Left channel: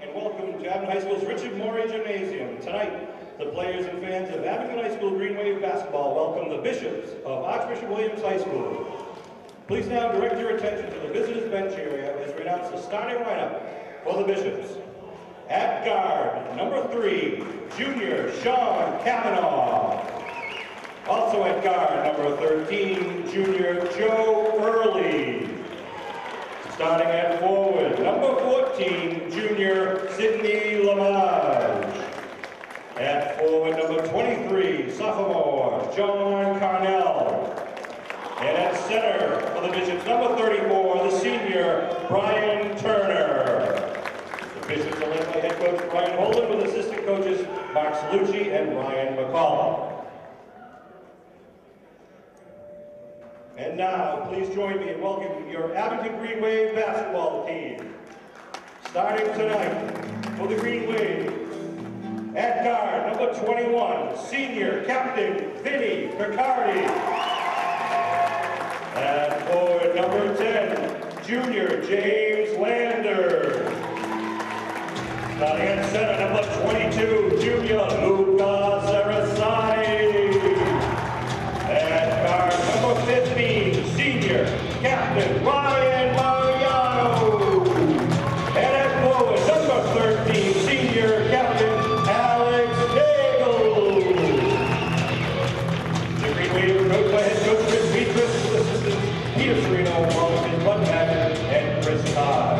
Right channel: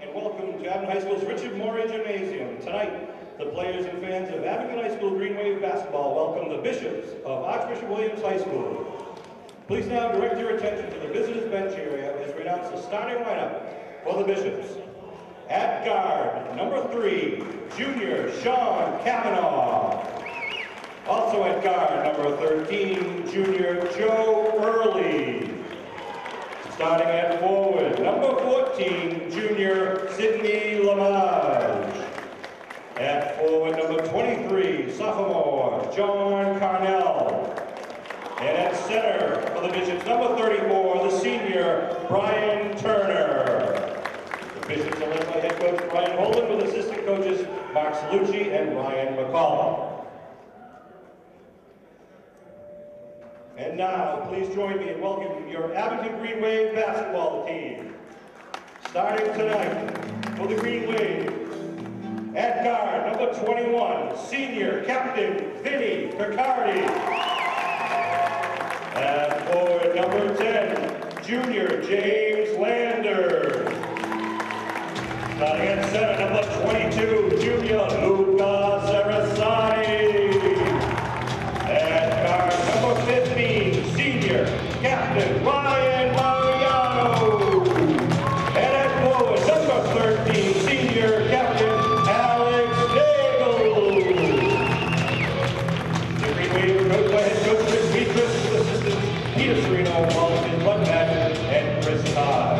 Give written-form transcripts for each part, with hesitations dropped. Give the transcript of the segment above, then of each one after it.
and welcome to Abington High School's Richard Morey Gymnasium. Tonight, the players and fans of Abington High School Green Wave basketball welcome the bishops of Archbishop Williams High School. Please now direct your attention to the visitors' bench area as we announce the starting lineup for the bishops. At guard, number 3, junior Sean Kavanaugh. Also at guard, number 13, junior Joe Early. Starting at forward, number 14, junior Sydney Lamage. At forward, number 23, sophomore John Carnell. And at center for the Bishops, number 34, the senior Brian Turner. The Bishops are led by head coach Brian Holden with assistant coaches Mark Salucci and Ryan McCall. And now, please join me in welcoming your Abington Green Wave basketball team. Starting tonight for the Green Wave, at guard, number 21, senior captain Vinny Picardi. At forward, number 10, junior James Lander. Starting at center, number 22, junior Luca Sarasani. At guard, number 15, senior captain Ryan Mariano. And at forward, number 13, senior captain Alex Nagel. The Green Wave coached by head coach Chris Beatrice with assistants Peter Serino, Wallace Bud Madden, and Chris Todd.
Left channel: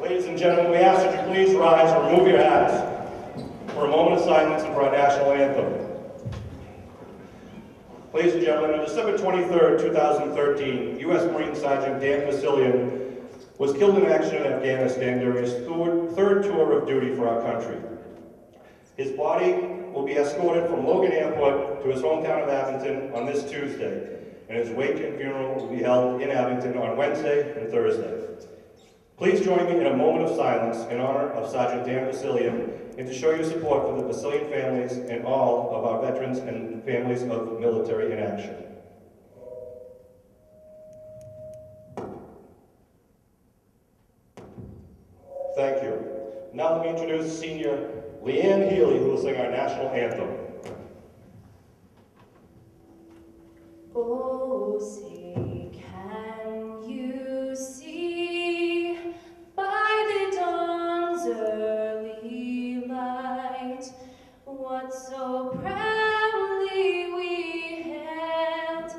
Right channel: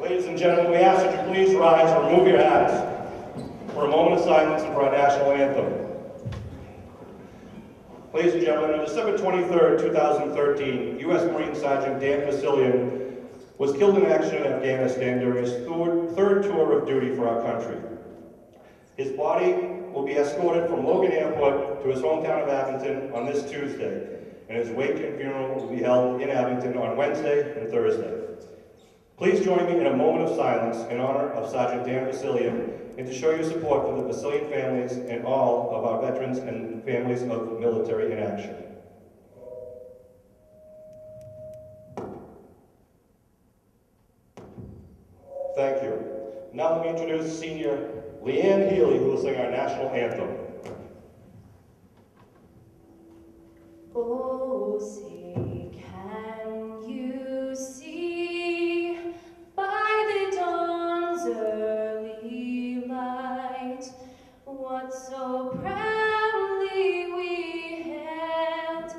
Ladies and gentlemen, we ask that you please rise and remove your hats for a moment of silence and for our national anthem. Ladies and gentlemen, on December 23rd, 2013, U.S. Marine Sergeant Dan Vasilian was killed in action in Afghanistan during his third tour of duty for our country. His body will be escorted from Logan Airport to his hometown of Abington on this Tuesday, and his wake and funeral will be held in Abington on Wednesday and Thursday. Please join me in a moment of silence in honor of Sergeant Dan Vasilian and to show your support for the Vasilian families and all of our veterans and families of military in action. Thank you. Now let me introduce senior Leanne Healy, who will sing our national anthem. Oh, say, can you see by the dawn's early light what so proudly we hailed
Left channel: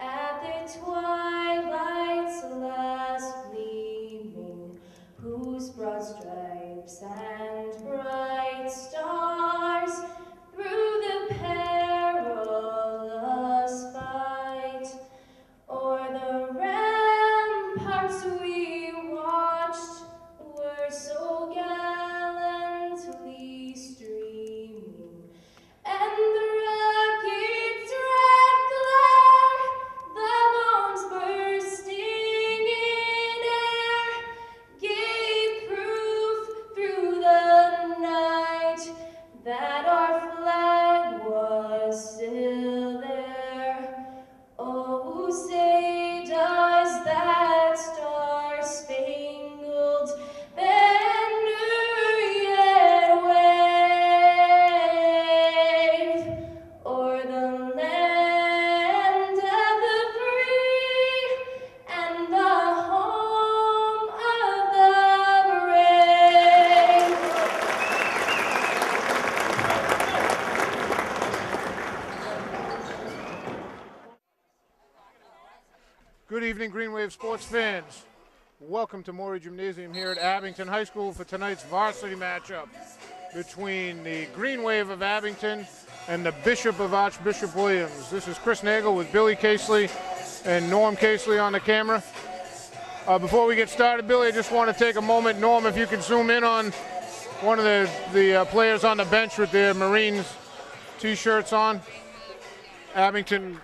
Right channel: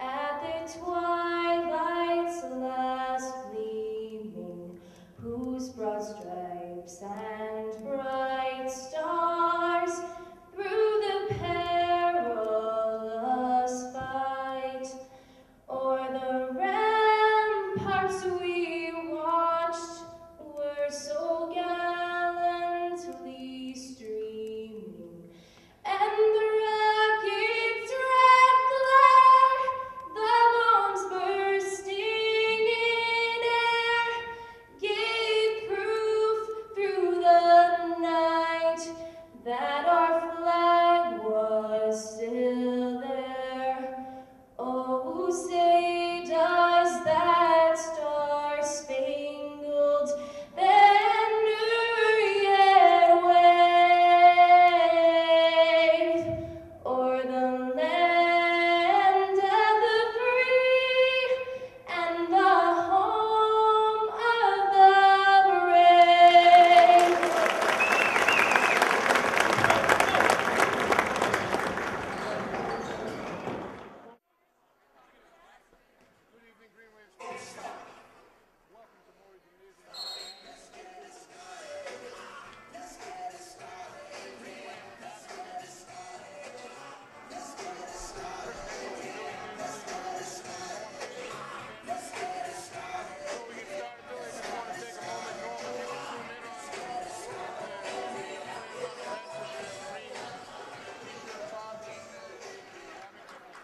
at the twilight's last gleaming, whose broad stripes and bright stars through the perilous fight o'er the ramparts we watched were so gallantly streaming, and the rocket's red glare, the bombs bursting in air, gave proof through the night that our flag was still there. Oh, say does that star-spangled banner yet wave o'er the land of the free and the home of the brave? Good evening, Green Wave sports fans. Welcome to Morey Gymnasium here at Abington High School for tonight's varsity matchup between the Green Wave of Abington and the Bishop of Archbishop Williams. This is Chris Nagel with Billy Casely and Norm Casely on the camera. Before we get started, Billy, I just want to take a moment. Norm, if you could zoom in on one of the players on the bench with their Marines t-shirts on. Abington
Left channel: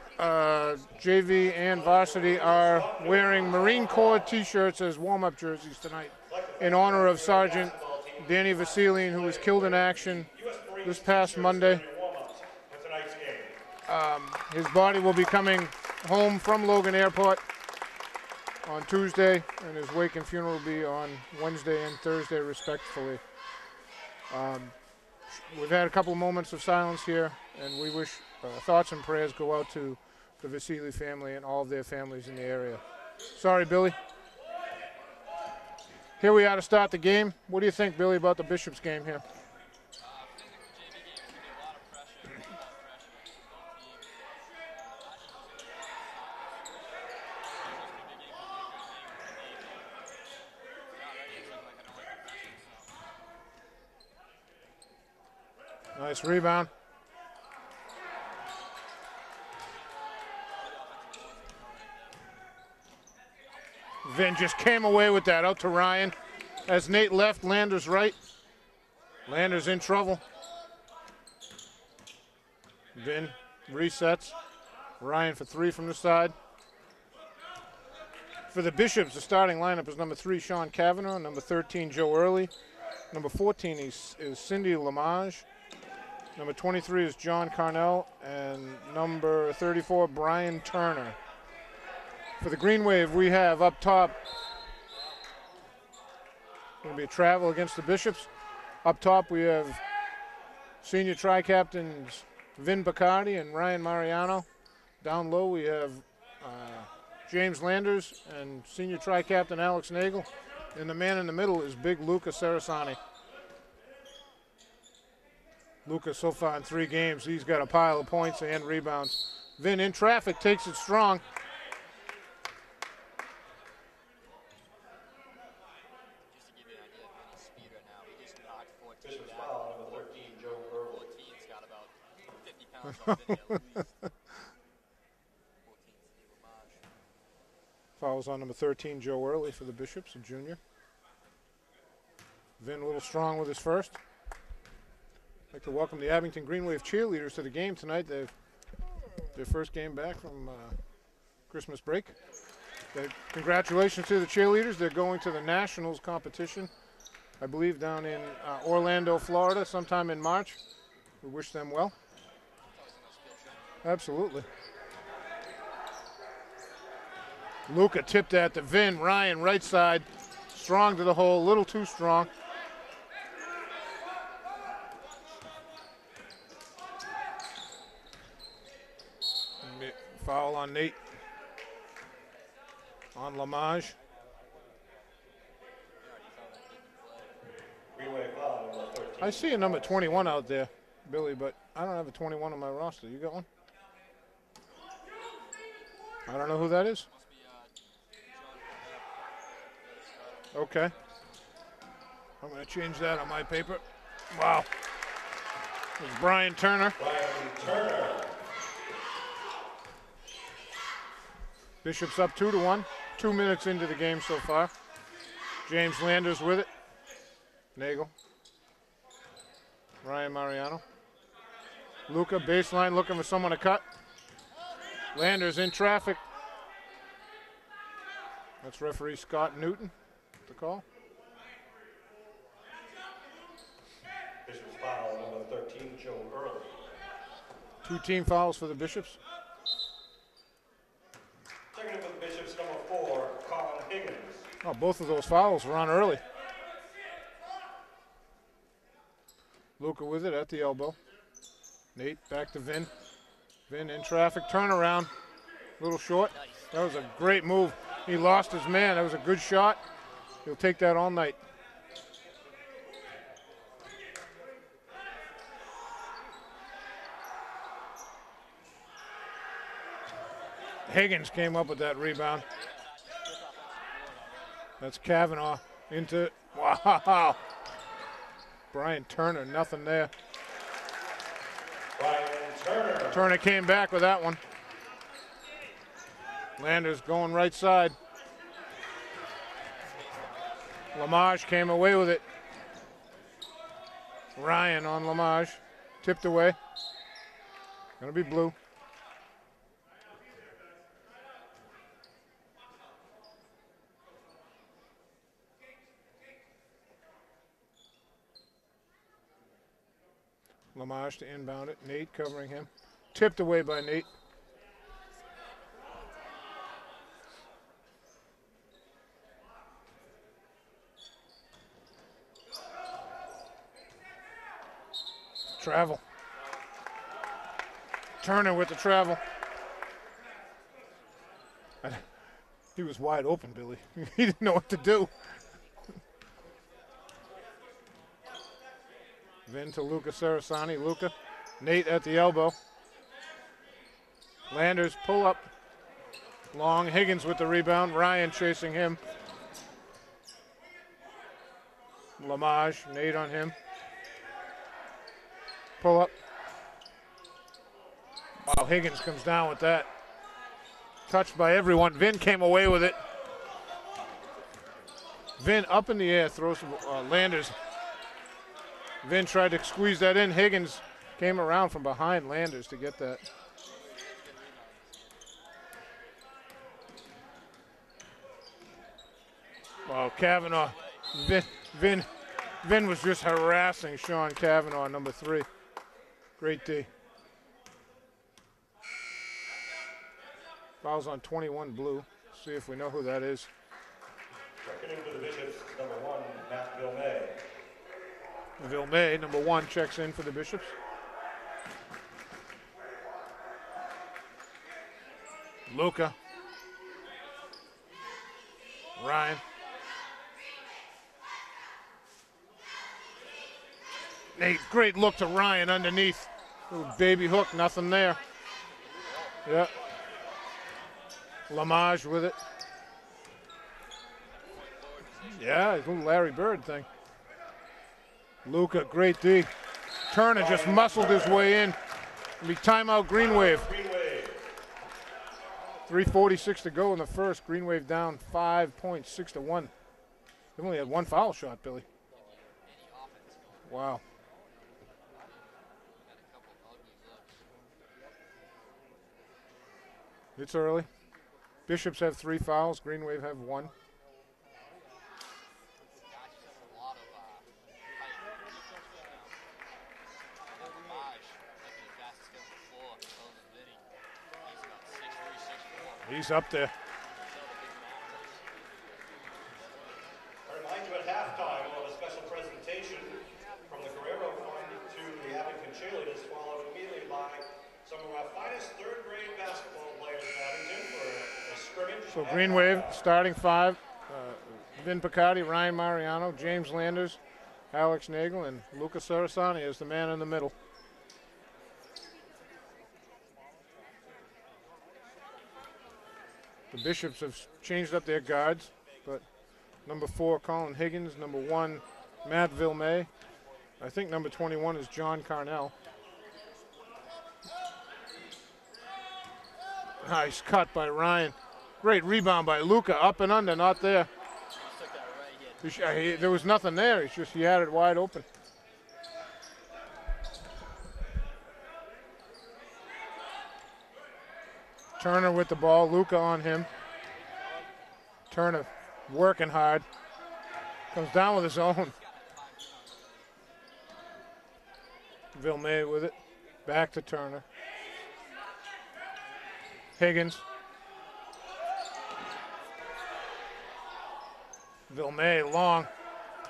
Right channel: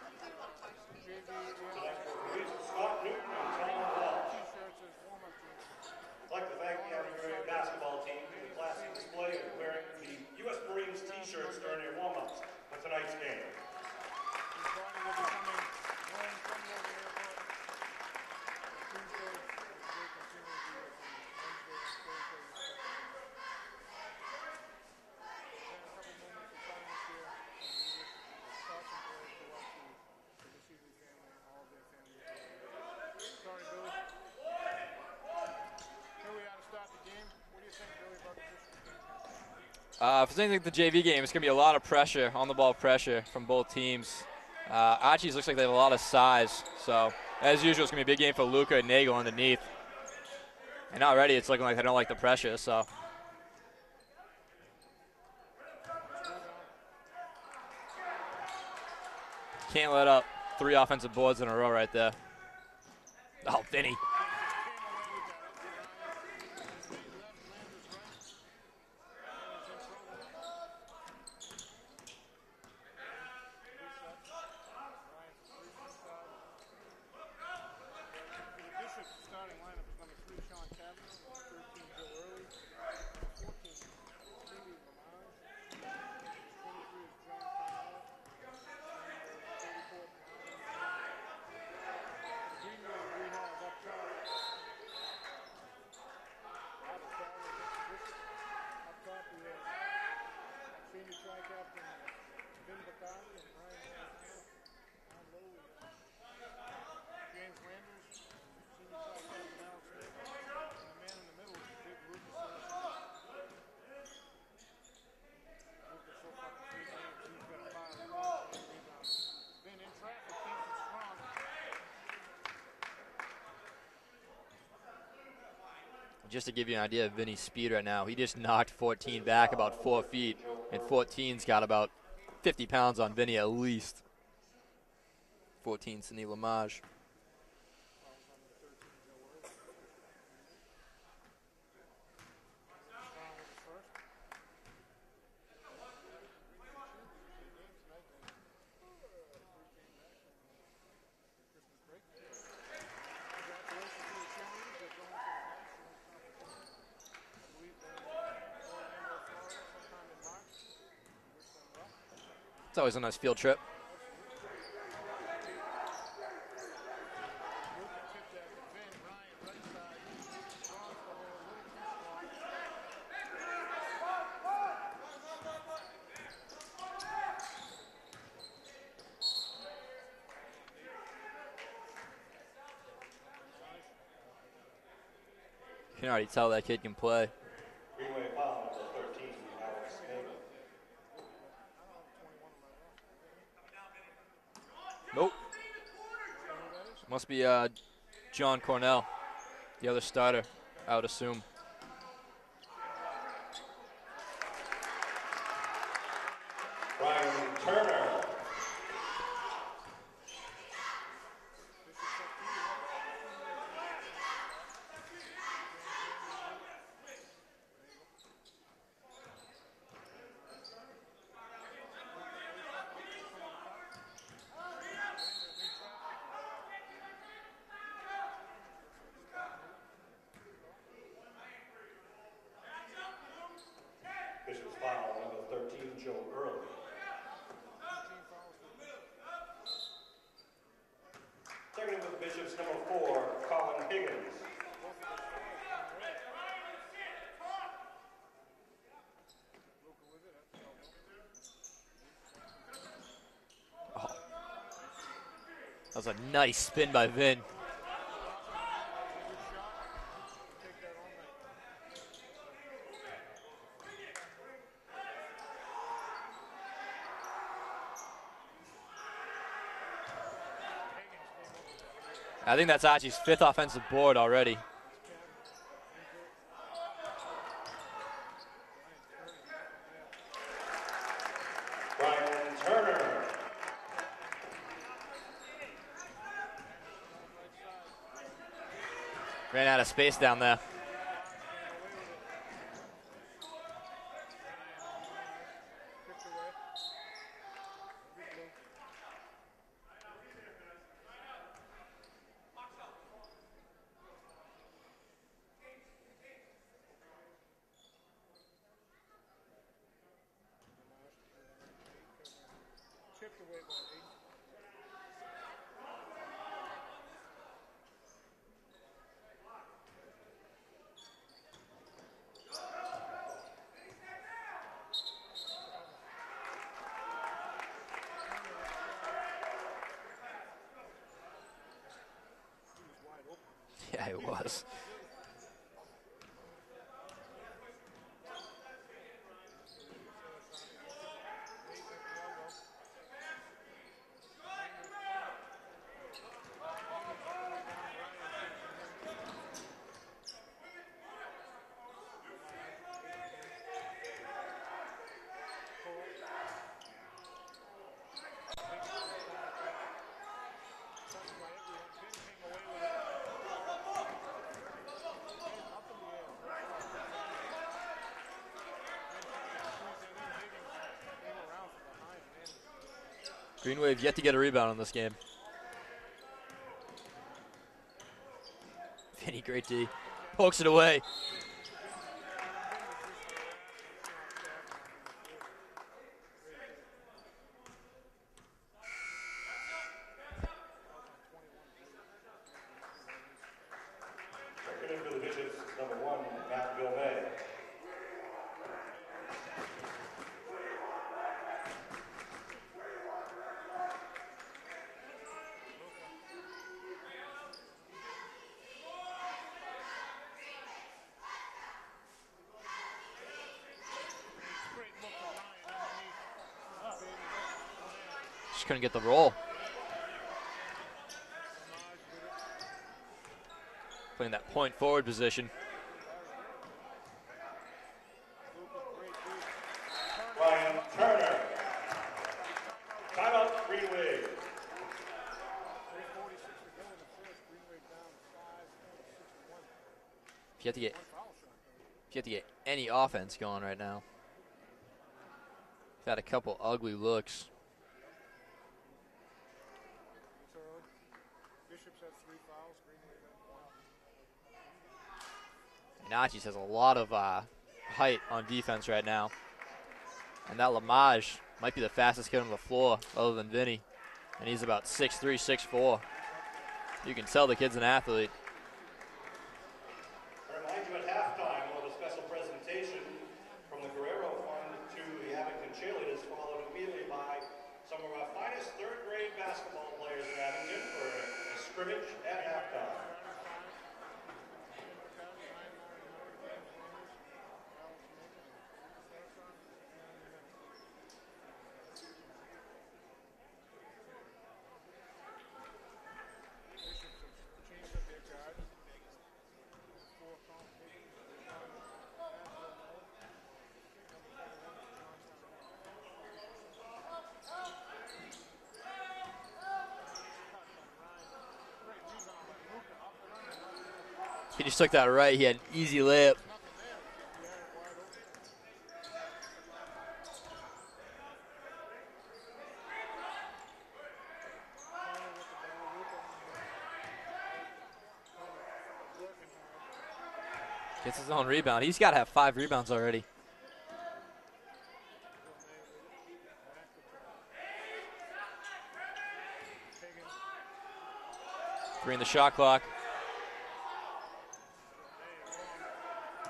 JV and Varsity are wearing Marine Corps t-shirts as warm-up jerseys tonight in honor of Sergeant Danny Vasilian, who was killed in action this past Monday. His body will be coming home from Logan Airport on Tuesday, and his wake and funeral will be on Wednesday and Thursday, respectively. We've had a couple of moments of silence here, and we wish thoughts and prayers go out to the Varsity family and all of their families in the area. Sorry, Billy. Here we are to start the game. What do you think, Billy, about the Bishops game here? If it's anything like the JV game, it's going to be a lot of pressure, on-the-ball pressure from both teams. Archie's looks like they have a lot of size, so as usual, it's going to be a big game for Luca and Nagel underneath. And already it's looking like they don't like the pressure, so. Nice rebound. Can't let up 3 offensive boards in a row right there. Oh, Vinny. Vin just came away with that, out to Ryan. As Nate left, Landers right. Landers in trouble. Vin resets. Ryan for 3 from the side. For the Bishops, the starting lineup is number 3, Sean Kavanaugh, number 13, Joe Early. Number 14 is Cindy Lamage. Number 23 is John Carnell, and number 34, Brian Turner. For the Green Wave, we have up top, going to be a travel against the Bishops. Up top, we have senior tri-captains Vin Bacardi and Ryan Mariano. Down low, we have James Landers and senior tri-captain Alex Nagel. And the man in the middle is big Luca Sarasani. Luca so far in 3 games, he's got a pile of points and rebounds. Vin in traffic, takes it strong. Just to give you an idea of Vinny's speed right now, he just knocked 14 back about 4 feet, and 14's got about 50 pounds on Vinny at least. 14, Cindy Lamage. Fouls on number 13, Joe Early for the Bishops, a junior. Vin a little strong with his first. I'd like to welcome the Abington Green Wave cheerleaders to the game tonight. They've their first game back from Christmas break. Congratulations to the cheerleaders. They're going to the Nationals competition, I believe, down in Orlando, Florida, sometime in March. We wish them well. It's always a nice field trip. Absolutely. Luca tipped at the Vin. Ryan, right side, strong to the hole, a little too strong. Foul on Nate. On Lamage. You can already tell that kid can play. I see a number 21 out there, Billy, but I don't have a 21 on my roster. You got one? Nope. I don't know who that is. Must be John Cornell, the other starter. Okay. I would assume. I'm going to change that on my paper. Wow. It's Brian Turner. Brian Turner. Bishop's up 2-1. 2 minutes into the game so far. James Landers with it. Nagel. Ryan Mariano. Luca, baseline, looking for someone to cut. Landers in traffic. That's referee Scott Newton to call. Bishop's foul, number 13, Joe Early. 2 team fouls for the Bishops. Second for the Bishops, number 4, Colin Higgins. Oh, both of those fouls were on early. Luca with it at the elbow. Nate back to Vin. Vin in traffic, turnaround. Little short. Nice spin by Vin. Great move. He lost his man. That was a good shot. He'll take that all night. Higgins came up with that rebound. I think that's Archie's 5th offensive board already. That's Kavanaugh into, wow. Brian Turner, nothing there. Brian Turner. Turner came back with that one. Landers going right side. Ran out of space down there. Lamage came away with it. Ryan on Lamage. Tipped away. Gonna be blue. Lamage to inbound it. Nate covering him. Tipped away by Nate. Travel. Turner with the travel. He was wide open, Billy. Yeah, he didn't know what to do. Vin to Luca Sarasani. Luca. Nate at the elbow. Landers pull up. Long. Higgins with the rebound. Ryan chasing him. Lamage. Nate on him. Pull up. Wow, Higgins comes down with that. Touched by everyone. Vin came away with it. Vin up in the air, throws Landers. Vin tried to squeeze that in. Higgins came around from behind Landers to get that. Green Wave yet to get a rebound in this game. Vinny, great D. Oh, Kavanaugh. Pokes it away. Vin was just harassing Sean Kavanaugh, number 3. Great D. Fouls on 21 blue. See if we know who that is. Checking into the Bishops, number 1, Matt Villemay. Villemay, number 1, checks in for the Bishops. Luca. Ryan. Nate, great look to Ryan underneath. Little baby hook, nothing there. Just couldn't get the roll. Yeah. Lamage with it. Playing that point forward position. Yeah, it's a little Larry Bird thing. Luca, great D. Turner just muscled his way in. It'll be timeout Green Wave. 3:46 to go in the first. Green Wave down 5 points, 6-1. They only had 1 foul shot, Billy. You have to get any offense going right now. Got a couple ugly looks. It's early. Bishops have 3 fouls. Green Wave have 1. Nachis has a lot of height on defense right now. And that Lamage might be the fastest kid on the floor other than Vinny. And he's about 6'3", 6'4". He's up there. You can tell the kid's an athlete. I remind you at halftime we'll have a special presentation from the Guerrero Fund to the Abington cheerleaders, followed immediately by some of our finest third-grade basketball players in Abington for a scrimmage. So Green Wave starting 5. Vin Picardi, Ryan Mariano, James Landers, Alex Nagel, and Luca Sarasani is the man in the middle. The Bishops have changed up their guards, but number 4, Colin Higgins, number 1, Matt Villemay. I think number 21 is John Carnell. Nice cut by Ryan. Great rebound by Luca, up and under, not there. He just took that right. He had easy layup. There was nothing there. It's just he had it wide open. Turner with the ball. Luca on him. Turner working hard. Comes down with his rebound. own. He's got to have 5 rebounds already. Villemay with it. Back to Turner. Higgins. 3 in the shot clock. Villemay long.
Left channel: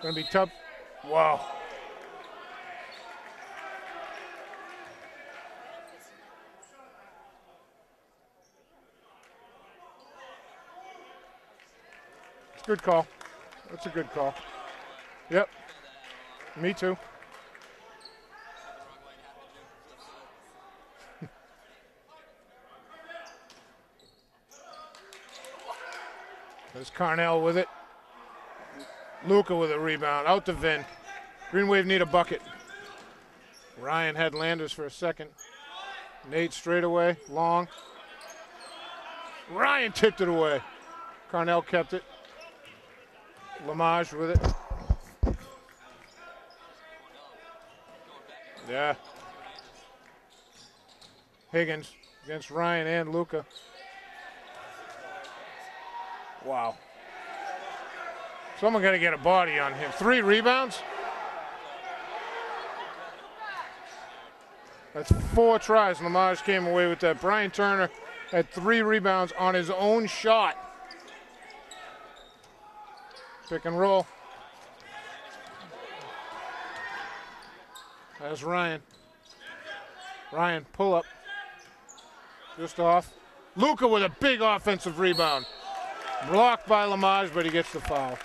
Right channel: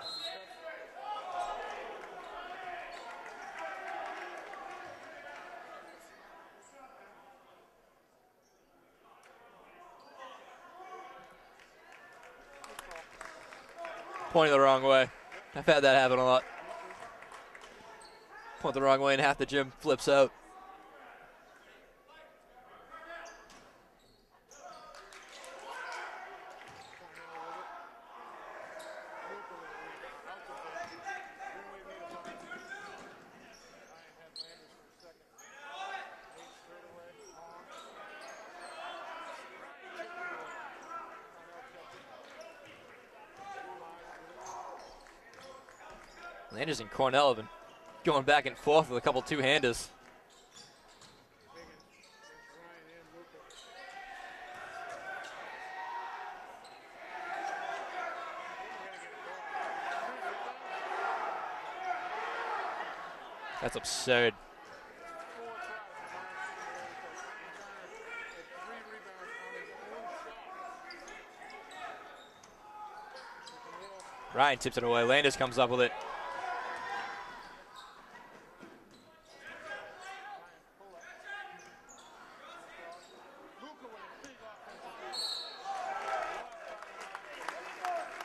Gonna be tough. Wow. Good call. That's a good call. Pointing the wrong way. Yep. I've had that happen a lot. Me too. Point the wrong way and half the gym flips out. There's Carnell with it. Luca with a rebound. Out to Vin. Green Wave need a bucket. Ryan had Landers for a second. Nate straight away. Long. Ryan tipped it away. Carnell kept it. Lamage with it. Landers and Cornell have been going back and forth with a couple two-handers. Higgins against Ryan and Luca. Wow. Someone got to get a body on him. 3 rebounds? That's absurd. That's 4 tries. Lamage came away with that. Brian Turner had 3 rebounds on his own shot. Pick and roll. Ryan tips it away. Landers comes up with it. That's Ryan. Ryan, pull up. Just off. Luca with a big offensive rebound. Blocked by Lamage, but he gets the foul.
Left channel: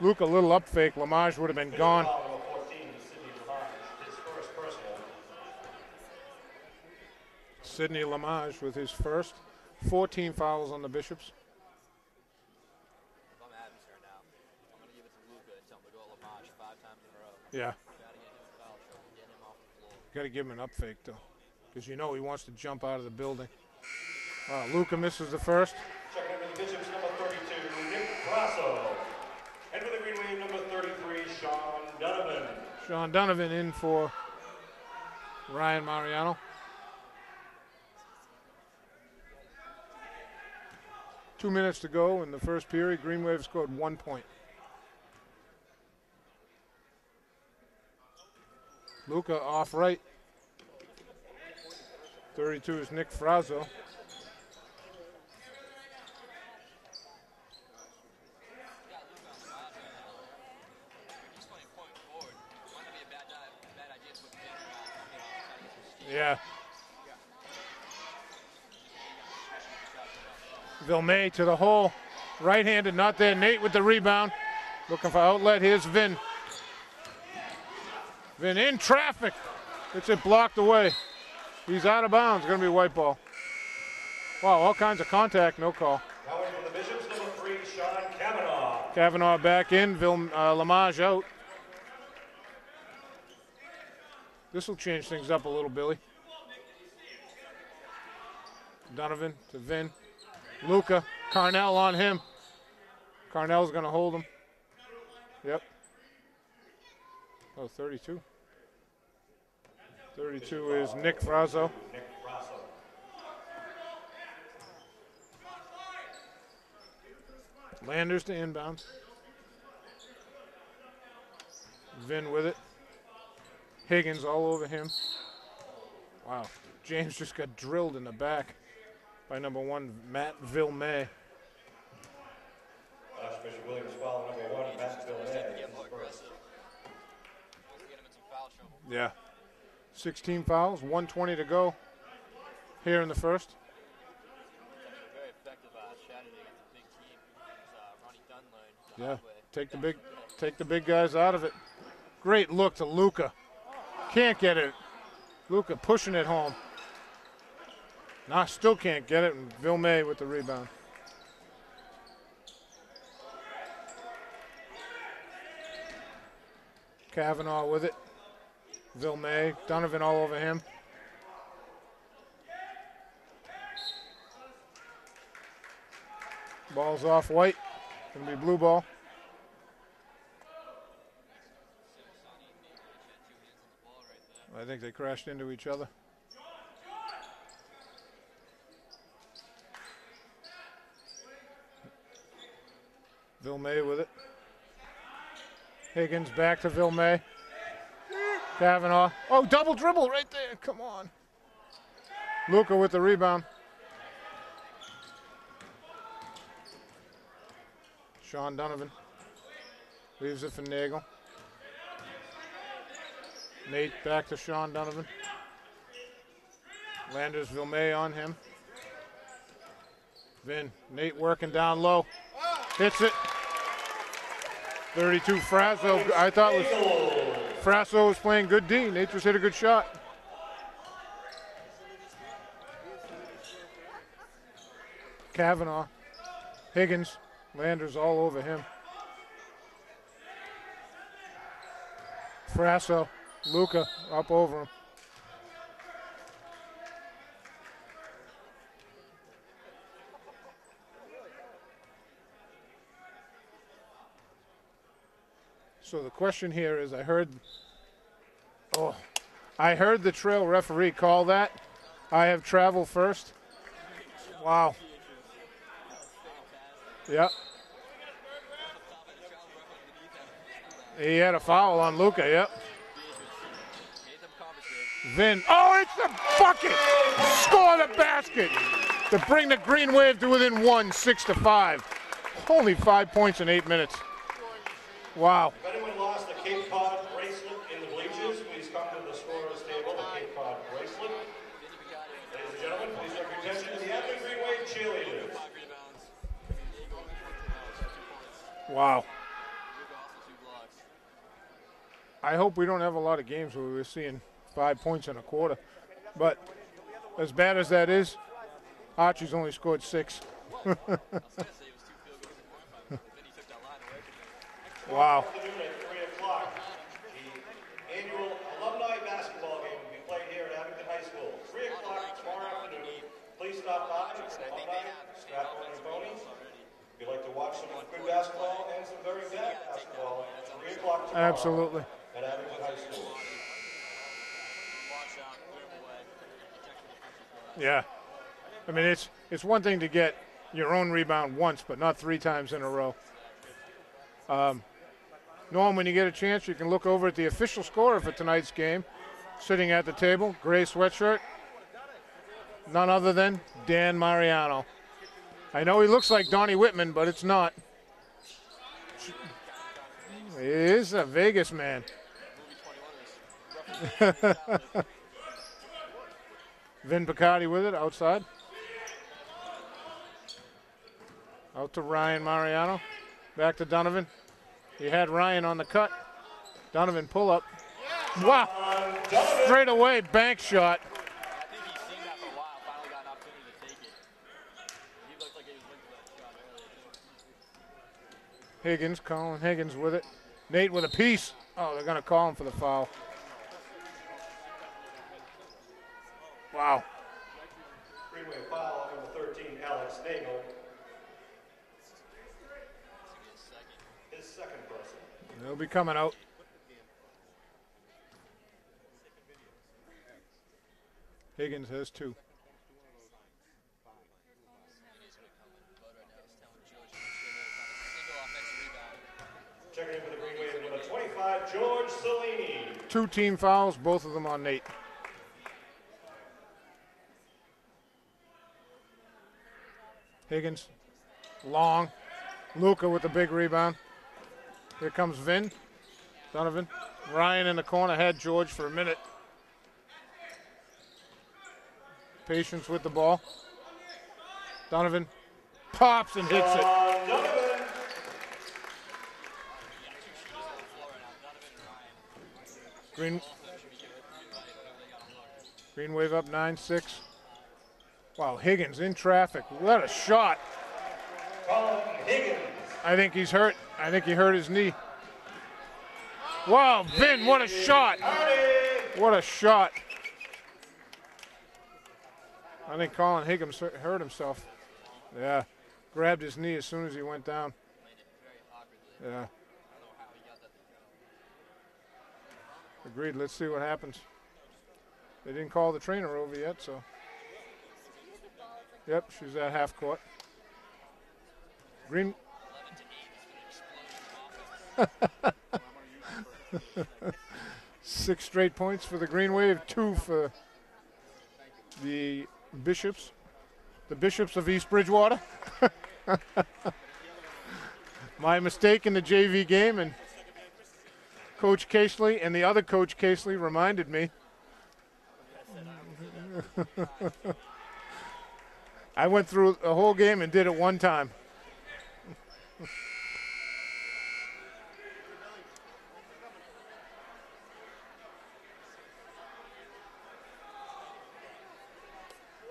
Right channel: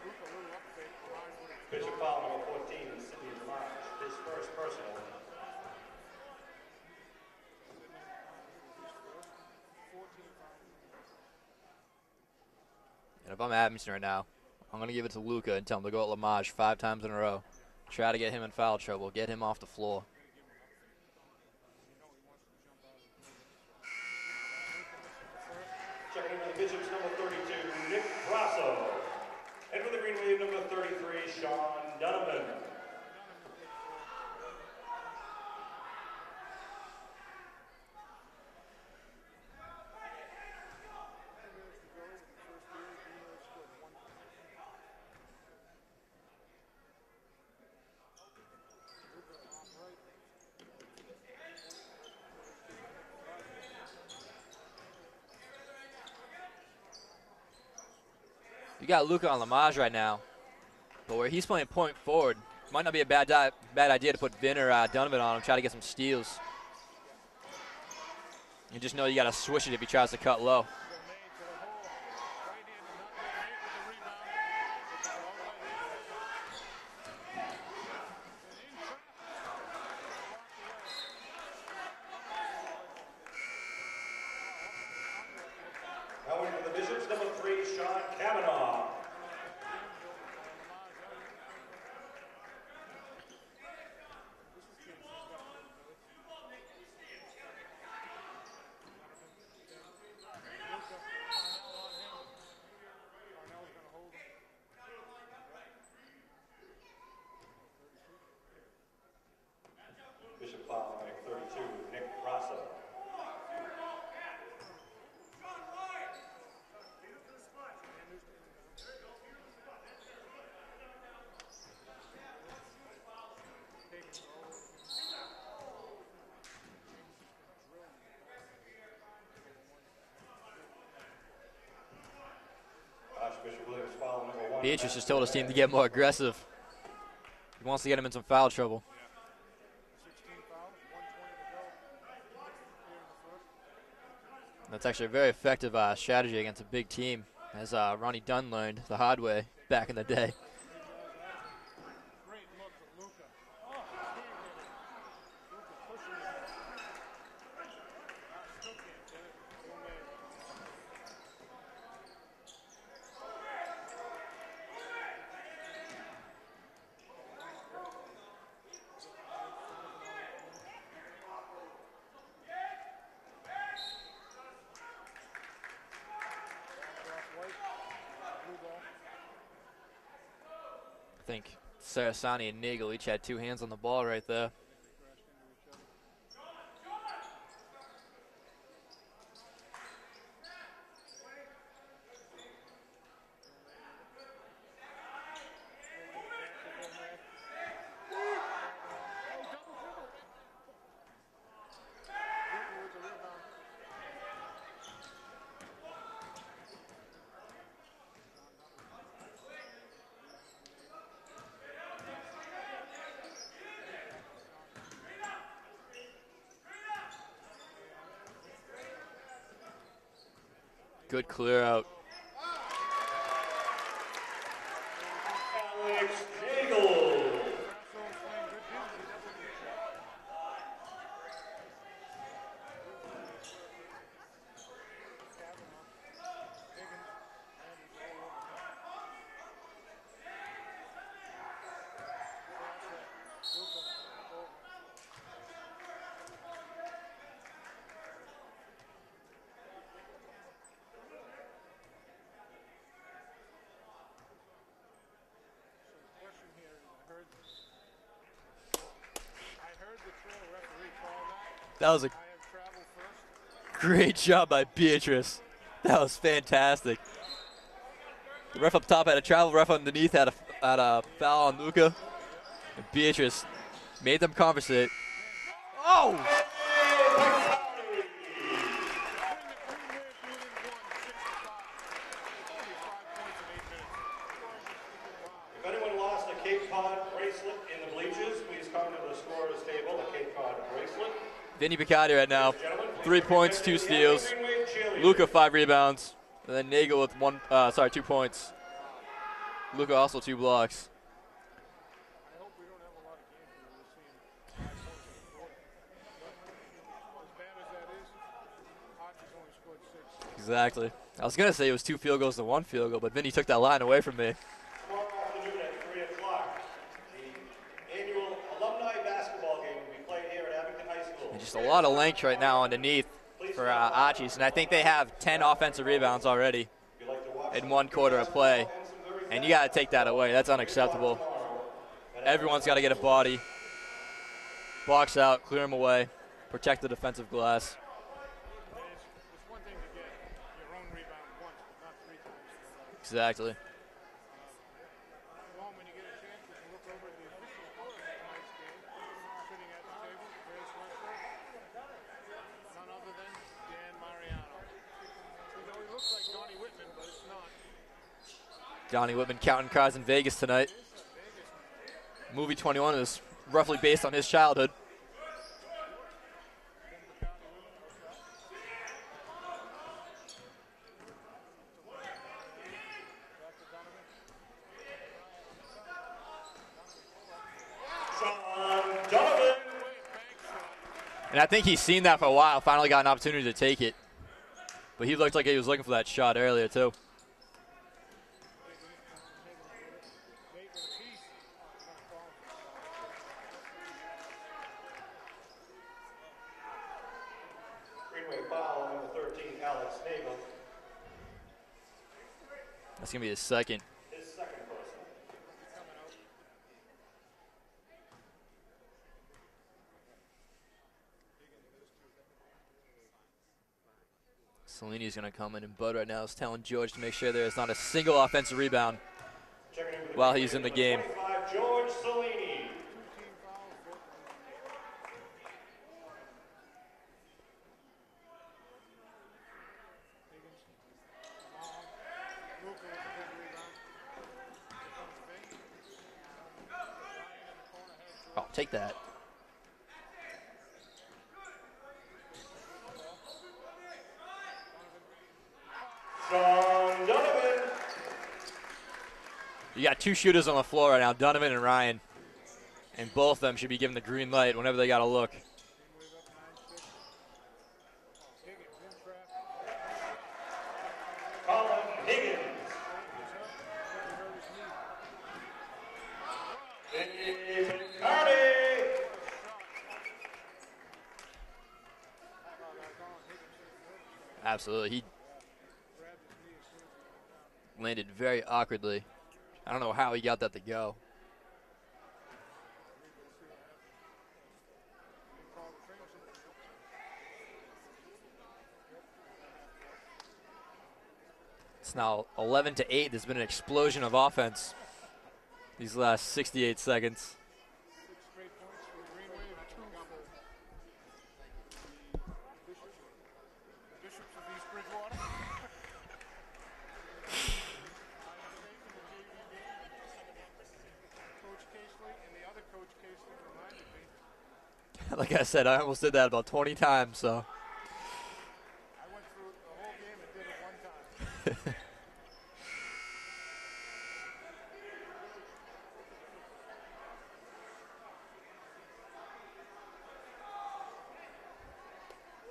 Luca, a little up fake. Lamage would have been gone. Sidney Lamage with his first. 14 fouls on the Bishops. And if I'm Abington right now, I'm going to give it to Luca and tell him to go at Lamage 5 times in a row. Yeah. Try to get him in foul trouble. Get him off the floor. Got to give him an up fake, though, because you know he wants to jump out of the building. Luca misses the first. Checking in for the Bishops, number 32, Nick Grasso. And for the Green Wave, number 33, Sean Donovan. Sean Donovan in for Ryan Mariano. 2 minutes to go in the first period. Green Wave scored 1 point. Luca off right. 32 is Nick Frazzo. You got Luca on Lamage right now, but where he's playing point forward, might not be a bad idea to put Vin or Donovan on him, try to get some steals. Yeah. You just know you got to switch it if he tries to cut low. Vilmay to the hole. Right-handed, not there. Nate with the rebound. Looking for outlet. Here's Vin. Vin in traffic. Gets it blocked away. He's out of bounds. Going to be a white ball. Wow, all kinds of contact. No call. Now in for the Bishops, number 3, Sean Kavanaugh. Kavanaugh back in. Lamage out. This will change things up a little, Billy. Donovan to Vin. Luca. Carnell on him. Carnell's going to hold him. Yep. Oh, 32. 32 is Nick Frazzo. Nick Frazzo. Landers to inbound. Vin with it. Higgins all over him. Wow. James just got drilled in the back by number 1, Matt Vilmay. Archbishop Williams foul number 1. Beatrice just told his team to get more aggressive. He wants to get him in some foul trouble. Yeah. 16 fouls, 1:20 to go here in the first. That's actually a very effective strategy against a big team, as Ronnie Dunn learned the hard way back in the day. Take the big guys out of it. Great look to Luca. Can't get it. Luca pushing it home. Nah, still can't get it. And Vilmay with the rebound. Kavanaugh with it. Vilmay, Donovan all over him. Ball's off white. Gonna be blue ball. I think Sarasani and Nagel each had 2 hands on the ball right there. I think they crashed into each other. Vilmay with it. Higgins back to Vilmay. Kavanaugh. Oh, double dribble right there. Come on. Luca with the rebound. Sean Donovan. Leaves it for Nagel. Nate back to Sean Donovan. Landers Vilmay on him. Vin. Nate Good working clear down out. low. Hits it. 32 Frazzo. I thought Frazzo was playing good D. Nate just hit a good shot. Kavanaugh. Higgins. Landers all over him. Frazzo. Luca up over him. So the question here is, I heard the trail referee call that. That was a I have travel first. great job Wow. by Beatrice. That was fantastic. Yep. The ref up top had a travel, ref underneath had a He had a foul on Luca, yep. Beatrice made them conversate. Vin. Oh, it's a bucket! Score the basket to bring the Green Wave to within 1, 6-5. Only 5 points in 8 minutes. Wow. If anyone lost the Cape Cod race bracelet in the bleachers, please come to the scorer's table, the Cape Cod bracelet. Vinny Picardi right now, 3 points, 2 steals. Luca 5 rebounds, and then Nagel with 2 points. Wow. Luca also 2 blocks. I hope we don't have a lot of games where we're seeing 5 points in a quarter. But as bad as that is, Archie's only scored 6. Exactly. I was going to say it was 2 field goals to 1 field goal, but Vinny took that line away from me. Wow. At 3 o'clock, the annual alumni basketball game will be played here at Abington High School. And just a lot of length right now underneath for Archie's, and I think they have 10 offensive rebounds already in 1 quarter of play. And you got to take that away. That's unacceptable. Absolutely. Everyone's got to get a body, box out, clear them away, protect the defensive glass. Yeah. I mean, it's one thing to get your own rebound once, but not 3 times in a row. Exactly. Norm, when you get a chance, you can look over at the official scorer for tonight's game. Sitting at the table, gray sweatshirt, none other than Dan Mariano. I know he looks like Donnie Whitman, but it's not. Donnie Whitman counting cards in Vegas tonight. He is a Vegas man. Movie 21 is roughly based on his childhood. Vin Picardi with it outside. Out to Ryan Mariano. Back to Donovan. He had Ryan on the cut. Donovan pull up. Wow. Straight away, bank shot. And I think he's seen that for a while. Finally got an opportunity to take it. But he looked like he was looking for that shot earlier, too. Higgins, Colin Higgins with it. Nate with a piece. Oh, they're going to call him for the foul. Wow. Greenway foul on number 13, Alex Nagel. That's going to be his second. His second personal. They'll be coming out. Higgins has 2. Salini's going to come in, and Bud right now is telling George to make sure there's not a single offensive rebound while he's in the game. 25, George Salini. 2 team fouls, both of them on Nate. Higgins, long. Luca with the big rebound. Here comes Vin. Donovan. Ryan in the corner, had George for a minute. Patience with the ball. Donovan pops and hits it. You got 2 shooters on the floor right now, Donovan and Ryan. And both of them should be given the green light whenever they got to look. Green Wave up 9-6. Wow, Higgins in traffic. What a shot. Higgins. I think he's hurt. I think he hurt his knee. Wow, Vin, what a shot. What a shot. I think Colin Higgins hurt himself. Absolutely. He Grabbed his knee as soon as he went down. landed very awkwardly. Yeah. I don't know how he got that to go. Agreed. Let's see what happens. They didn't call the trainer over yet, so. Yep, she's at half court. It's now 11-8. There's been an explosion of offense these last 68 seconds. 6 straight points for the Green Wave, 2 for the Bishops. The Bishops of East Bridgewater. My mistake in the JV game, and Coach Casely and the other Coach Casely reminded me. Like I said, I almost did that about 20 times, so. I went through the whole game and did it one time.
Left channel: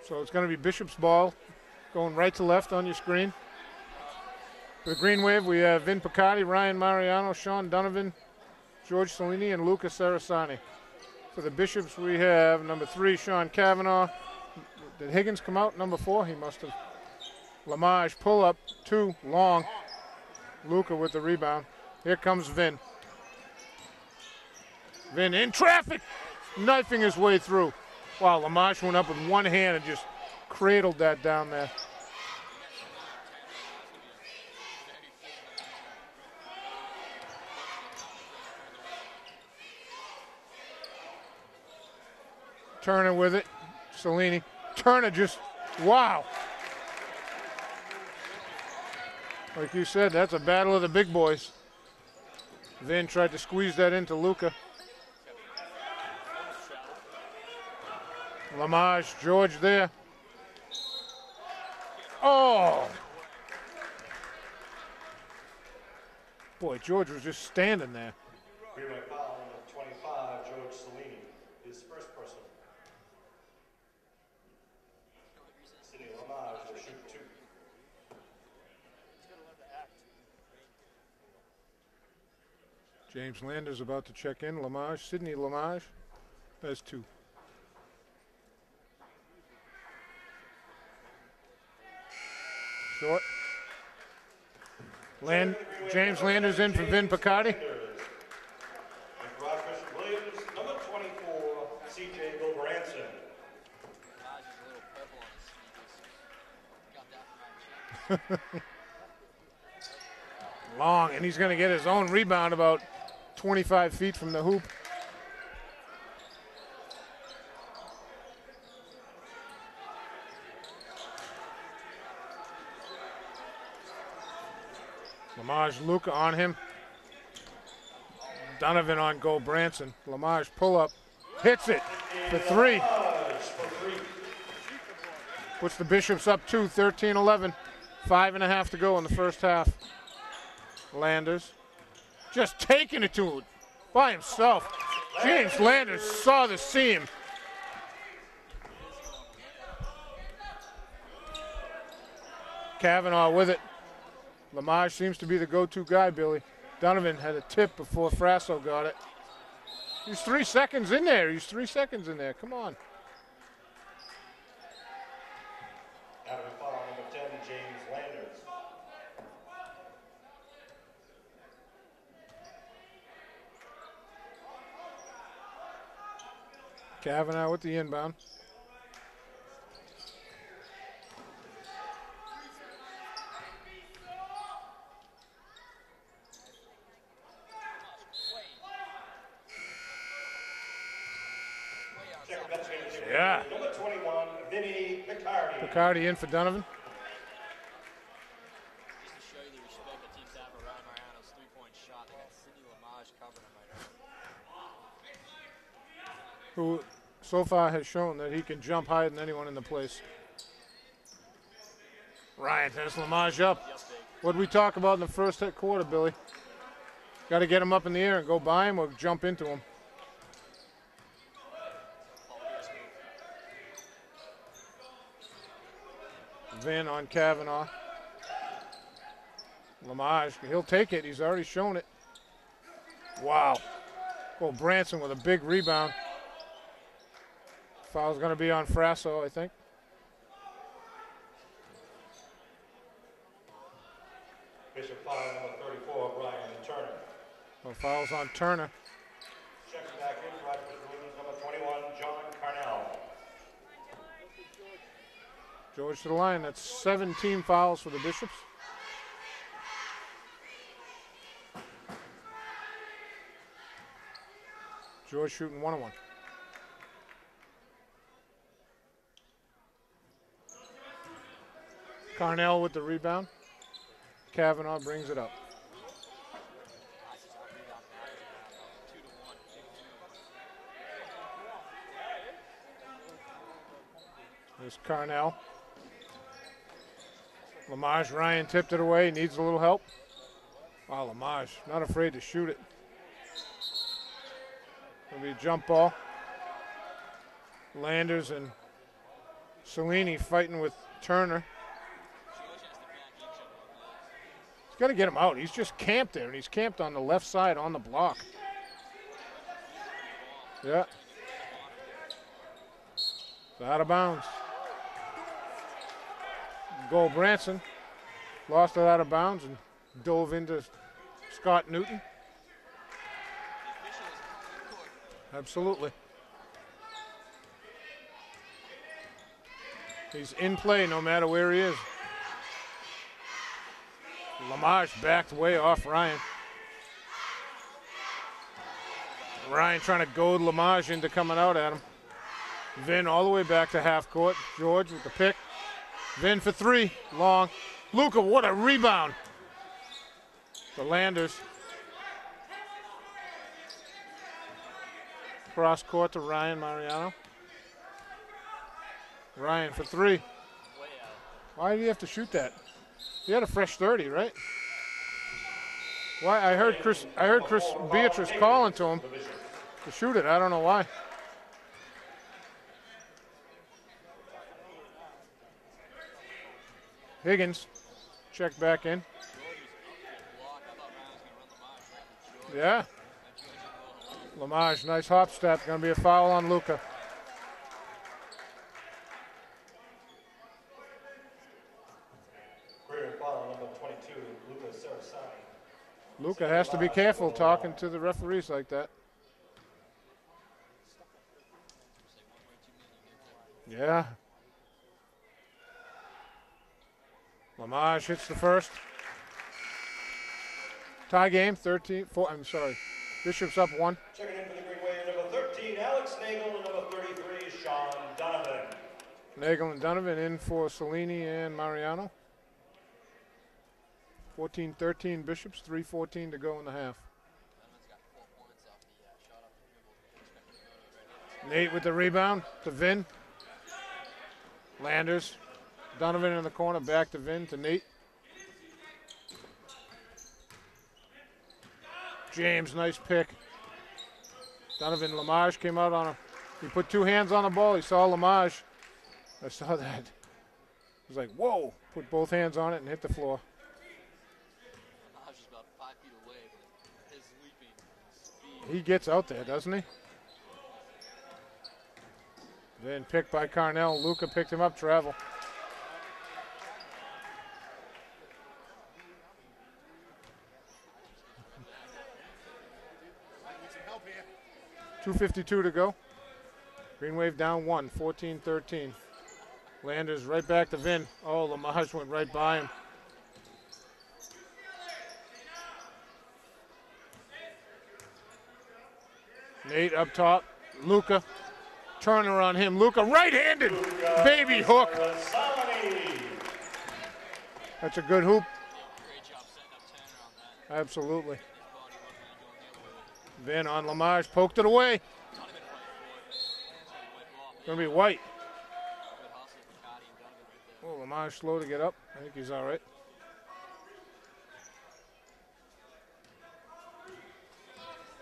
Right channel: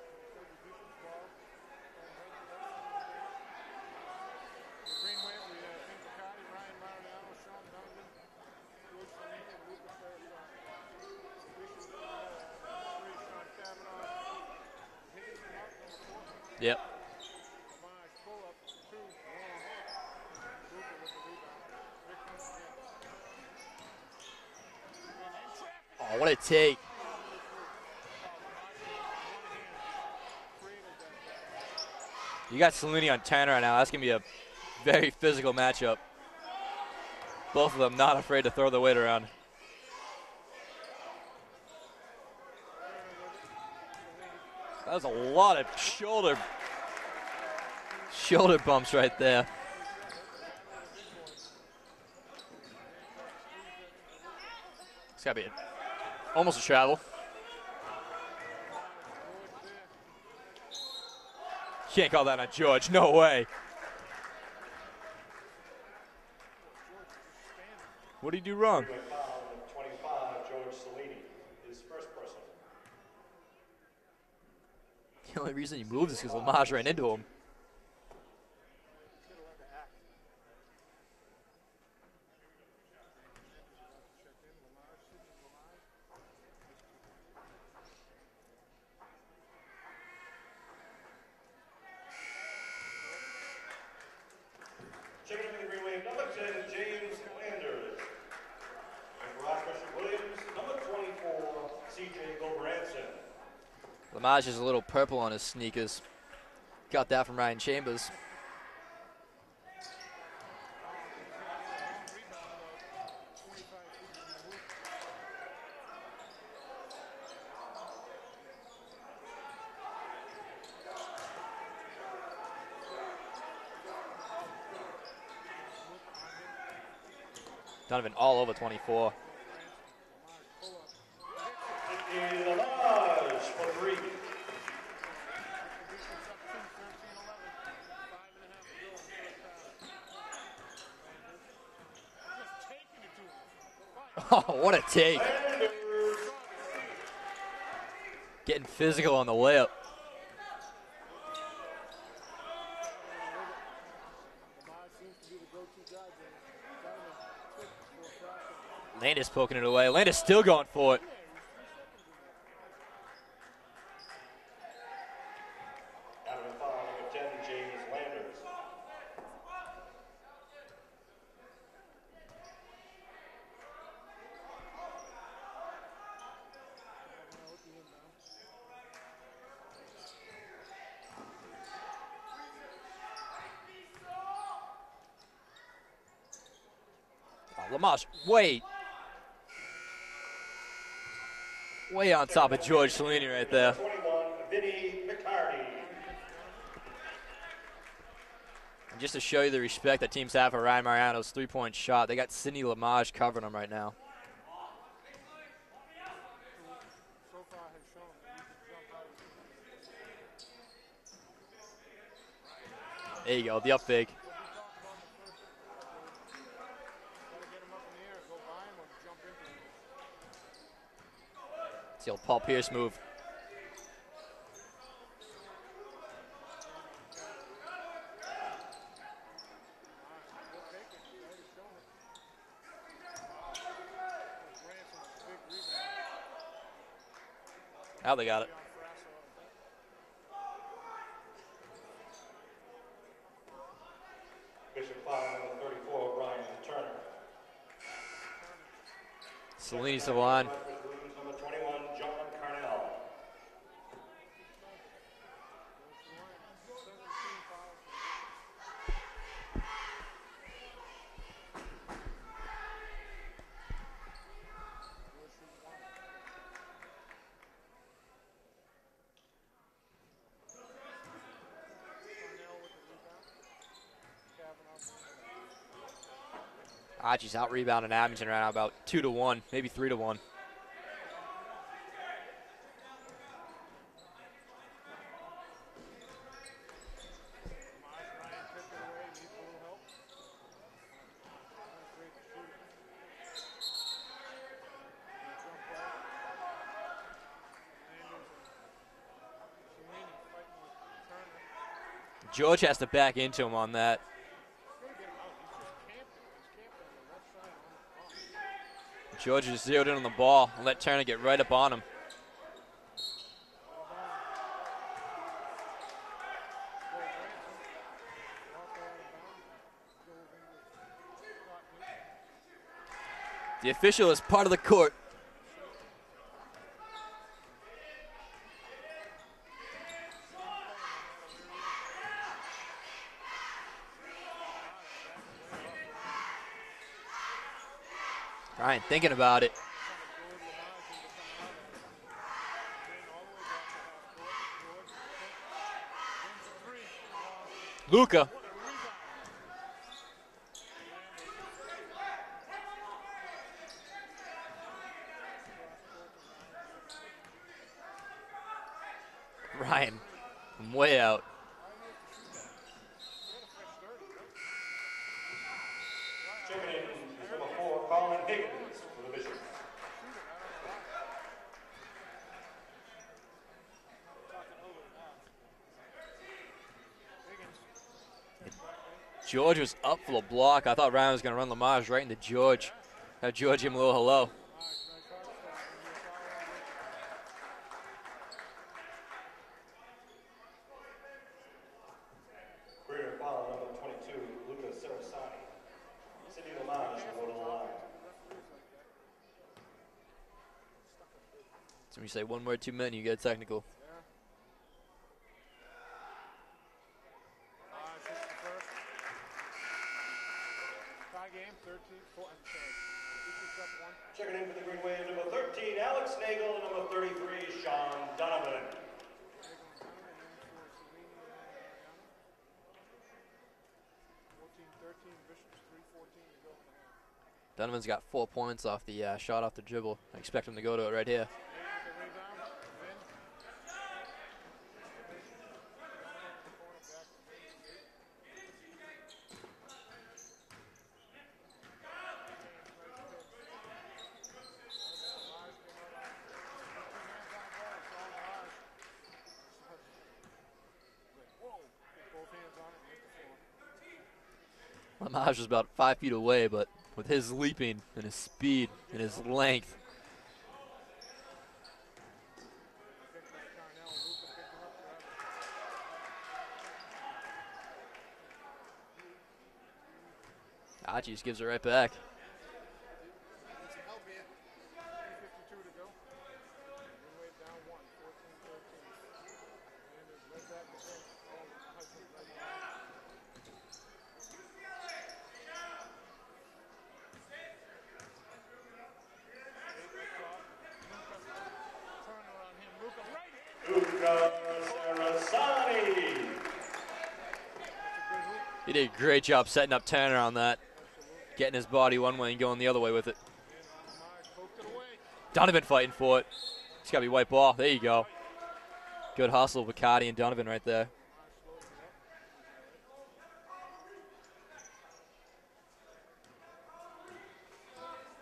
So it's going to be Bishop's ball going right to left on your screen. For the Green Wave, we have Vin Picardi, Ryan Mariano, Sean Donovan, George Salini, and Luca Sarasani. For the Bishops, we have number 3, Sean Cavanaugh. Did Higgins come out? Number 4? He must have. Yep. Lamage, pull up, 2, long. Luca with the rebound. Here comes Vin. Vin in traffic. Oh, what a take. Knifing his way through. Wow, Lamage went up with one hand and just cradled that down there. You got Salini on 10 right now. That's going to be a very physical matchup. Both of them not afraid to throw the weight around. Turner with it. Salini. Turner just, a lot of wow. shoulder bumps right there. Like you said, that's a battle of the big boys. Vin tried to squeeze that into Luca. It's got to be almost a travel. Lamage, George there. Can't call that a George. No way. Boy, George was just standing there. What did he do wrong? Greenway foul, number 25, George Cellini, his first person. The only reason he moved is because Lamage ran into him. James Landers about to check in. Lamage, Sidney Lamage. There's 2. Short. James Landers in for Vin Picardi. And for Archbishop Williams, number 24, C.J. Gobranson. Lamage is a little purple on his sneakers. Got that from Ryan Chambers. Long, and he's going to get his own rebound about 25 feet from the hoop. Lamage Luca on him. Donovan all over. Donovan on Gobranson. Lamage pull up. Hits it for 3. Puts the Bishops up 2, 13-11. 5.5 to go in the first half. Landers just taking it to him by himself. Oh, what a take. James Landers saw the seam. Getting physical on the layup. Kavanaugh with it. Lamage seems to be the go-to guy, Billy. Donovan had a tip before Frasso got it. Landis poking it away. Landis He's still 3 going seconds for in it. there. He's 3 seconds in there. Come on. Having a foul, number 10, James Landers. Kavanaugh with the inbound. Lamage, way on top of George Cellini right there. Number 21, Vinny Picardi. Picardi in for Donovan. And just to show you the respect that teams have for Ryan Mariano's three-point shot, they got Sidney Lamage covering him right now. Who so far has shown that he can jump higher than anyone in the place. Ryan has There Lamage you go, up. the up fake. What did we talk about in the first quarter, Billy? Got to get him up in the air and go by him or jump into him. It's the old Paul Pierce move. Vin on Kavanaugh. Lamage, he'll take it. He's already shown it. Wow. Oh, Branson with a big rebound. Foul's going to be on Frasso, I think. Bishop foul, number 34, Ryan Turner. Well, foul's on Turner. Cellini's the line. Number 21, John Carnell. George to the line. That's 17 fouls for the Bishops. George shooting 1-1. Carnell with the rebound. Kavanaugh brings it up. Archie's out rebounding Abington right now about 2-1, maybe 3-1. There's Carnell. Lamage, Ryan tipped it away, needs a little help. Wow, Lamage, not afraid to shoot it. Gonna be a jump ball. Landers and Cellini fighting with Turner. George has to back into him on that. He's got to get him out. He's just camped there, and he's camped on the left side on the block. George is zeroed in on the ball. Let Turner get right up on him. It's out of bounds. Goal Branson lost it out of bounds and dove into Scott Newton. The official is part of the court. Absolutely. He's in play no matter where he is. Lamage backed way off Ryan. Ryan thinking about it. Ryan trying to goad Lamage into coming out at him. Vin all the way back to half court. George with the pick. Vin for 3, long. Luca, what a rebound. The Landers. Cross court to Ryan Mariano. Ryan for Ryan. 3. Way out. Why did he have to shoot that? He had a fresh 30, right? Why? I heard Chris Beatrice calling to him to shoot it. I don't know why. Higgins, check back in. George was up for the block. I thought Ryan was going to run Lamage right into George. Yeah. Have George give him a little hello. Lamage, nice hop step. Going to be a foul on Luca. Foul number 22, Luca Sarasani. Luca has to be careful talking to the referees like that. So when you say one word too many, you get technical. Yeah. Lamage hits the first. Tie game, 13-4. I'm sorry. Bishop's up 1. Checking in for the Green Wave, number 13, Alex Nagel, and number 33, Sean Donovan. Nagel and Donovan in for Cellini and Mariano. 14-13 Bishops, 3:14 to go in the half. Donovan's got 4 points off the shot off the dribble. I expect him to go to it right here. Nate with the rebound to Vin. Landers. Donovan in the corner, back to Vin, to Nate. James, nice pick. Donovan Lamage came out on him. He put 2 hands on the ball. He saw Lamage. I saw that. He was like, whoa. Put both hands on it and hit the floor. Lamage was about 5 feet away, but with his leaping and his speed, He gets and his out there, length, doesn't he? Then picked by Carnell. Luca picked him up, travel. Archie just gives it right back. 2:52 to go. Green Wave down 1, 14-13. Landers right back to Vin. Oh, Lamage went right by him. Nate up top. Luca. Turner on him. Luca right-handed. Baby hook. That's a good hoop. He did a great job setting up Turner on that. Absolutely. Getting his body one way and going the other way with it. Vin on Lamage. Poked it away. Donovan fighting for it. It's got to be white ball. There you go. White. Good hustle with Cardi and Donovan right there. Oh, Lamage slow to get up. I think he's all right.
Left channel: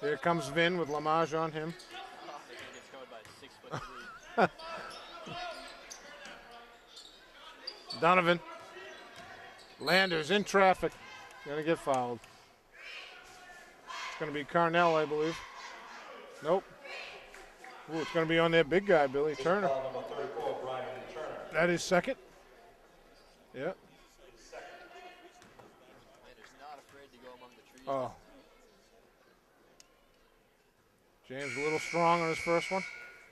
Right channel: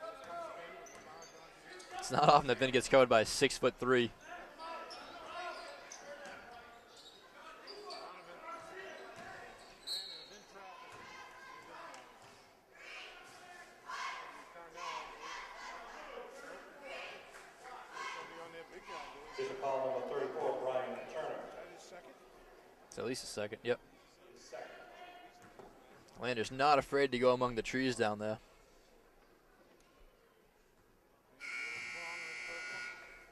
Here comes Vin with Lamage on him. It's not often that Vin gets covered by a 6'3". Donovan. Landers in traffic. Gonna get fouled. It's gonna be Carnell, I believe. Nope. Ooh, it's gonna be on their big guy, Billy Turner. Foul number 34, Brian Turner. That is second. It's at least a second. Yep. Yep. Lander's not afraid to go among the trees down there. James a little strong on his first one.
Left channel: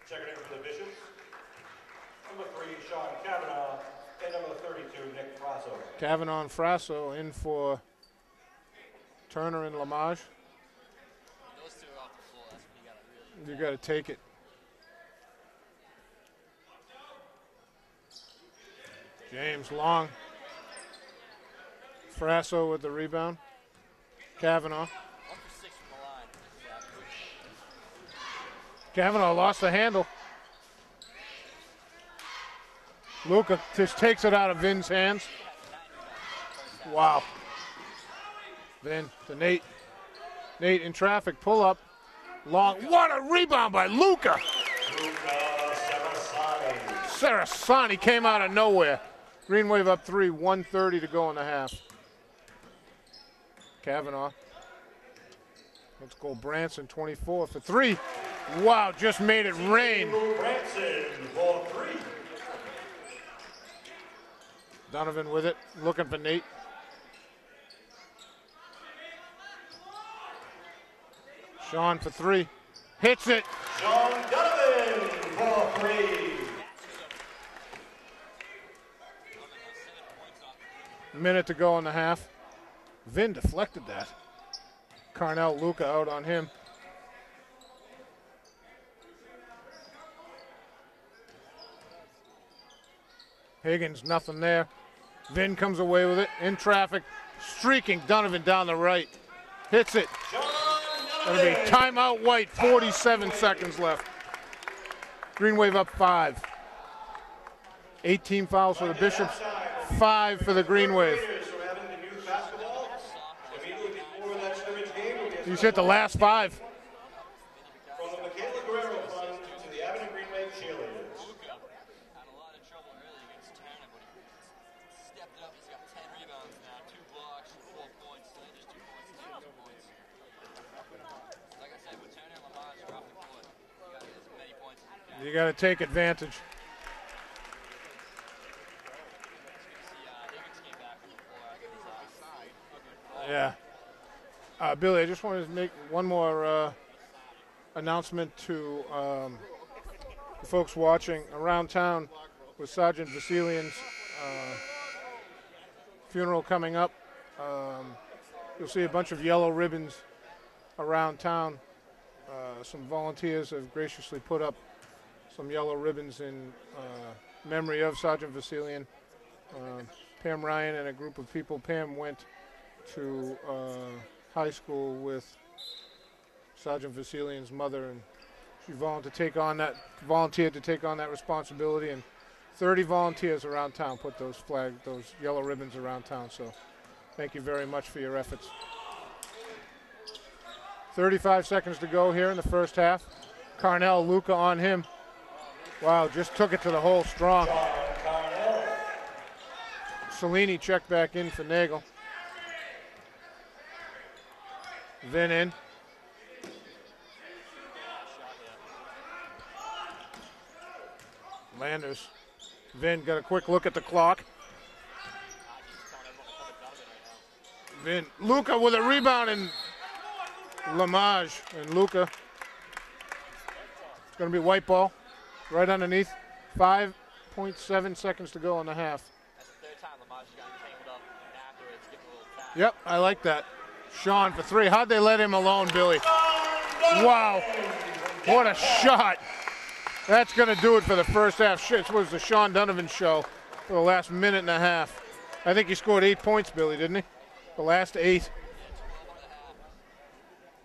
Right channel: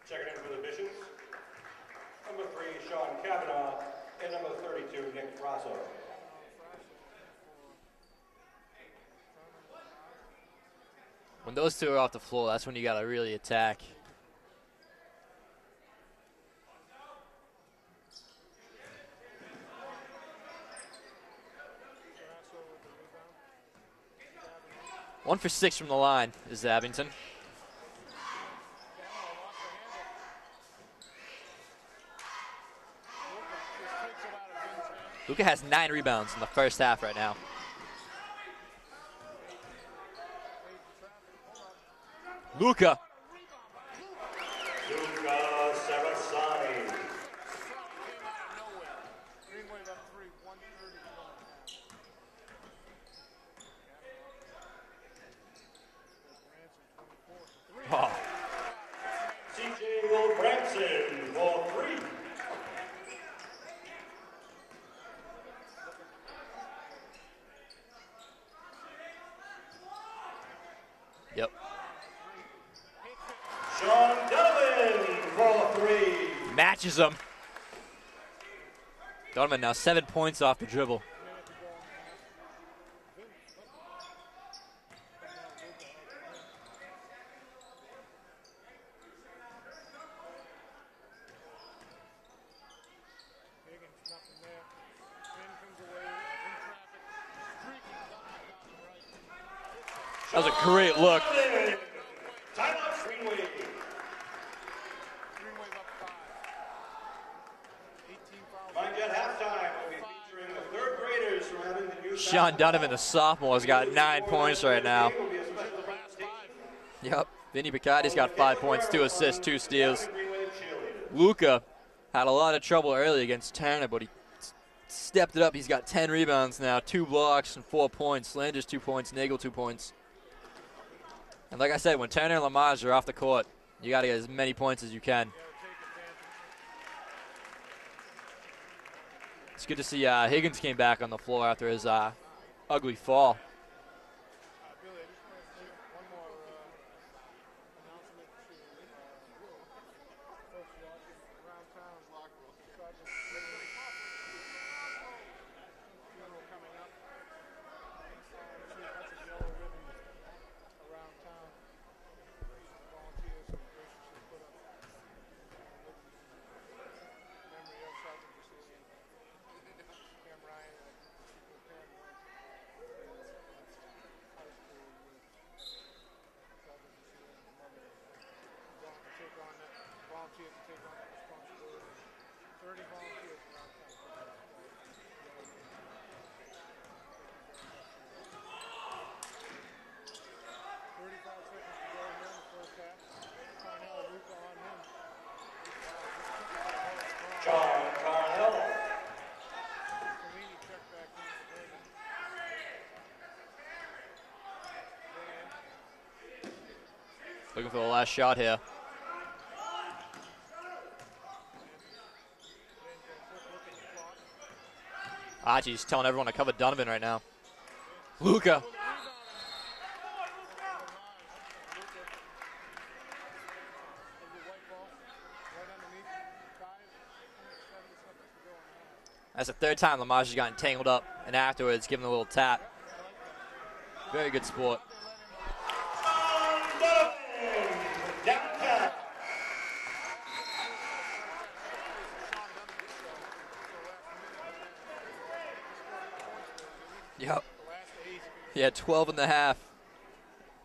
Checking in for the Bishops, number 3, Sean Kavanaugh, and number 32, Nick Frasso. Kavanaugh and Frasso in for Turner and Lamage. When those two are off the floor, that's when you got to really You attack. gotta take it. James long. Frasso with the rebound. Kavanaugh. 1 for 6 from the line is Abington. Kavanaugh lost the handle. Luca just takes it out of Vin's hands. Luca has 9 rebounds in the first half Wow. right now. Vin to Nate. Nate in traffic, pull up. Long. Luca. What a rebound by Luca. Luca Sarasani. Sarasani came out of nowhere. Green Wave up 3, 1:30 to go in the half. Kavanaugh. Let's go Branson, 24 for 3. Oh. Wow, just made it rain. Branson for 3. Donovan with it, looking for Nate. Yep. Sean for 3. Hits it. Sean Donovan for 3. Matches him. Donovan now 7 points off the dribble. Minute to go in the half. Vin deflected that. Carnell, Luca out on him. Higgins, nothing there. Vin comes away with it in traffic. Streaking Donovan down the right. Hits it. That was a great look. Gonna be timeout White, 47 seconds left. Green Wave up 5. 18 fouls for the Bishops, 5 for the Green Wave. Sean Donovan, the sophomore, has got 9 points right now. He's hit the last 5. Yep. Vinny Picardi's got 5 points, 2 assists, 2 steals. Luca had a lot of trouble early against Turner, but he stepped it up. He's got 10 rebounds now, 2 blocks and 4 points. Landers 2 points, Nagel 2 points. And like I said, when Turner and Lamage are off the court, you got to get as many points as you can. You got to take advantage. It's good to see Higgins came back on the floor after his ugly fall. Yeah. Billy, I just wanted to make one more announcement to the folks watching around town with Sergeant Vasilian's funeral coming up. You'll see a bunch of yellow ribbons around town. Some volunteers have graciously put up some yellow ribbons in memory of Sergeant Vasilian. Pam Ryan and a group of people. Pam went to high school with Sergeant Vasilian's mother, and she volunteered to take on that responsibility, and 30 volunteers around town put those yellow ribbons around town, so thank you very much for your efforts. 35 seconds to go here in the first half. Carnell, Luca on him. Wow, just took it to the hole strong. Cellini checked back in for Nagel. Vin in. Looking for the last shot here. Landers. Vin got a quick look at the clock. Archie's telling everyone to cover Donovan right now. Vin. Luca. Luca with a rebound, and Lamage and Luca. It's going to be white ball right underneath. 5.7 seconds to go in the half. That's the 3rd time Lamage has gotten tangled up and afterwards given a little tap. Yep, I like that. Sean for 3. Sport. How'd they let him alone, Billy? Wow. What a shot. That's going to do it for the first half. This was the Sean Donovan show for the last minute and a half. I think he scored 8 points, Billy, didn't he? Yep. The last 8. Yeah, 12 and a half.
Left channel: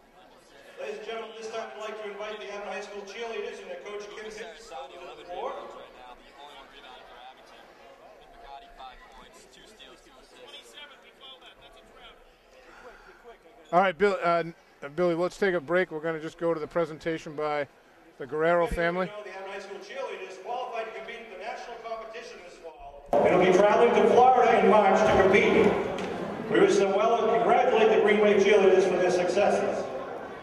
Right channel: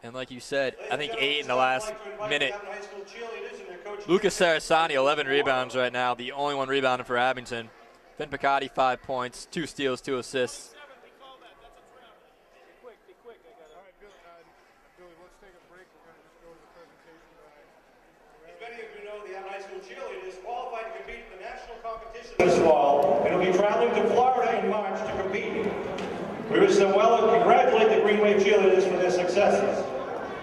And like you said, I think 8 in the last minute. Lucas Sarasani, 11 rebounds right now. The only one rebounding for Abington. Vin Picardi, 5 points, 2 steals, 2 assists. All right, Billy, let's take a break. We're going to just go to the presentation by the Guerrero family. The high school cheerleaders qualified to compete in the national competition this fall and will be traveling to Florida in March to compete. We wish them well and congratulate the Green Wave cheerleaders for their successes.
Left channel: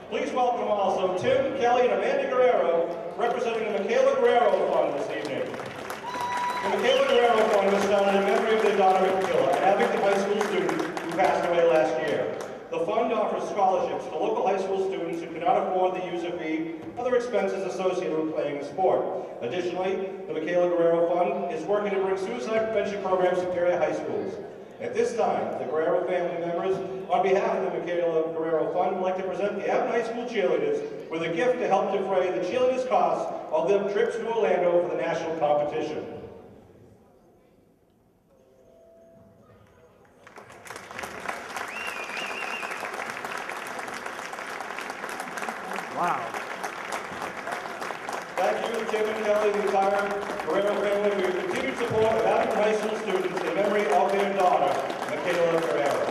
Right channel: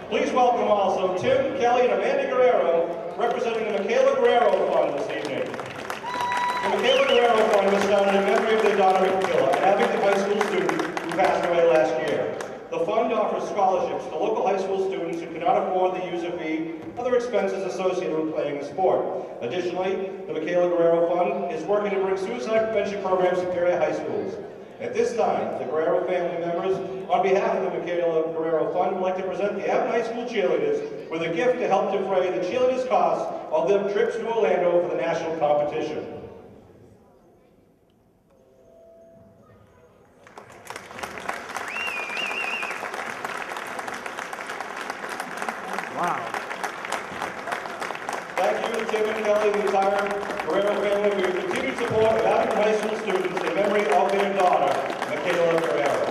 Please welcome also Tim, Kelly, and Amanda Guerrero, representing the Michaela Guerrero Fund this evening. The Michaela Guerrero Fund was started in memory of their daughter, Michaela, an Abington high school student who passed away last year. The fund offers scholarships to local high school students who cannot afford the user fee, other expenses associated with playing the sport. Additionally, the Michaela Guerrero Fund is working to bring suicide prevention programs to area high schools. At this time, the Guerrero family members, on behalf of the Michaela Guerrero Fund, would like to present the Abington High School cheerleaders with a gift to help defray the cheerleaders' costs of their trips to Orlando for the national competition. Wow. Thank you to Tim and Kelly and the entire Guerrero family for your continued support of Abington High School students in memory of their daughter, Michaela Guerrero.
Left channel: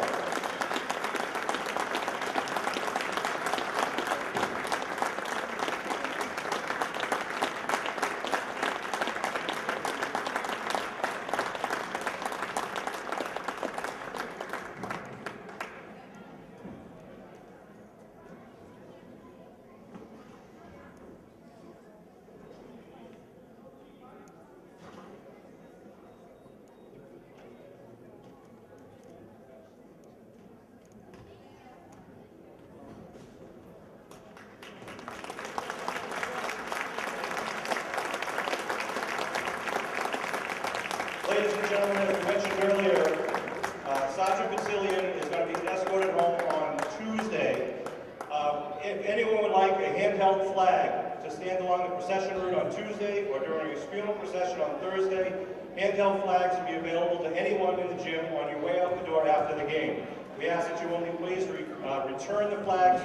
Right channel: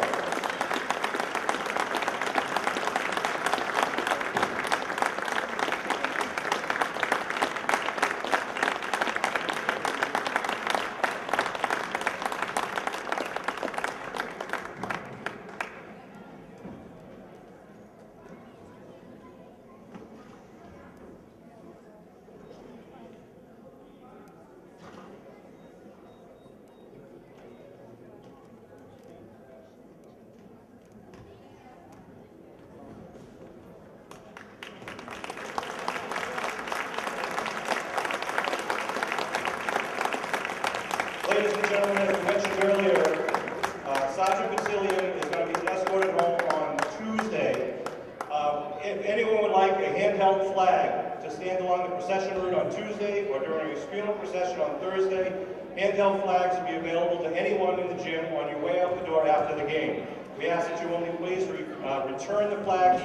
Ladies and gentlemen, as we mentioned earlier, Sergeant Vasilian is going to be escorted home on Tuesday. If anyone would like a handheld flag to stand along the procession route on Tuesday or during his funeral procession on Thursday, handheld flags will be available to anyone in the gym on your way out the door after the game. we ask that you only please return the flags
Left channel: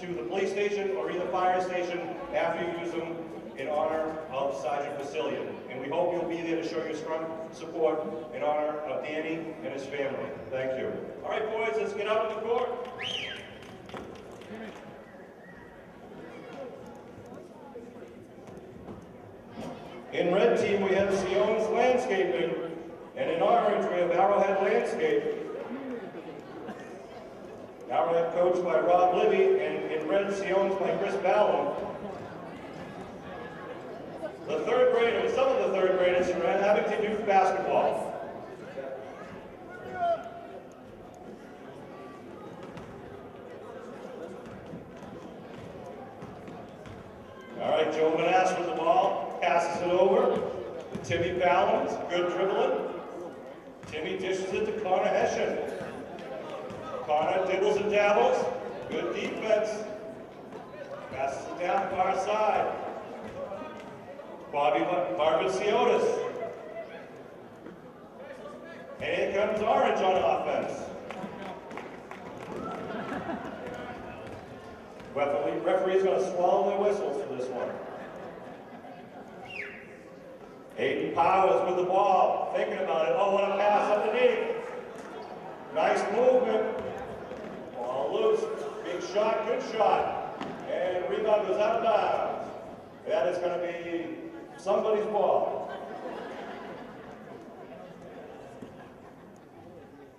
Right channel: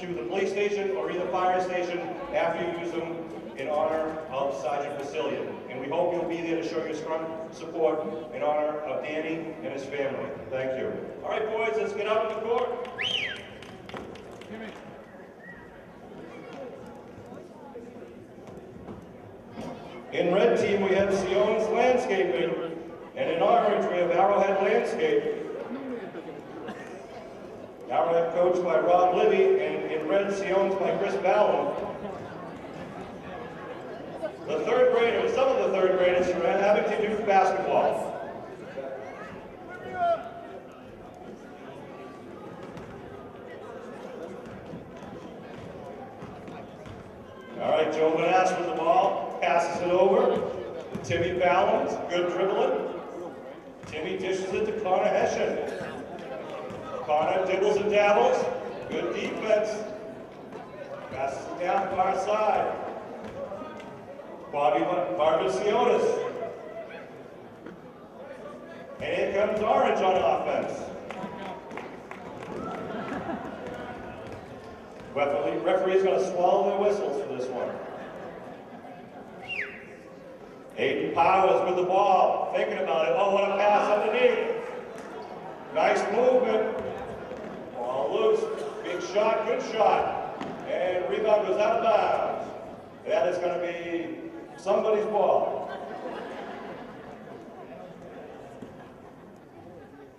to the police station or either fire station after you use them in honor of Sergeant Vasilian. And we hope you'll be there to show your strong support in honor of Danny and his family. Thank you. All right, boys, let's get out on the court. In red team, we have Sion's Landscaping, and in orange, we have Arrowhead Landscape. Arrowhead coached by Rob Libby, and in red, Sion's by Chris Ballon. The third graders, some of the third graders from Abington Youth Basketball. All right, Joe Manass with the ball, passes it over. Timmy Ballons, good dribbling. Timmy dishes it to Connor Hessian. Connor dibbles and dabbles, good defense. Passes it down far side. Barbacionis. And here comes Orange on offense. Referee's going to swallow their whistles for this one. Aiden Powers with the ball, thinking about it. Oh, what a pass underneath. Nice movement. Ball loose. Big shot, good shot. And rebound goes out of bounds. That is going to be somebody's ball.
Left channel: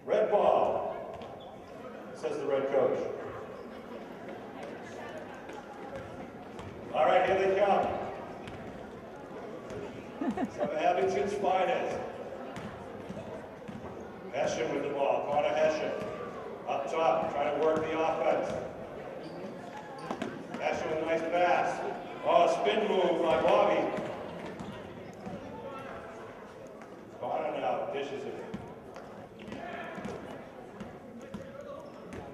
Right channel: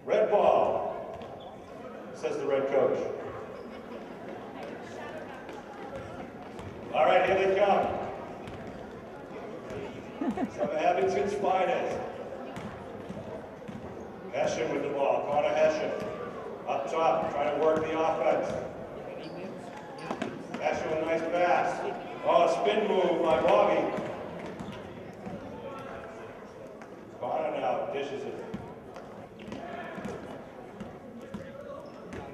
Red ball, says the red coach. All right, here they come. Some of Abington's finest. Hessian with the ball, Connor Hessian. Up top, trying to work the offense. Hessian with a nice pass. Oh, spin move by Bobby. Connor now dishes it.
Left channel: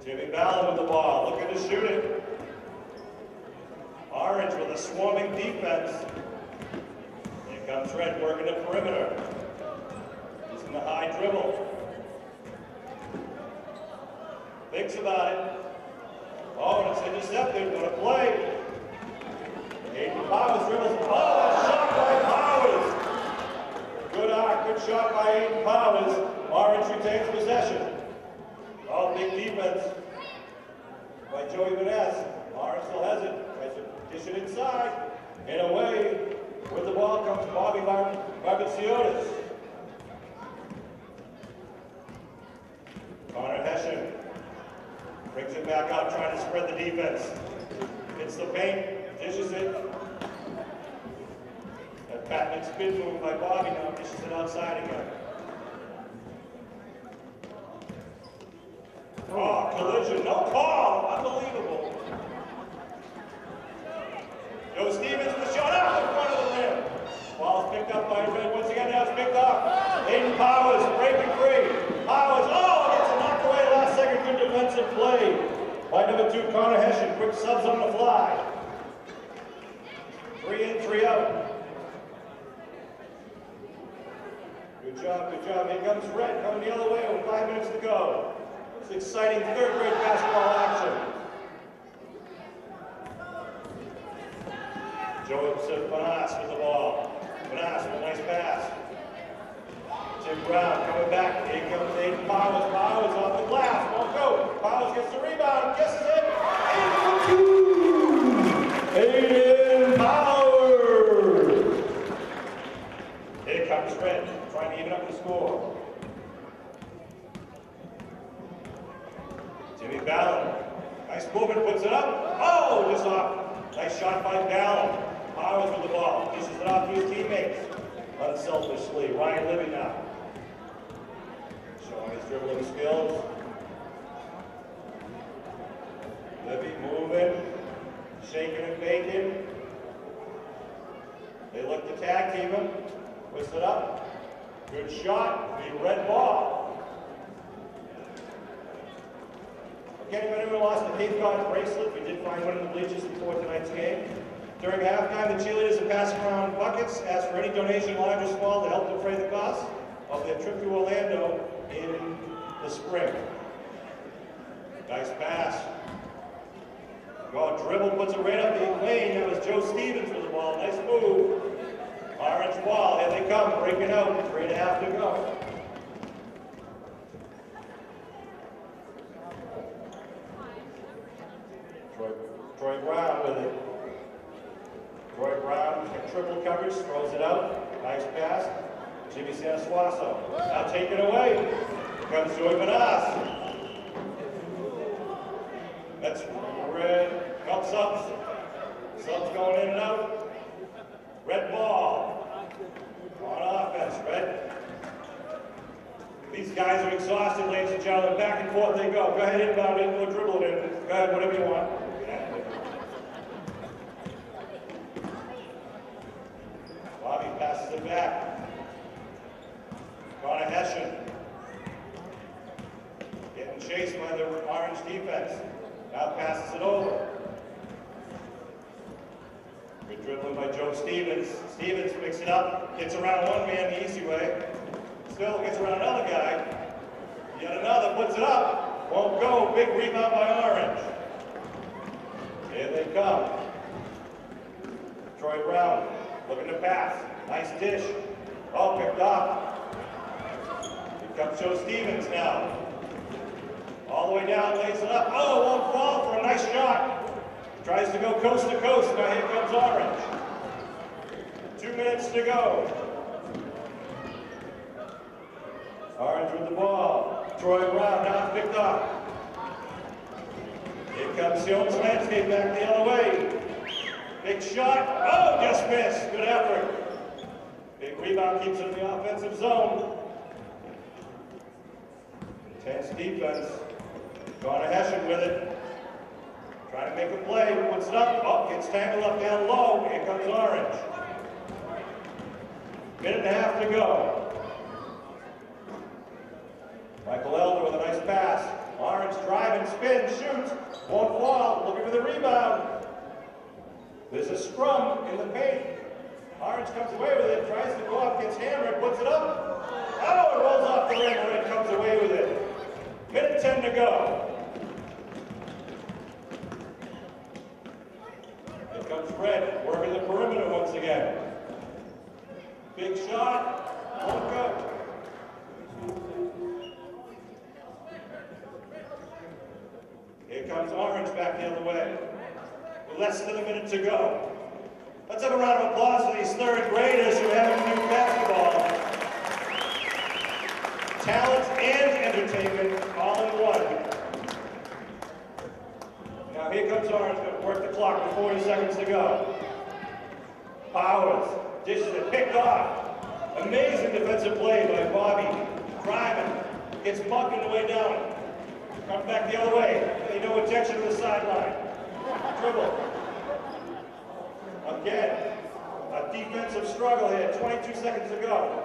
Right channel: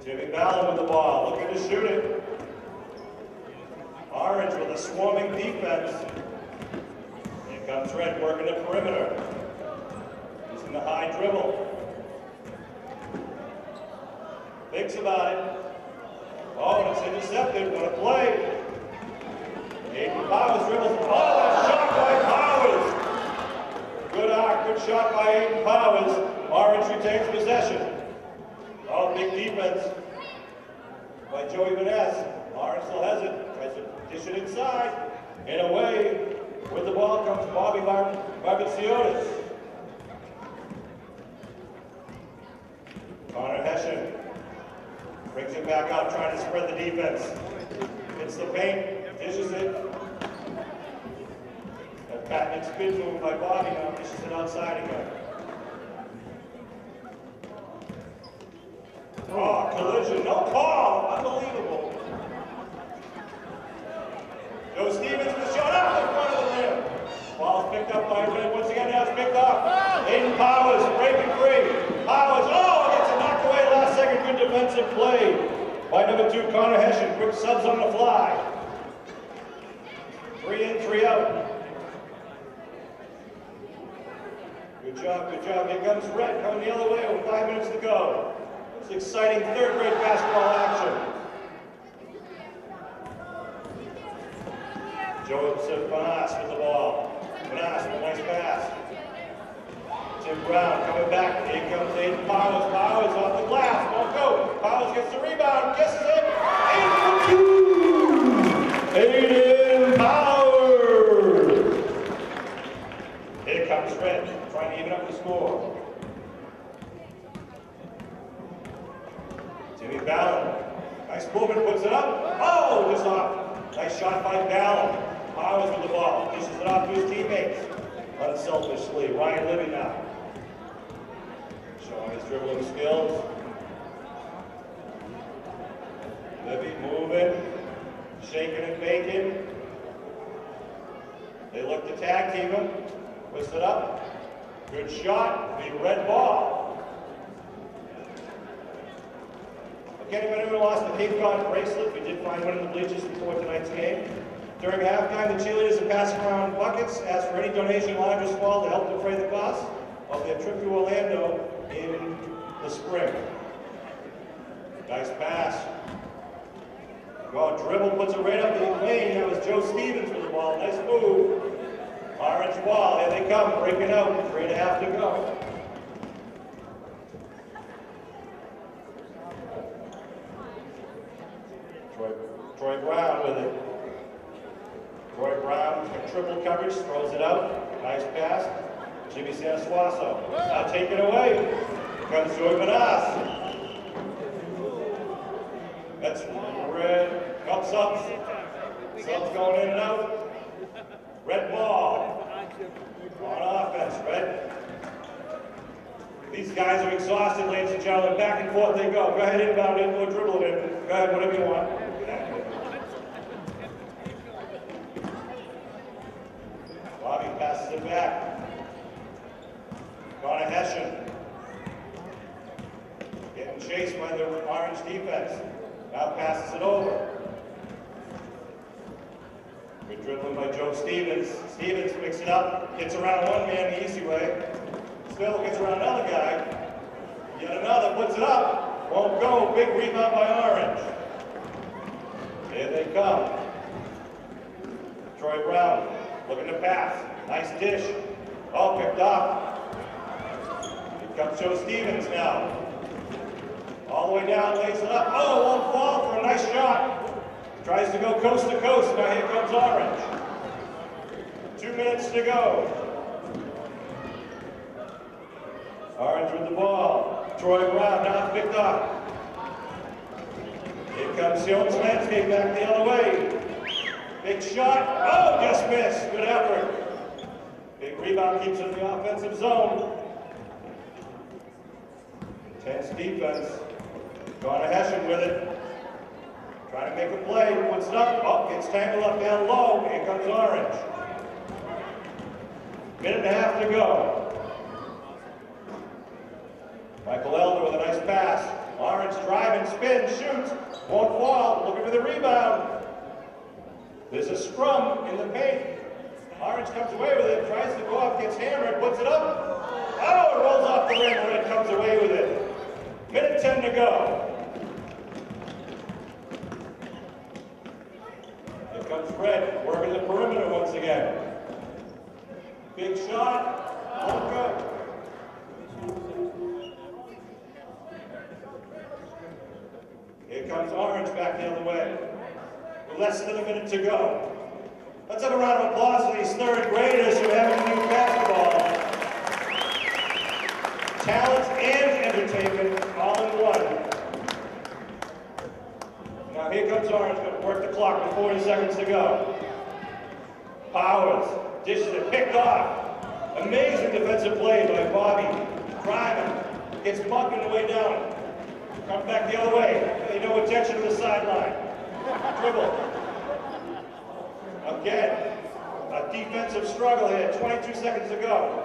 Timmy Ballon with the ball, looking to shoot it. Orange with a swarming defense. Here comes Red working the perimeter. Using the high dribble. Thinks about it. Oh, and it's intercepted. What a play. Aiden Powers dribbles. Oh, a shot by Powers. Good arc, good shot by Aiden Powers. Orange retains possession. Oh, big defense by Joey Vaness. Orange still has it. Tries to dish it inside. And away with the ball comes Bobby Barbacionis. Connor Hessian brings it back out, trying to spread the defense. Hits the paint, dishes it. A patented spin move by Bobby now, dishes it outside again. Oh, collision, no call, unbelievable. Joe Stevens with the shot out in front of the rim. Ball's picked up by Red. Once again, now it's picked up. Aiden Powers breaking free. Powers, oh, gets it knocked away last second. Good defensive play by number 2, Connor Hessian. Quick subs on the fly. 3 in, 3 out. Good job, good job. Here comes Red coming the other way with 5 minutes to go. It's exciting third grade basketball action. Joseph Banas with the ball. Banas with a nice pass. Tim Brown coming back. Here comes Aiden Powers. Powers off the glass. Won't go. Powers gets the rebound. Guesses it. 8 for 2. Aiden Powers. Here comes Red, trying to even up the score. Timmy Ballon. Nice movement, puts it up. Oh, just off. Nice shot by Ballon. Powers with the ball. Dishes it off to his teammates. Unselfishly. Ryan Libby now. Showing his dribbling skills. Libby moving. Shaking and baking. They look to tag team him. Puts it up. Good shot. The red ball. Again, if anyone lost the Cape Cod bracelet, we did find one in the bleachers before tonight's game. During halftime, the cheerleaders are passing around buckets, ask for any donation, large or small, to help defray the cost of their trip to Orlando in the spring. Nice pass. Well, dribble, puts it right up the lane. That was Joe Stevens with the ball. Nice move. Orange ball. Here they come, breaking out. 3.5 to go. Troy Brown with it. Troy Brown, triple coverage, throws it out. Nice pass. Jimmy Sanasuaso. Now taken away. Here comes Joey Manas. That's red. Up subs. Subs going in and out. Red ball. On offense, red. These guys are exhausted, ladies and gentlemen. Back and forth they go. Go ahead, inbound in, go dribble it in. Go ahead, whatever you want. Bobby passes it back. Connor Hessian. Getting chased by the orange defense. Now passes it over. Good dribbling by Joe Stevens. Stevens picks it up, gets around one man the easy way. Still gets around another guy. Yet another puts it up. Won't go. Big rebound by Orange. Here they come. Troy Brown looking to pass. Nice dish. All picked up. Here comes Joe Stevens now. All the way down, lays it up. Oh, won't fall for a nice shot. Tries to go coast to coast. Now here comes Orange. 2 minutes to go. Orange with the ball. Troy Brown now picked up. Here comes Jones Landscape back the other way. Big shot. Oh, just missed. Good effort. Big rebound keeps it in the offensive zone. Intense defense. Connor Hessian with it. Trying to make a play. Puts it up. Oh, gets tangled up down low. Here comes Orange. 1.5 to go. Michael Elder with a nice pass. Orange driving, spin, shoots. Won't fall. Looking for the rebound. There's a scrum in the paint. Orange comes away with it. Tries to go up, gets hammered, puts it up. Oh, it rolls off the rim. Red comes away with it. 1:10 to go. Here comes Red, working the perimeter once again. Big shot. Won't go. Here comes Orange back the other way. Less than a minute to go. Let's have a round of applause for these third graders who have to do basketball. Talent and entertainment all in one. Now here comes Orange, going to work the clock with 40 seconds to go. Powers, dishes it, picked off. Amazing defensive play by Bobby. Driving, gets mucked on the way down. Comes back the other way. No attention to the sideline. Dribble. Again, a defensive struggle here. 22 seconds to go.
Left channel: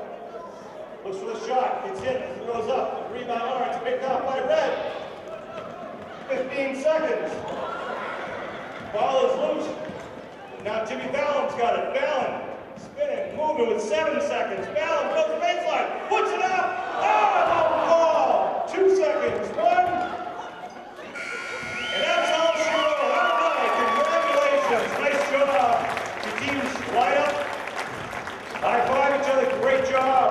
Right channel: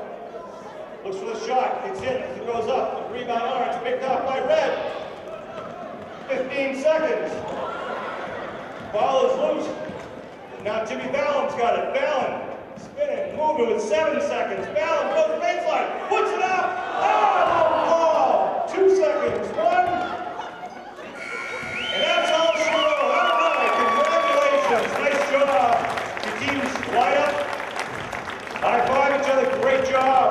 Looks for the shot. It's hit. It goes up. Rebound Orange. Picked up by Red. 15 seconds. Ball is loose. Now Jimmy Ballon's got it. Ballon spinning, moving with 7 seconds. Ballon goes baseline. Puts it up. Oh, ball. 2 seconds. 1. And that's all she wrote. All right, congratulations. Nice job. Your teams line up. High five each other. Great job.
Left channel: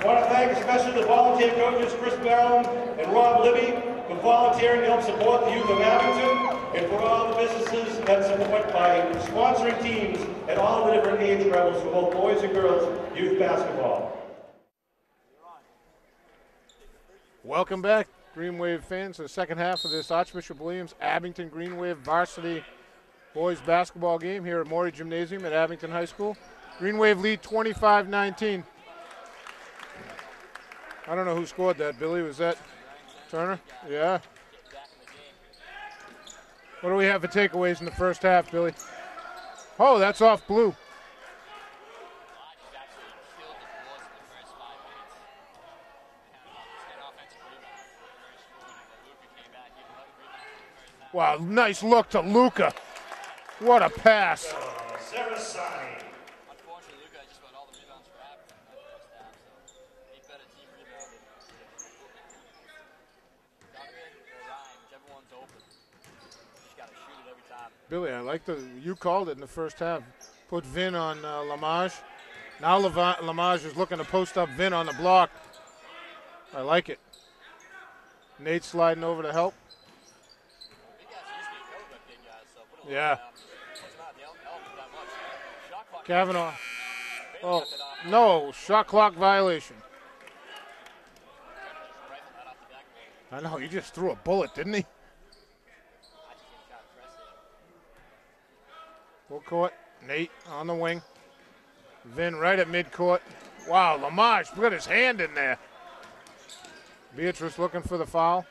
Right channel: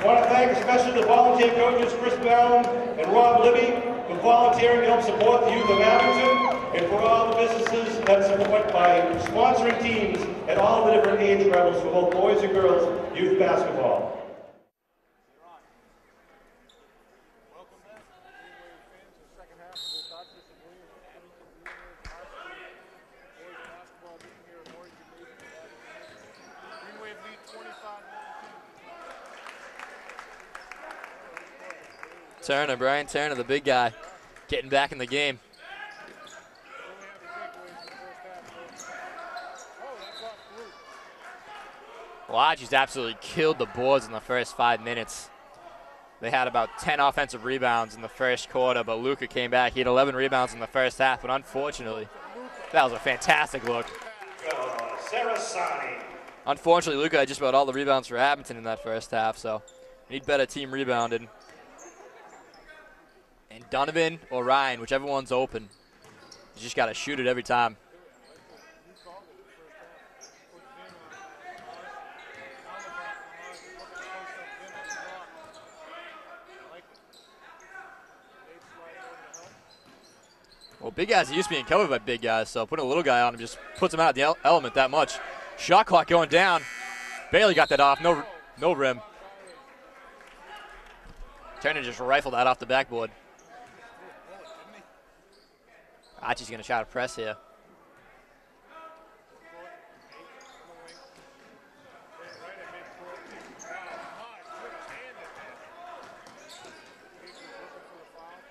I want to thank especially the volunteer coaches, Chris Ballon and Rob Libby, for volunteering to help support the youth of Abington, and for all the businesses that support by sponsoring teams at all the different age levels for both boys and girls youth basketball. Welcome back, Green Wave fans, to the second half of this Archbishop Williams Abington Green Wave varsity boys basketball game here at Morey Gymnasium at Abington High School. Green Wave lead 25-19. I don't know who scored that, Billy. Was that Turner, Brian Turner, the big guy. Yeah. Getting back in the game. What do we have for takeaways in the first half, Billy? Oh, that's off blue. Lodge's absolutely killed the boards in the first 5 minutes. They had about 10 offensive rebounds in the first quarter, but Luca came back. He had 11 rebounds in the first half. Wow, nice look to Luca. That was a fantastic What look. a pass. Unfortunately, Luca had just about all the rebounds for Abington in that first half, so need better team rebounding. And Donovan or Ryan, whichever one's open. You just got to shoot it every time. Billy, I like you called it in the first half. Put Vin on Lamage. Now Lamage is looking to post up Vin on the block. I like it. Nate sliding over to help. Well, big guys are used to being covered by big guys, so putting a little guy on him just puts him out of the element that much. Shot clock going down. Bailey got that off. No shot rim. Clock violation. Turner just rifled that off the backboard. I know, he just threw a bullet, didn't he? Archie's going to try to press here. Full court. Nate on the wing. Vin right at midcourt. Wow, Lamage put his hand in there. Beatrice looking for the foul.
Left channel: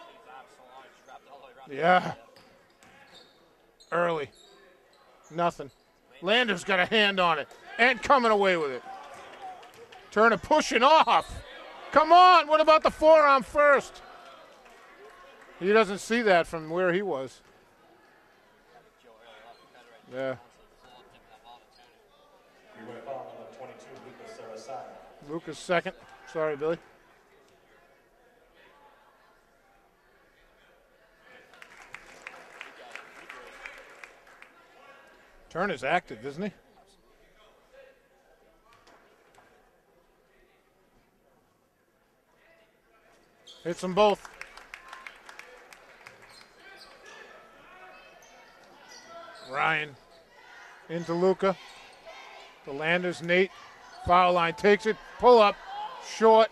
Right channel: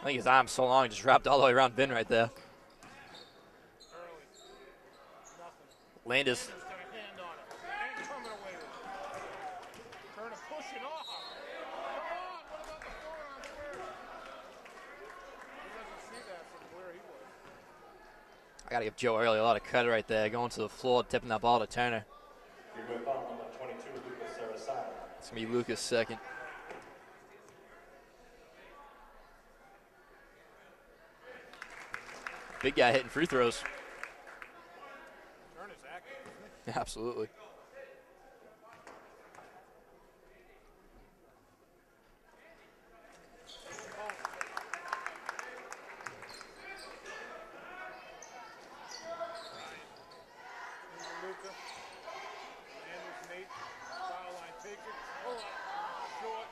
I think his arm's so long, he just wrapped all the way around Vin right there. Early. Nothing. Landers. Landers got a hand on it and coming away with it. Turner pushing off. Come on, what about the forearm first? He doesn't see that from where he was. I got to give Joe Early a lot of credit right there, going to the floor, tipping that ball to Turner. Foul number 22, Lucas Sarasano. It's going to be Lucas second. Sorry, Billy. Big guy hitting free throws. Turner's active, isn't he? Absolutely. Hits them both. Ryan into Luca. The Landers, Nate. Foul line takes it. Pull up. Short.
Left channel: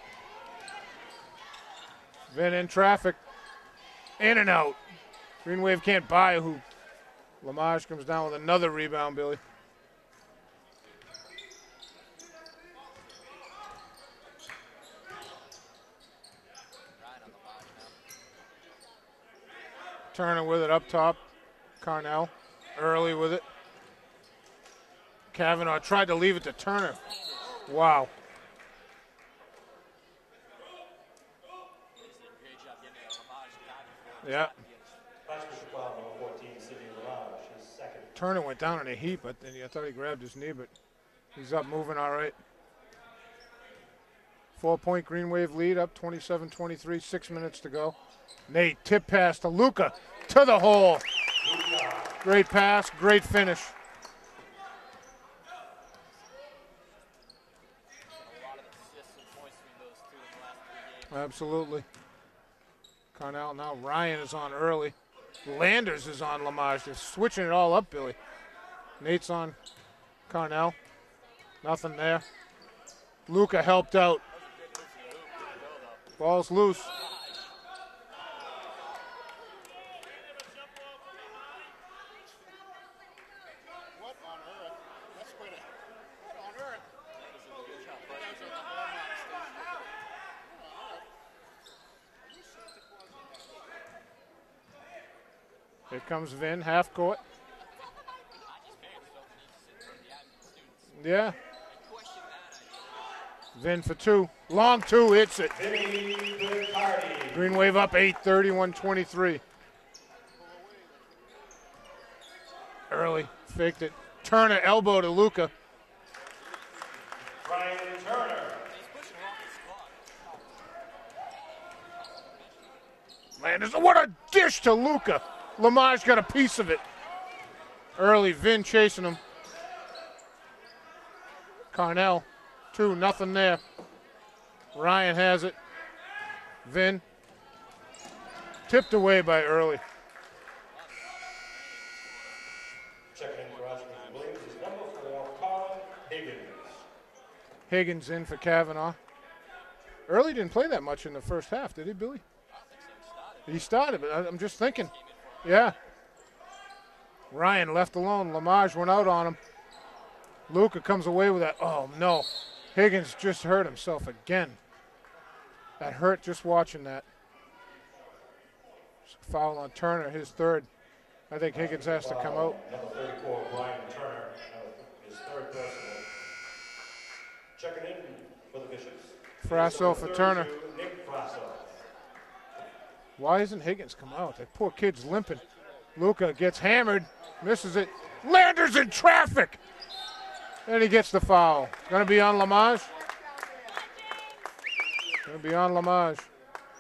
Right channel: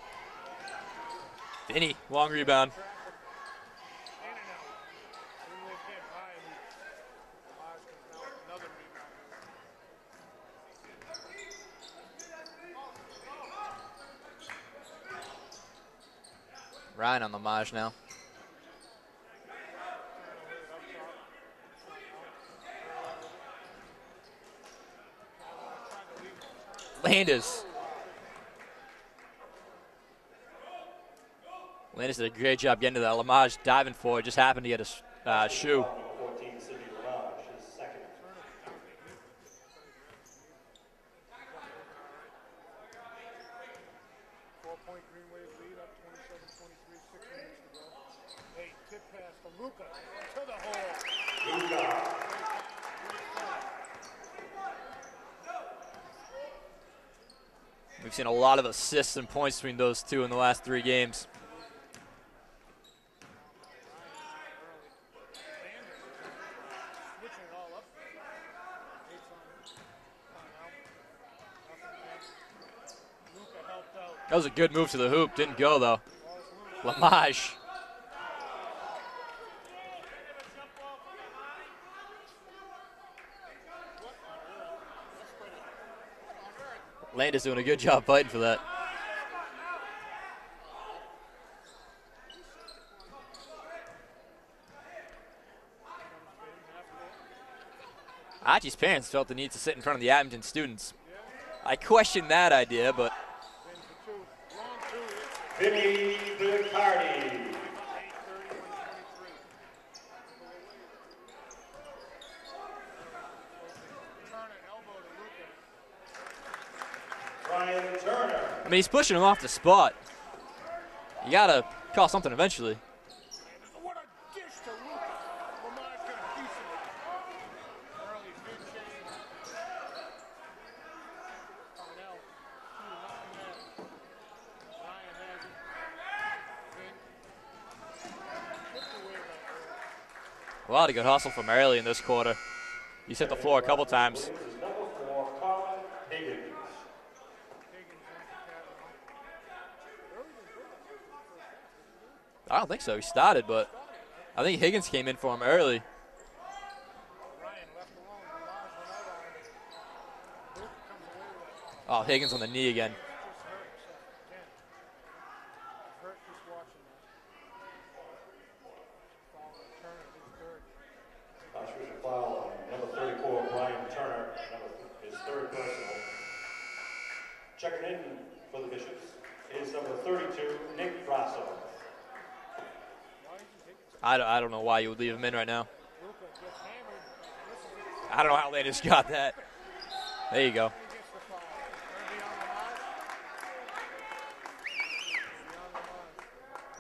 Vinny, long In rebound. traffic. In and out. Green Wave can't buy a hoop. Lamage comes down with another rebound, Billy. Ryan on Lamage now. Turner with it up top. Carnell early with it. Kavanaugh tried to leave it to Turner. Landers. Wow. Landers did a great job getting to that. Lamage diving for it. Just happened to get a shoe. Turner went down in a heap. I thought he grabbed his knee, but he's up moving all right. 4-point Green Wave lead, up 27-23, 6 minutes to go. Nate, tip pass to Luca, to the hole. Great pass, great finish. We've seen a lot of assists and points between those two in the last 3 games. Absolutely. Carnell, now Ryan is on early. Landers is on Lamage. They're switching it all up, Billy. Nate's on Carnell. Nothing there. Luca helped out. That was a good move to the hoop. Didn't go, though. Ball's loose. Lamage. Landers doing a good job fighting for that. Here comes Vin, half court. Archie's parents felt the need to sit in front of the Abington students. Yeah. I questioned that idea, but Vin for 2. Long 2, hits it. Vinny Bicardi. Green Wave up 8, 31-23. Early, faked it. Turner elbow to Luca. Brian Turner. I mean, he's pushing him off the spot. You gotta call something eventually. Landers, what a dish to Luca. Lamage got a piece of it. Early, Vin chasing him. Carnell, 2, nothing there. Ryan has it. Vin, tipped away by Early. A lot of good hustle from Early in this quarter. He's hit the floor a couple times. Higgins in for Kavanaugh. Early didn't play that much in the first half, did he, Billy? I don't think so. He started, but He started, but I'm I think just Higgins thinking. came in for him Yeah. early. Ryan left alone. Lamage went out on him. Luca comes away with that. Oh, Oh, no. Higgins on the knee again. Higgins just hurt himself again. That hurt just watching that. Foul on Turner, his 3rd. I think Higgins has to come out. Number 34, Brian Turner. His 3rd personal. Checking in for the Bishops. Frasso for Turner. Nick Frasso. Why isn't Higgins coming out? I don't know Poor why you would kid's leave him in limping. right now. Luca gets hammered, misses it. I don't know how they Landers just in got traffic. There you go. And he gets the foul. Gonna be on Lamage. Gonna be on Lamage.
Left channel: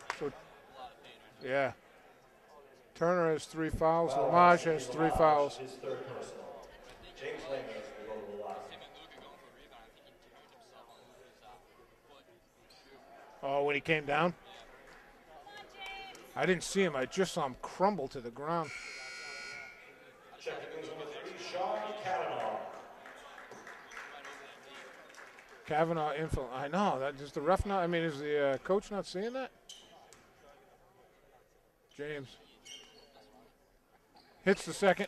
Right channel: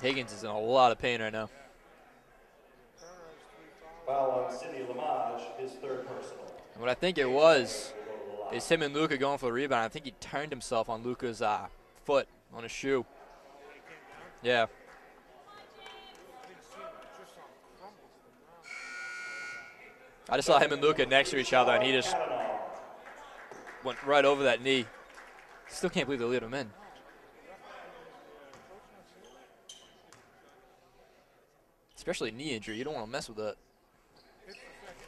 Higgins is in a lot of pain right now. Yeah. Turner has 3 fouls. Lamage has 3 fouls. What I think it was is him and Luka going for the rebound. I think he turned himself on Luka's foot on his shoe. Oh, when he came down? Yeah. I didn't see him. I just saw him crumble to the ground. I just saw him and Luka next to each other, and he just went right over that knee. Still can't believe they leave him in. I know. Does the ref not? I mean, is the coach not seeing that? Especially knee injury. You don't want to mess with that. Hits the second.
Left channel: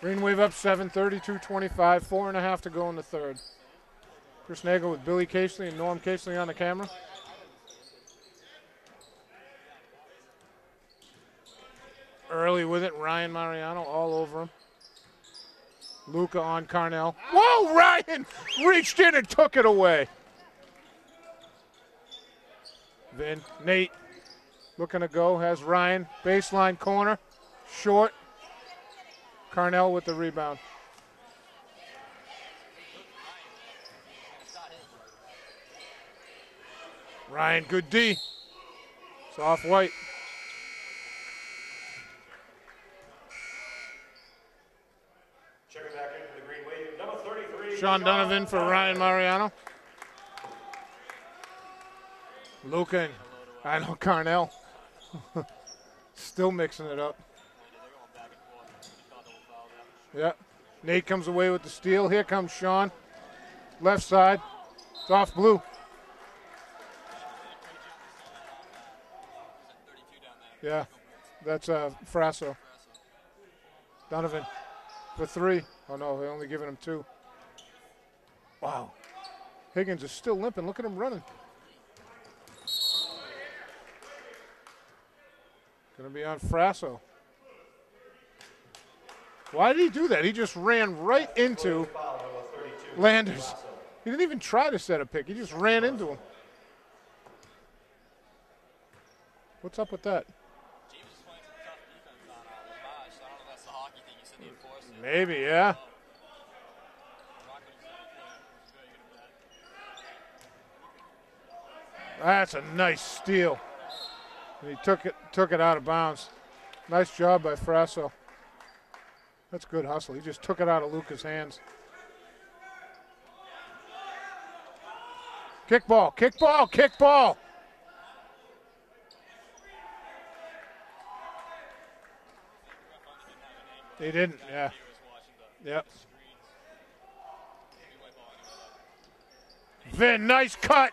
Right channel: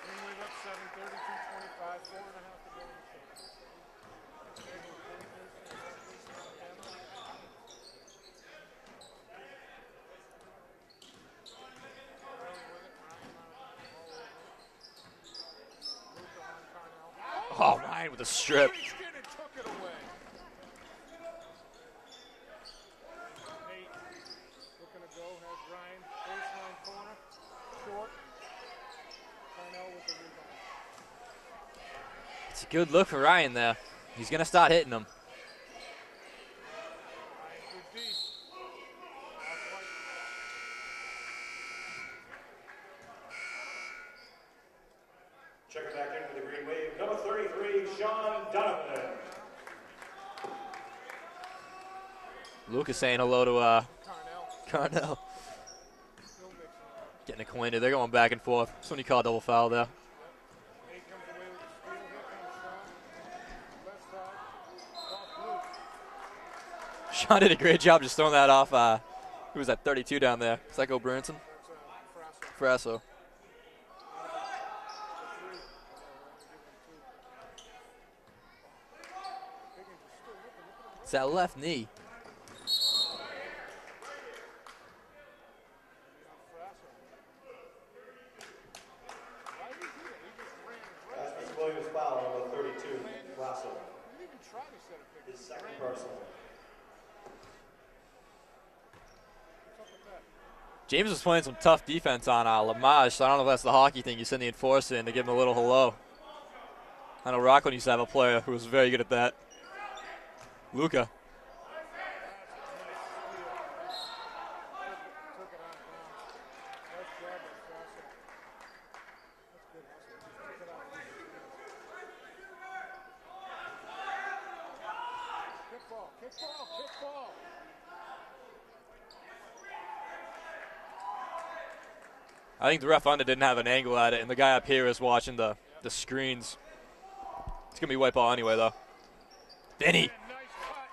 Green Wave up 7, 32-25, 4.5 to go in the third. Chris Nagel with Billy Casely and Norm Casely on the camera. Early with it, Ryan Mariano all over him. Luka on Carnell. Whoa, Ryan reached in and took it away. Then Nate looking to go, has Ryan, baseline corner, short. Carnell with the rebound. It's a good look for Ryan there. He's going to start hitting them. Ryan, good D. Soft white. Check it back into the Green Wave. Number 33. Sean Donovan for Ryan Mariano. Luka saying hello to Carnell. Carnell. Still mixing it up. Getting acquainted. They're going back and forth. That's when you call a double foul there. Yep. Nate comes away with the steal. Here comes Sean. Left side. Off blue. Sean did a great job just throwing that off. Who was that, 32 down there? Yeah. Is that Go Branson? That's Frasso. Frasso. Donovan for 3. Oh, no, they're only giving him 2. Wow. Higgins is still limping. Look at him running. It's that left knee. Going to be on Frasso. Why did he do that? He just ran right into Landers. He didn't even try to set a pick. He just ran into him. What's up with that? James was playing some tough defense on Lamage, so I don't know if that's the hockey thing. You send the enforcer in to give him a little below. I know Rockland used to have a player who was very good at that. Luka. That's a nice steal. And he took it out of bounds. Nice job by Frasso. That's good hustle. He just took it out of Luka's hands. Kickball, kickball, kickball. I think the ref under didn't have an angle at it. And the guy up here is watching the screens. It's going to be white ball anyway, though. Vin, nice cut.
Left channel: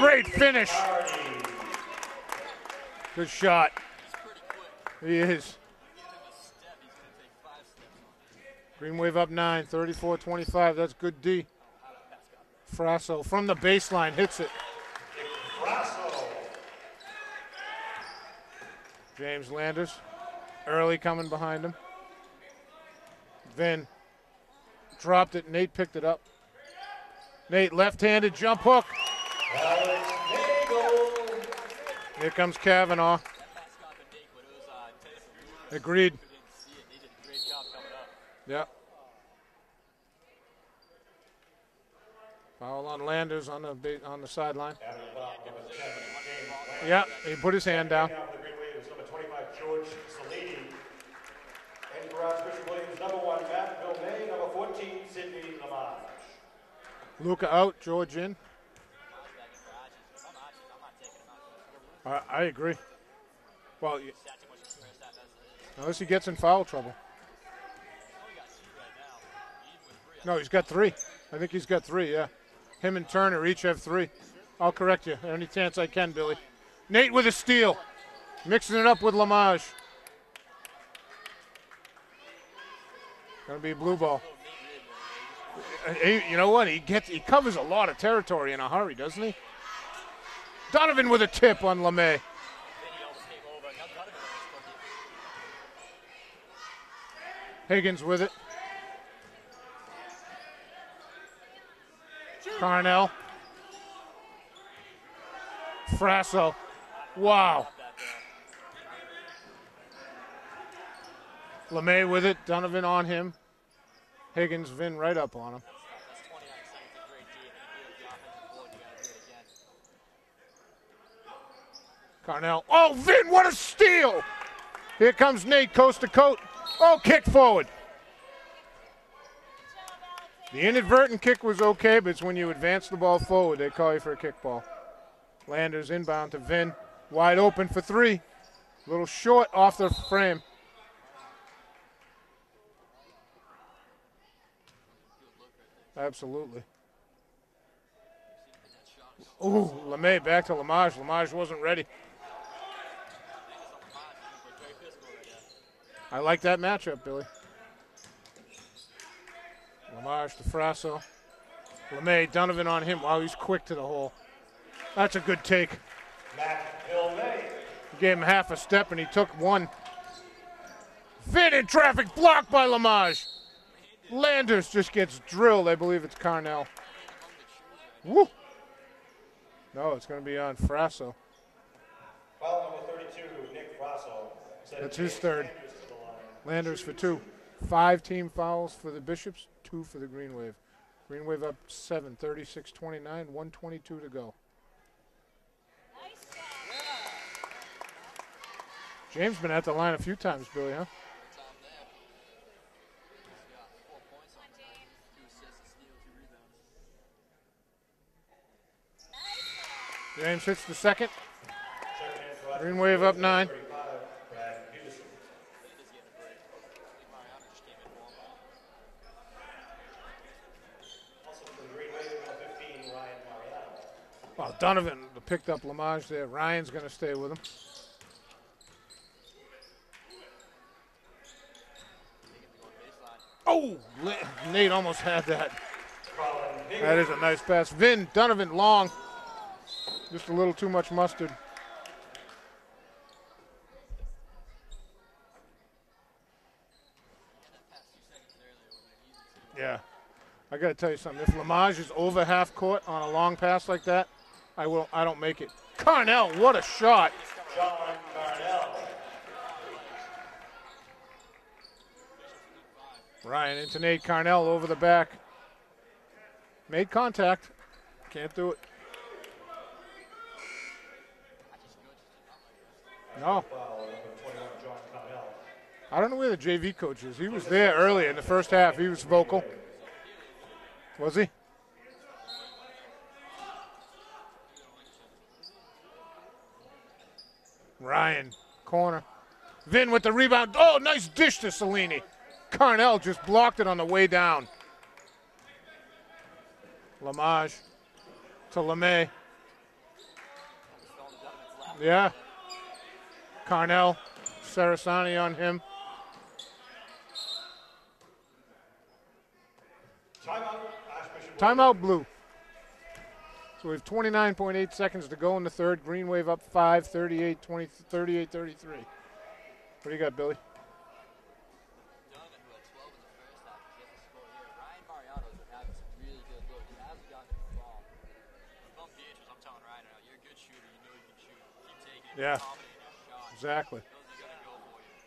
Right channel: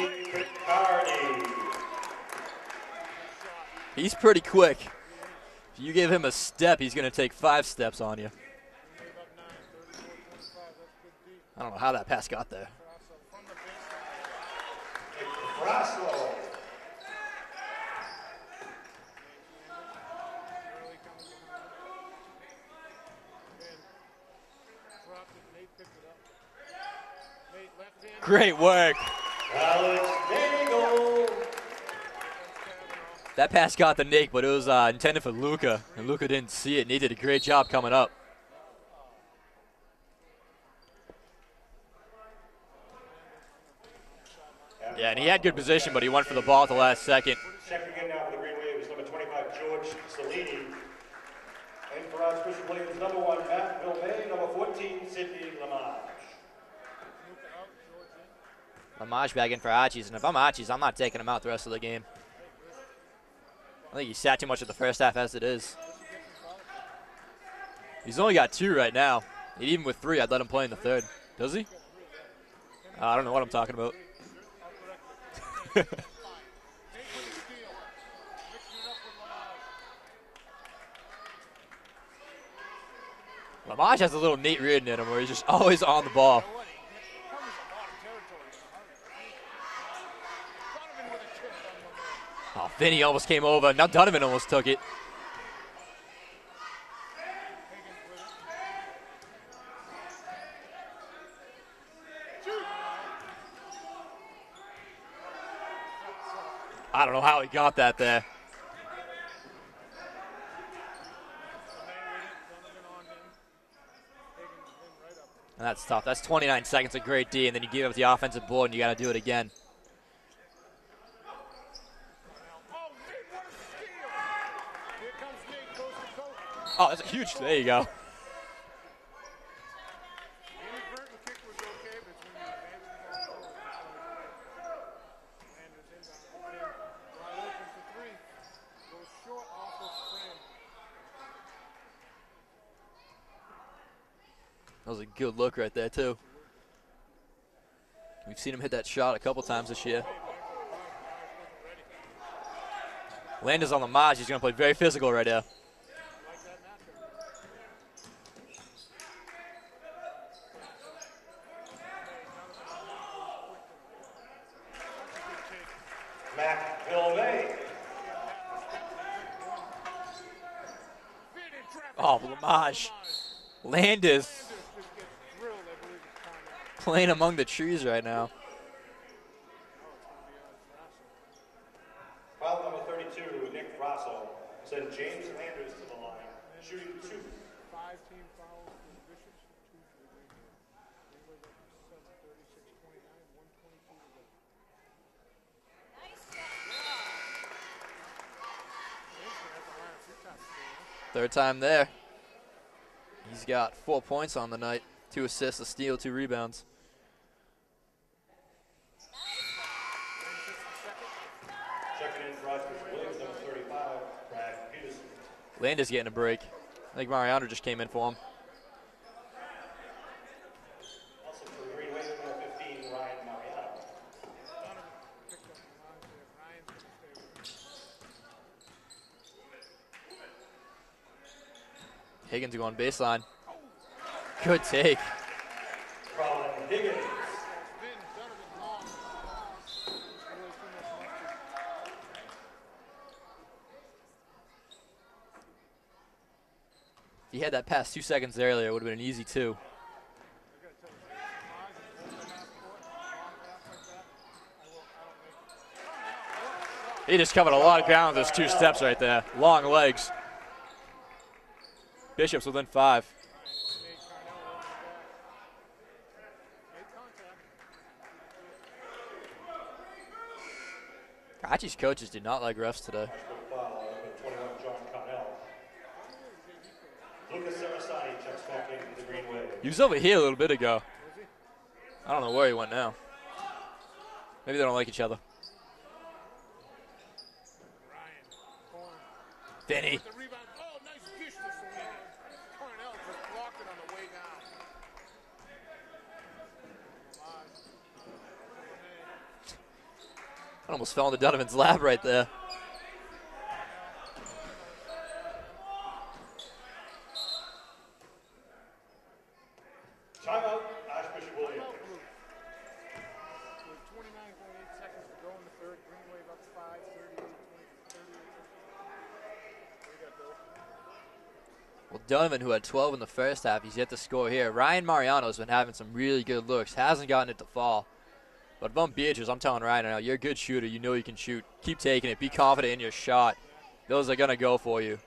Great finish. Good shot. He's pretty quick. He is. If you give him a step, he's going to take 5 steps on you. Green Wave up 9, 34-25. That's good D. I don't know how that pass got there. Frasso from the baseline hits it. James Landers. Early coming behind him. Vin dropped it. Nate picked it up. Nate left-handed jump work. Here comes Kavanaugh. That pass got the Nate, but it was intended for Luka. Agreed. Luka didn't see it, and he did a great job coming up. Yeah. Foul on Landers on the sideline. Yeah, and he had good position, but he went for the ball at the last second. Put his hand down. Now for the Green Wave is number 25, George Salini. And for Archbishop Williams, number 1, Matt Vilmay. Number 14, Sidney Lamage. Luka out, George in. Lamage back in for Archies, and if I'm Archies, I'm not taking him out the rest of the game. I agree. Well, I think he sat too much at the first half as it is. Unless he gets in foul trouble. He's only got 2 right now. And even with 3, I'd let him play in the third. I think he's got 3, yeah. Him and I don't know Turner what I'm each talking have about. 3. I'll correct you any chance I can, Billy. Nate with a steal. Mixing it up with Lamage. Lamage has a little Nate Reardon in him where he's just always on the ball. You know what? He covers a lot of territory in a hurry, doesn't he? Donovan with a tip on LeMay. Oh, Vinny almost came over. Now Donovan almost took it. Higgins with it. Carnell. Frasso. I don't know how he got that there. LeMay with it. Donovan on him. Higgins, Vin right up on him. That's tough. That's 29 seconds of great D, and then you give up the offensive board, and you got to do it again. Carnell. Oh, Vin, what a steal! Here comes Nate, coast to coast. Oh, kick forward. There you go. The inadvertent kick was okay, but it's when you advance the ball forward, they call you for a kickball. Landers inbound to Vin. Wide open for three. A little short off the frame. That was a good look right there, too. Absolutely. We've seen him hit that shot a couple times this year. LeMay back to Lamage. Lamage wasn't ready. Landers on Lamage. He's going to play very physical right now. I like that matchup, Billy. Lamage to Frasso. LeMay, Donovan on him. Wow, he's quick to the hole. That's a good take. Gave him half a step, and he took one. Vin in traffic, blocked by Lamage. Landers just gets drilled. I believe it's Carnell. Playing among the trees right now. Woo. No, it's going to be on Frasso. Foul number 32, Nick Frasso. That's his third. Landers for two. 5 team fouls for the Bishops, 2 for the Green Wave. Green Wave up 7, 36-29, 122 to go. James been at the line a few times, Billy, huh? Third time there. He's got 4 points on the night, 2 assists, a steal, 2 rebounds. James hits the second. Green Wave up 9. Landers getting a break. I think Mariano just came in for him. Well, Donovan picked up Lamage there. Ryan's going to stay with him. Higgins going baseline. Oh, Good Nate take. almost had that. That is a nice pass. Vin, Donovan, long. Just a little too much mustard. If he had that pass 2 seconds earlier, it would have been an easy 2. Yeah. I got to tell you something. If Lamage is over half court on a long pass like that, I don't make it. Carnell, what a shot. He just covered a lot of ground with those 2 steps right there. Long legs. Bishop's within 5. Ryan into Nate. Carnell over the back. Made contact. Can't do it. Archie's coaches did not like refs today. No. I don't know where the JV coach is. He was there early in the first half. He was vocal. He was over here a little bit ago. Was he? I don't know where he went now. Maybe they don't like each other. Ryan, corner. Vin with the rebound. Oh, nice dish to Cellini. Carnell just blocked it on the way down. Lamage to LeMay. I almost fell into Donovan's lap right there. Carnell, Sarasani on him. Timeout Blue. So we have 29.8 seconds to go in the third. Green Wave up 5, 38-33. What do you got, Billy? Well, Donovan, who had 12 in the first half, he's yet to score here. Ryan Mariano's been having some really good looks. Hasn't gotten it to fall. But if I'm Beatrice, I'm telling Ryan now, you're a good shooter. You know you can shoot. Keep taking it. Be confident in your shot. Exactly. Those are going to go for you.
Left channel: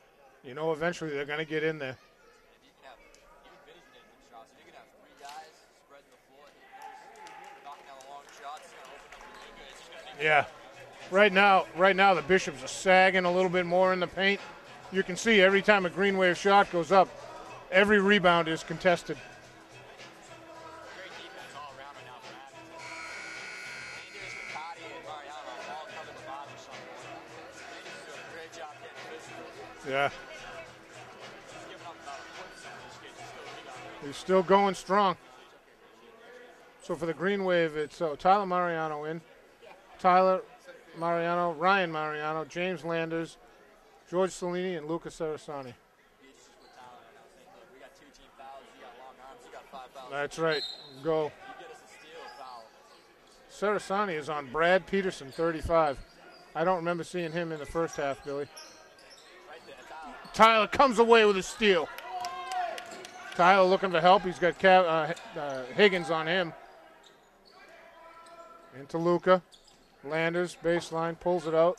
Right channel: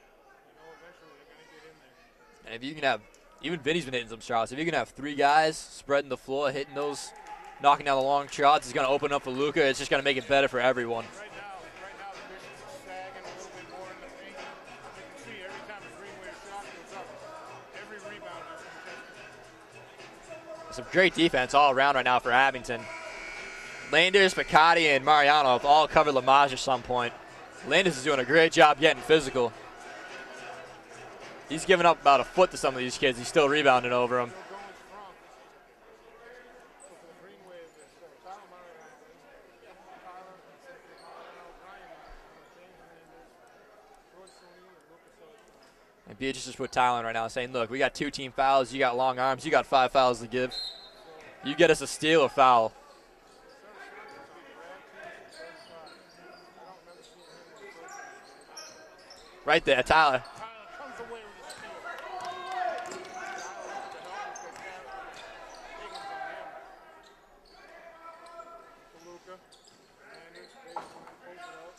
You know eventually they're going to get in there. And if you can have, even Vinny's been hitting some shots. If you can have 3 guys spreading the floor, hitting those, knocking down the long shots, it's going to open up for Luka. It's just going to make it better for everyone. Right now the Bishops are sagging a little bit more in the paint. You can see every time a Green Wave shot goes up, every rebound is contested. Some great defense all around right now for Abington. Landers, Picardi, and Mariano have all covered Lamage at some point. Landers is doing a great job getting physical. Yeah. He's giving up about a foot to some of these kids. He's still rebounding over them. Still going strong. So for the Green Wave, it's Tyler Mariano in. Tyler Mariano, Ryan Mariano, James Landers, George Cellini, and Luca Sarasani. And Beatrice just put Tyler in right now saying, look, we got 2 team fouls. You got long arms. You got 5 fouls to give. That's right. Go. You get us a steal or foul. Sarasani is on Brad Peterson, 35. I don't remember seeing him in the first half, Billy. Right there, Tyler. Tyler comes away with a steal. Tyler looking for help. He's got Higgins on him. Into Luca. Landers, baseline, pulls it out.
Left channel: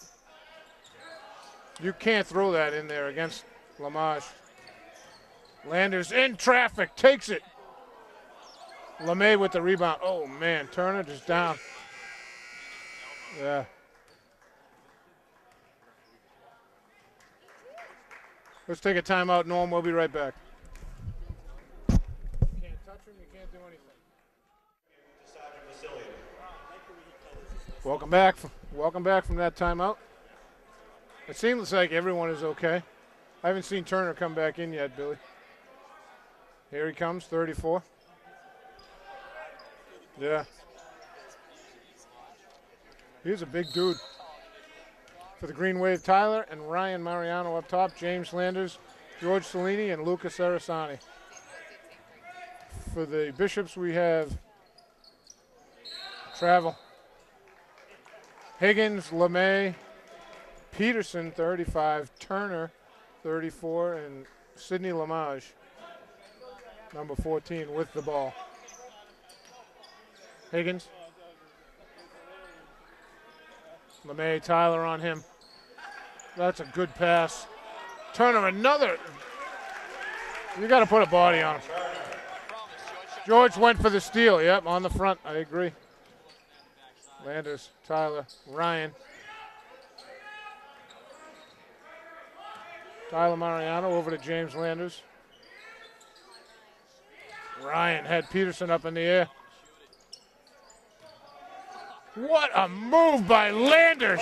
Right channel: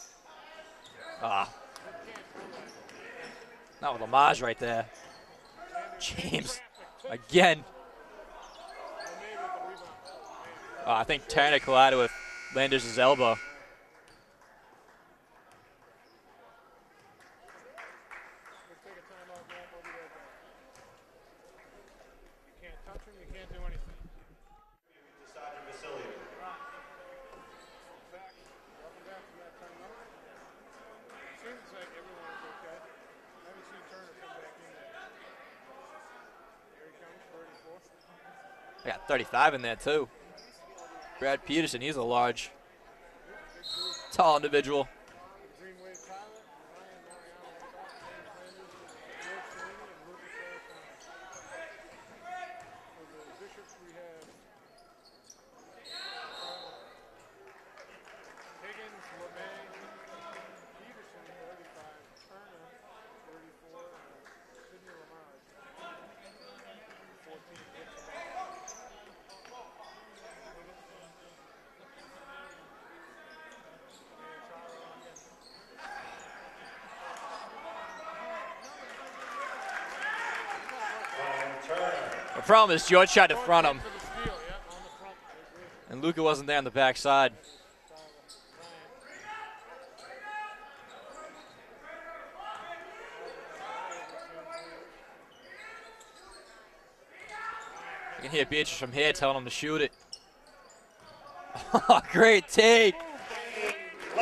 You can't throw that in there against Lamage. Lamage right there. Landers in traffic, takes Again. it. LeMay with the rebound. Oh, man, Turner I think Turner collided with Landers' elbow. Yeah. Let's take a timeout, Norm. We'll be right back. You can't touch him. You can't do anything. Welcome back. Welcome back from that timeout. It seems like everyone is okay. I haven't seen Turner come back in yet, Billy. Here he comes, 34. I got 35 in there, too. Yeah. Brad Peterson, he's a big dude. tall individual. For the Green Wave, Tyler and Ryan Mariano up top, James Landers, George Cellini, and Luca Sarasani. For the Bishops, we have Travel, Higgins, LeMay, Peterson, 35, Turner, 34, and Sidney Lamage, number 14, with the ball. Higgins. LeMay, Tyler on him. That's a good pass. Turner, another. You got to put a body on him. The problem is George shot in George front went of for the steal. Yep, on the front. I agree. and Luca wasn't there on the backside. Landers, Tyler, Ryan. Tyler Mariano over to James Landers. Ryan had You can hear Peterson Beatrice up from in the here air. telling him to shoot it. Great What take. a move by Landers.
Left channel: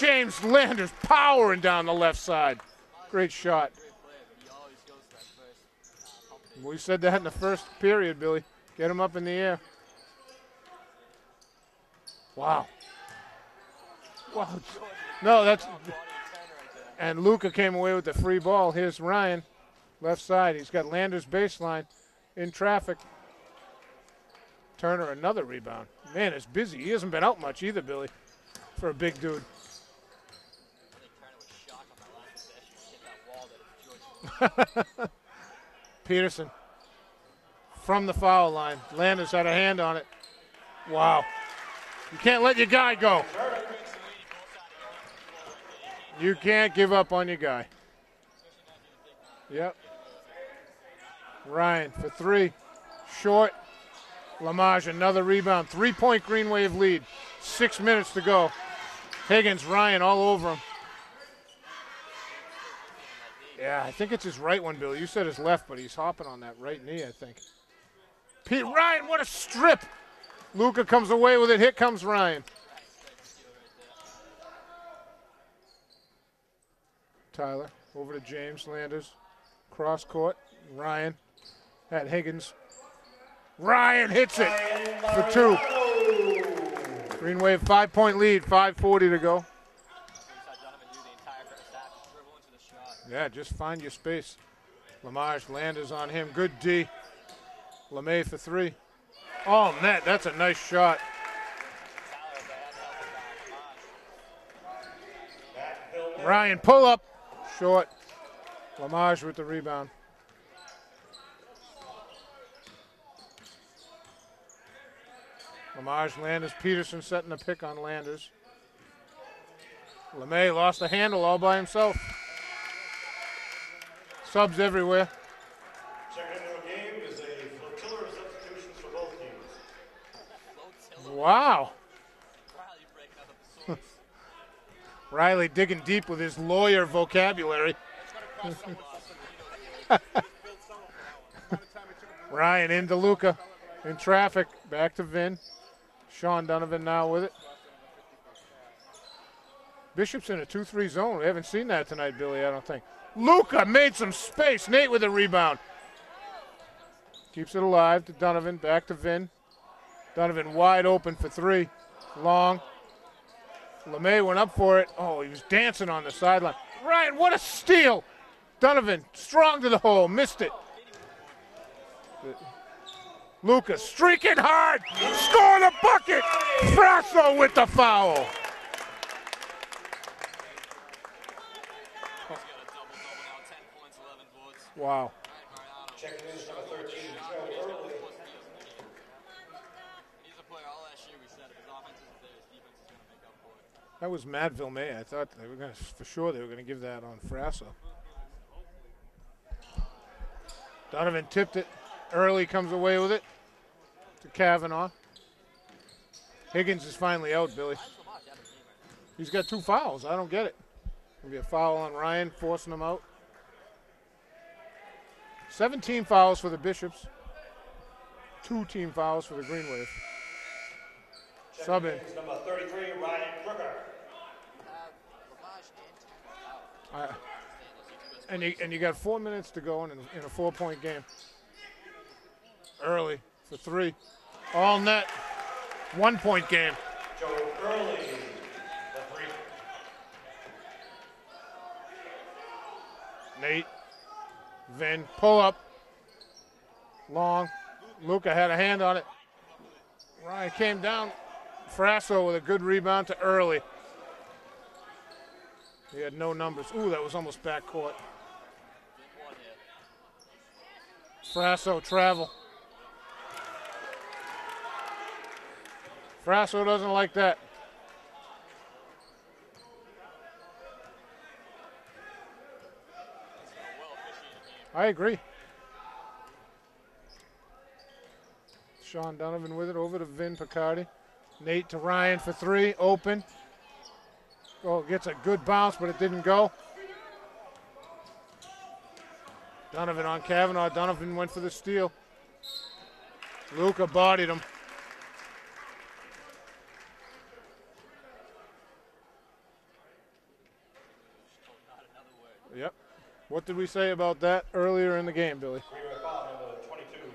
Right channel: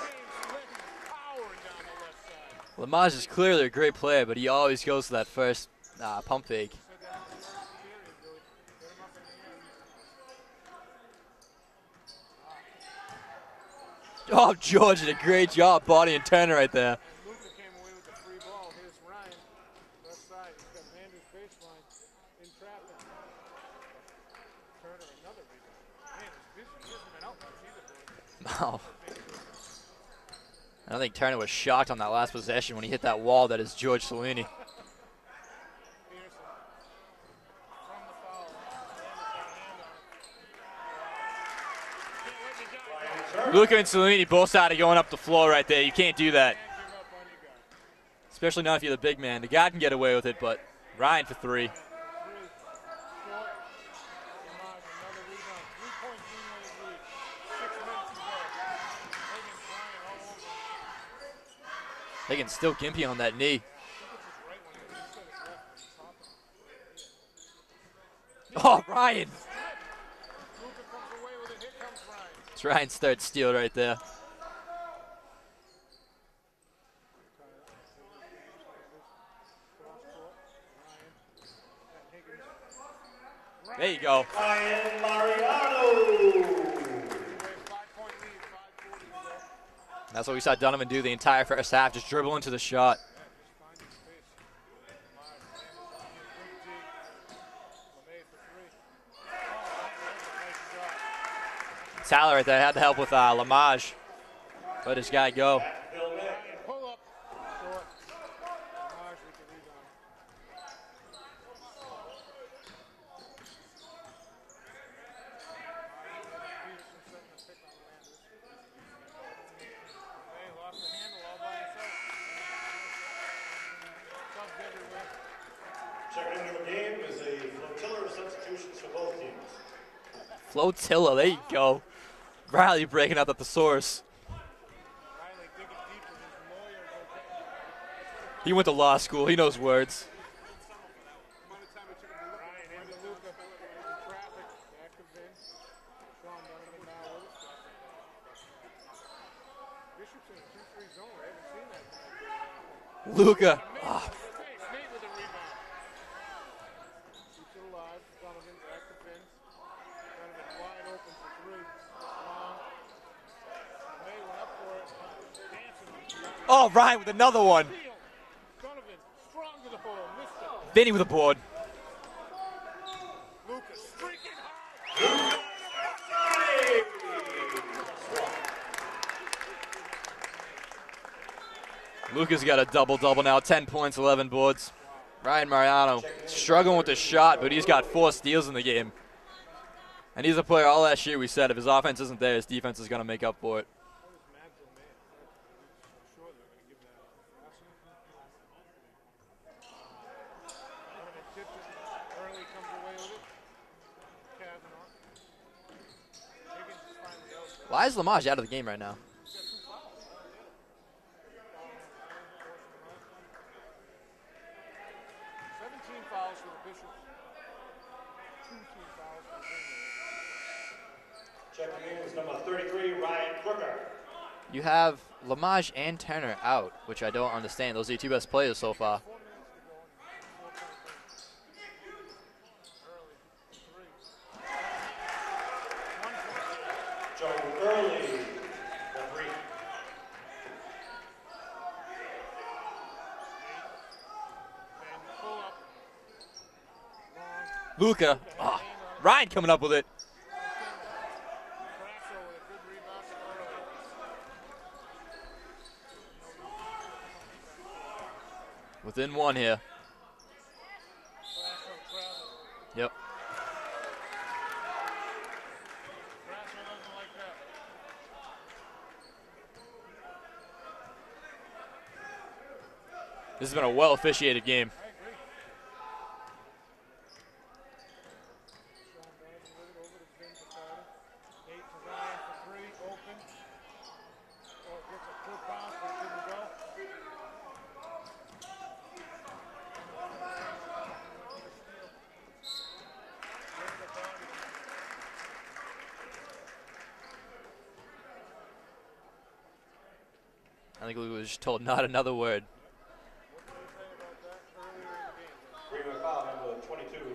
James Landers powering down the left side. Lamage is Great clearly a shot. great player, but he always goes to that first pump fake. We said that in the first period, Billy. Get him up in the air. Wow. Oh, George did a great that's- job bodying Turner right there. And Luca came away with the free ball. Here's Ryan, left side. He's got Landers baseline in traffic. Turner, another rebound. Man, it's busy. He hasn't been out much either, Billy, Oh, for a big dude. I think Turner was shocked on that last possession when he hit that wall that is George Cellini. Peterson from the foul line. Landers had a hand on it. Wow. You can't let your guy go. Luca and Cellini both started going up the floor right there. You can't do that, You can't give up on your guy. especially not if you're the big man. The guy can get away with it, but Ryan for three. Ryan for three. Short. Lamage, another rebound. 3-point Green Wave lead. 6 minutes to go. Higgins, Ryan all over him. They can still gimpy on that knee. Yeah, I think it's his right one, Bill. You said his left, but he's hopping on that right knee, I think. Oh, Ryan, what Ryan. a strip. Luca comes away with it. Here comes Ryan. It's Ryan's third steal right there. Tyler over to James Landers. Cross court. Ryan at Higgins. Ryan go. hits it for two. Green Wave 5-point lead, 5:40 to go. That's what we saw Donovan do the entire first half, just dribble into the shot. Yeah, just find your space. Lamage, Landers on him. Good D. LeMay for three. Oh, net. That's a nice shot. Tyler right there had to help with Lamage. Let his guy go. Ryan, pull up. Short. Lamage with the rebound. Lamage, Landers, Peterson setting the pick on Landers. LeMay lost the handle all by himself. Subs everywhere. Second into the game is a flotilla of substitutions for both teams. Flotilla, there Wow. you go. Riley breaking out the thesaurus. Riley digging deep with his lawyer vocabulary. He went to law school. He knows words. Ryan into Luca. In traffic. Back to Vin. Sean Donovan now with it. Bishop's in a 2-3 zone. We haven't seen that tonight, Billy, I don't think. Luca made some space. Nate with a rebound. Keeps it alive to Donovan. Back to Vin. Donovan wide open for three. Long. LeMay went up for it. Oh, he was dancing on the sideline. Oh, Ryan, another what a one. steal. Donovan strong to the hole. Missed it. Vinny with a board. Luca streaking hard. Score the bucket. Brasso with the foul. Luca's got a double-double now. 10 points, 11 boards. Wow. Ryan Mariano struggling with the shot, but he's got 4 steals in the game. And he's a player all last year we said if his offense isn't there, his defense is going to make up for it. That was Matt Vilmay. I thought they were going to, for sure, they were going to give that on Frasso. Donovan tipped it. Early comes away with it to Kavanaugh. Higgins is finally out, Billy. Why is Lamage out of the game right now? He's got 2 fouls. I don't get it. Maybe a foul on Ryan, forcing him out. 17 fouls for the Bishops. 2 team fouls for the Green Wave. Sub in. Number 33, Ryan Crooker. You have Lamage and Turner out, which I don't understand. Those are your 2 best players so far. And you got 4 minutes to go in a 4-point game. Early for 3. All net. 1-point game. Joe Early, the 3. Nate. Vin. Pull up. Long. Luca had a hand on it. Ryan coming up with it. Ryan came down. Frasso with a good rebound to Early. He had no numbers. Ooh, that was almost backcourt. Within 1 here. Frasso travel. Yep. Frasso doesn't like that. This has been a well-officiated game. I agree. Sean Donovan with it, over to Vin Picardi. Nate to Ryan for 3, open. Oh, gets a good bounce, but it didn't go. Donovan on Kavanaugh. Donovan went for the steal. Luca bodied him. I think Luca was just told not another word. Yep. What did we say about that earlier in the game, Billy?